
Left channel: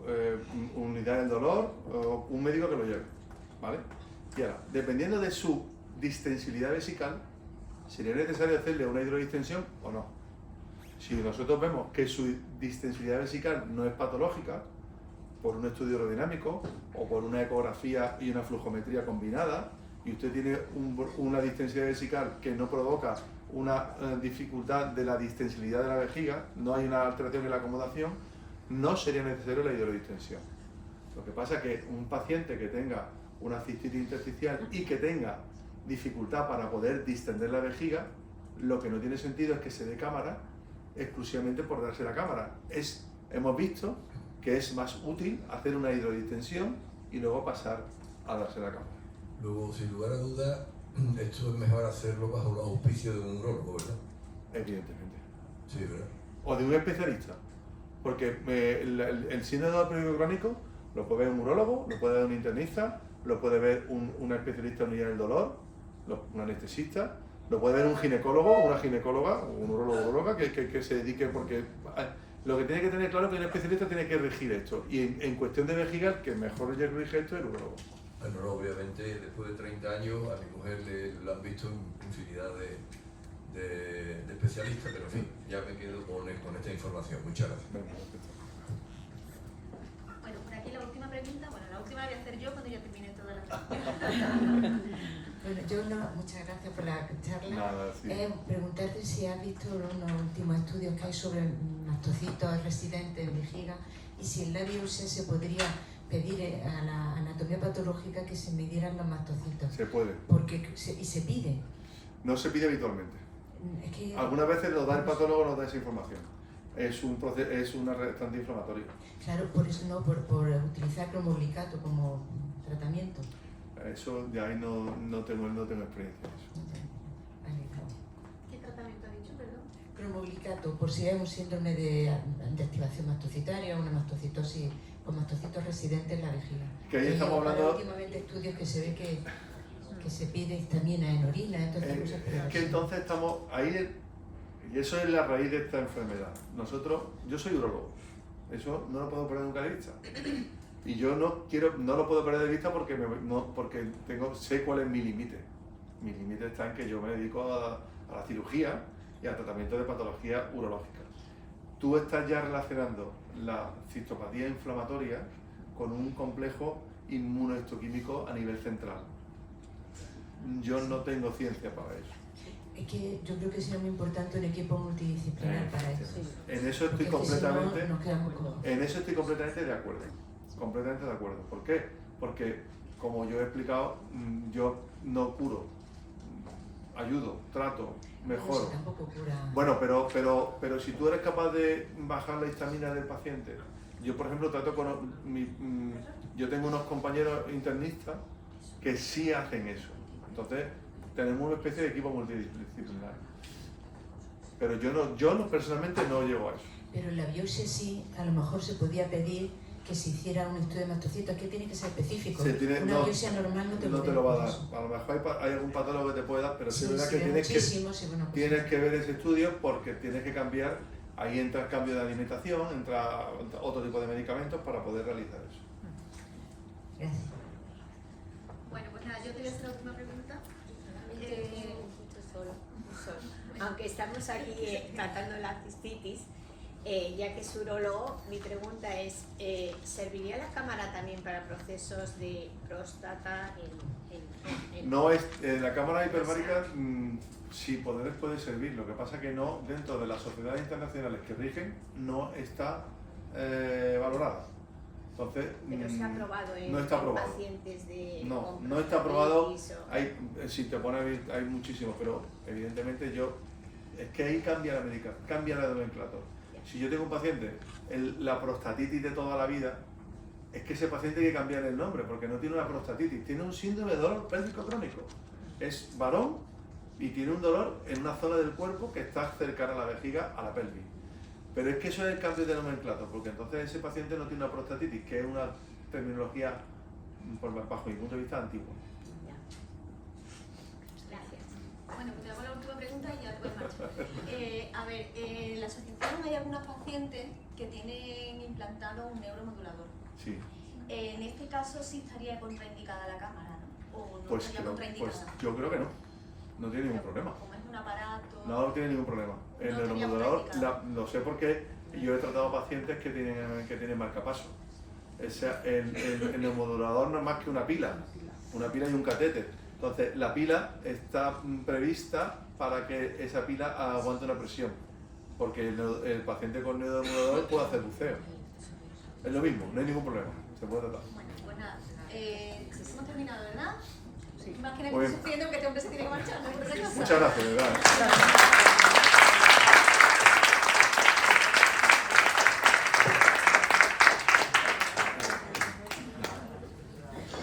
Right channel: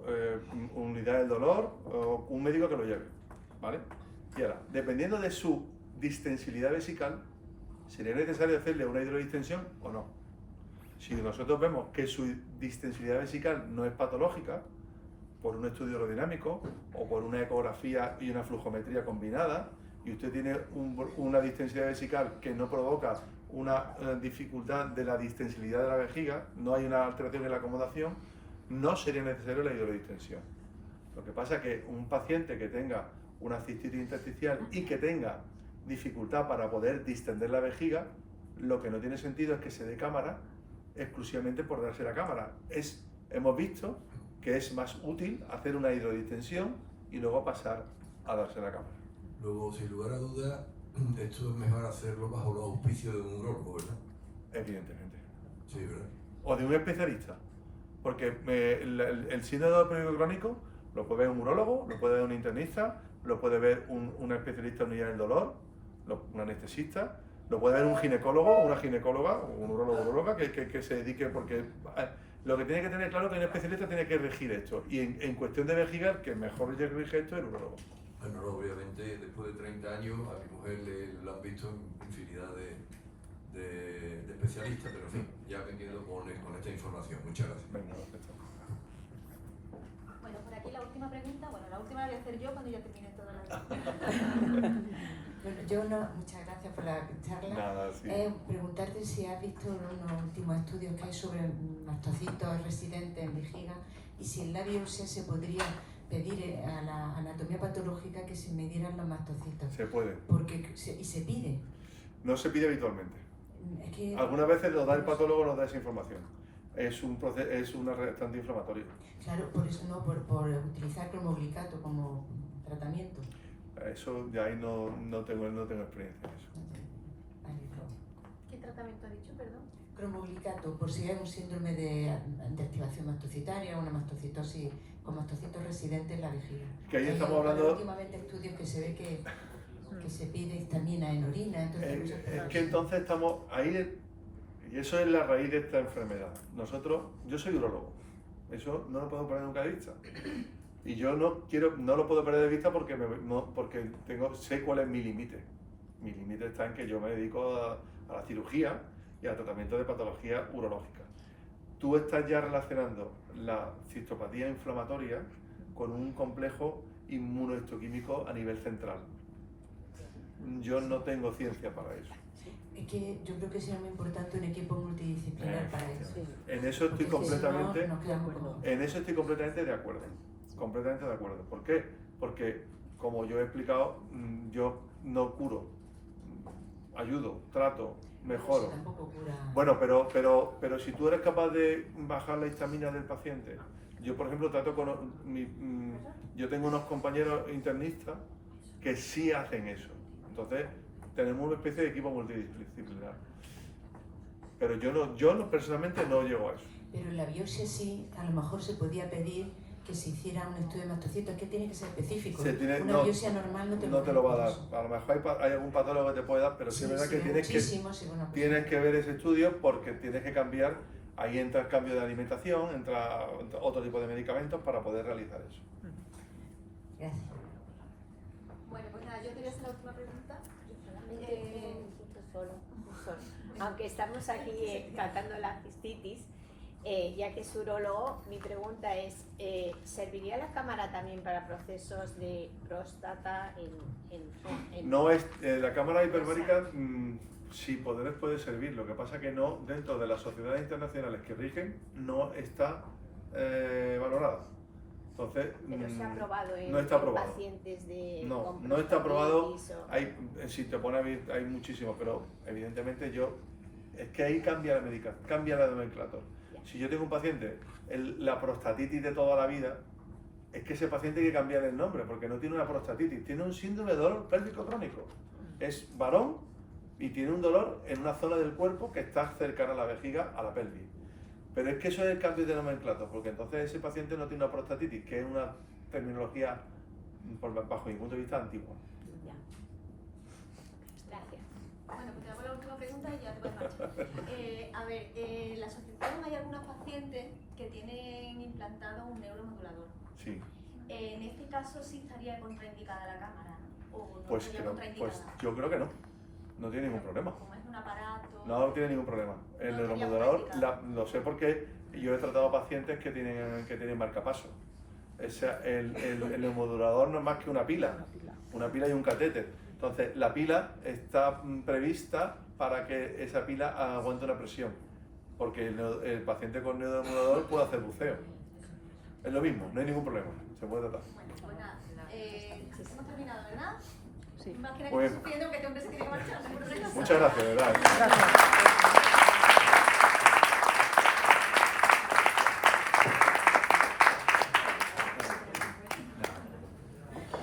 unidad del dolor o un médico que lo lleve, ¿vale? Y ahora, dependiendo de su distensilidad vesical, sería necesario hacerle una hidrodistensión o no. Si nosotros vemos que su distensilidad vesical no es patológica, por un estudio aerodinámico o por una ecografía y una flujometría combinada, y usted tiene una distensilidad vesical que no provoca una dificultad de la distensilidad de la vejiga, no hay una alteración en la acomodación, no sería necesario la hidrodistensión. Lo que pasa es que un paciente que tenga una cistitis intersticial y que tenga dificultad para poder distender la vejiga, lo que no tiene sentido es que se dé cámara exclusivamente por darse la cámara. Hemos visto que es más útil hacer una hidrodistensión y luego pasar a darse la cámara. Luego, sin lugar a dudas, esto es mejor hacerlo bajo los auspicios de un urólogo, ¿verdad? Evidentemente. Sí, ¿verdad? O de un especialista. Porque el síndrome pélvico crónico lo puede ver un urólogo, lo puede ver un internista, lo puede ver un especialista en unidad del dolor, un anestesista, lo puede ver un ginecólogo, una ginecóloga, o un urólogo que se dedique, porque lo que tiene que tener claro es que un especialista tiene que regir esto. Y en cuestión de vejiga, el que mejor rige esto es el urólogo. Bueno, obviamente, después de 30 años, a mi mujer lo han visto en infinidad de especialistas, pero en fin, ya me quedo con esta información. Muchas gracias. Venga, perfecto. Bueno, por aquí la última pregunta. Bueno, la última la voy a hacer yo cuando ya termine toda la Bueno, yo no, muchas gracias por la charla. Nada, sí. Preguntarte si has visto unos últimos estudios que hay sobre mastocitos residentes en vejiga y si en la biopsia se podría pedir a la anatomía patológica que se midieran los mastocitos. Se puede. Y se pide. No se pide habitualmente. Es que, Algunas veces nos da el patólogo, nos da esa información. Es un reactante inflamatorio. claro, por eso no, por utilizar cromoglicato como tratamiento. Eso de ahí no tengo experiencia en eso. ¿Qué tratamiento ha dicho, perdón? Cromoglicato, por si hay un síndrome de activación mastocitaria, una mastocitosis con mastocitos residentes en la vejiga. Que ahí estamos hablando. Últimamente estudios que se ve que se pide histamina en orina, entonces Es que entonces estamos ahí, y eso es la raíz de esta enfermedad. Yo soy urólogo, eso no lo puedo perder nunca de vista. Y yo no lo puedo perder de vista porque sé cuál es mi límite. Mi límite está en que yo me dedico a la cirugía y al tratamiento de patologías urológicas. Tú estás ya relacionando la citopatía inflamatoria con un complejo inmunohistoquímico a nivel central. Yo no tengo ciencia para eso. Es que yo creo que sería muy importante un equipo multidisciplinar para eso. En eso estoy Porque si completamente, no, nos quedamos con... en eso estoy completamente de acuerdo. Completamente de acuerdo. ¿Por qué? Porque, como yo he explicado, yo no curo, ayudo, trato, mejoro. Eso tampoco cura. Bueno, pero si tú eres capaz de bajar la histamina del paciente, yo por ejemplo yo tengo unos compañeros internistas que sí hacen eso. Entonces, tenemos una especie de equipo multidisciplinar. Pero yo personalmente no llego a eso. Pero en la biopsia sí, a lo mejor se podía pedir que se hiciera un estudio de mastocitos, que tiene que ser específico. Una biopsia normal no te lo va a dar. A lo mejor hay algún patólogo que te puede dar, pero sí es verdad que pues tienes que ver ese estudio porque tienes que cambiar. Ahí entra el cambio de alimentación, entra otro tipo de medicamentos para poder realizar eso. Gracias. Bueno, pues nada, yo te voy a hacer la última pregunta. Aunque estamos aquí tratando la cistitis, ya que es urólogo, mi pregunta es, ¿serviría la cámara también para procesos de próstata No es, la cámara hiperbárica sí puede servir, lo que pasa que no, dentro de las sociedades internacionales que rigen, no está valorada. Entonces, Pero se ha probado en no está aprobado. pacientes de No está aprobado. diabetes o- Hay, si te pone a ver, hay muchísimos, pero evidentemente es que ahí cambia la medicación, cambia la nomenclatura. Si yo tengo un paciente, la prostatitis de toda la vida, es que ese paciente hay que cambiar el nombre, porque no tiene una prostatitis, tiene un síndrome de dolor pélvico crónico. Es varón y tiene un dolor en una zona del cuerpo que está cercana a la vejiga, a la pelvis. Pero es que eso es el cambio de nomenclatura, porque entonces ese paciente no tiene una prostatitis, que es una terminología, bajo mi punto de vista, antigua. Gracias. Bueno, pues te hago la última pregunta y ya te puedes marchar. A ver, en la asociación hay algunos pacientes que tienen implantado un neuromodulador. Sí. En este caso sí estaría contraindicada la cámara, ¿no? ¿O no Pues, estaría creo, contraindicada? pues yo creo que no. No tiene ningún Pero problema. Como es un aparato... No tiene ningún problema. El No estaría neuromodulador, contraindicado. lo sé porque yo he tratado pacientes que tienen marcapaso. El neuromodulador no es más que una pila y un catéter. Entonces, la pila está prevista para que esa pila aguante una presión, porque el paciente con neuromodulador puede hacer buceo. Es lo mismo, no hay ningún problema, se puede tratar. Bueno, pues nada, hemos terminado, ¿verdad? Sí. Más que nada Muy que bien. estoy sufriendo que este hombre se tiene que marchar. ¿No? Muchas gracias, de verdad.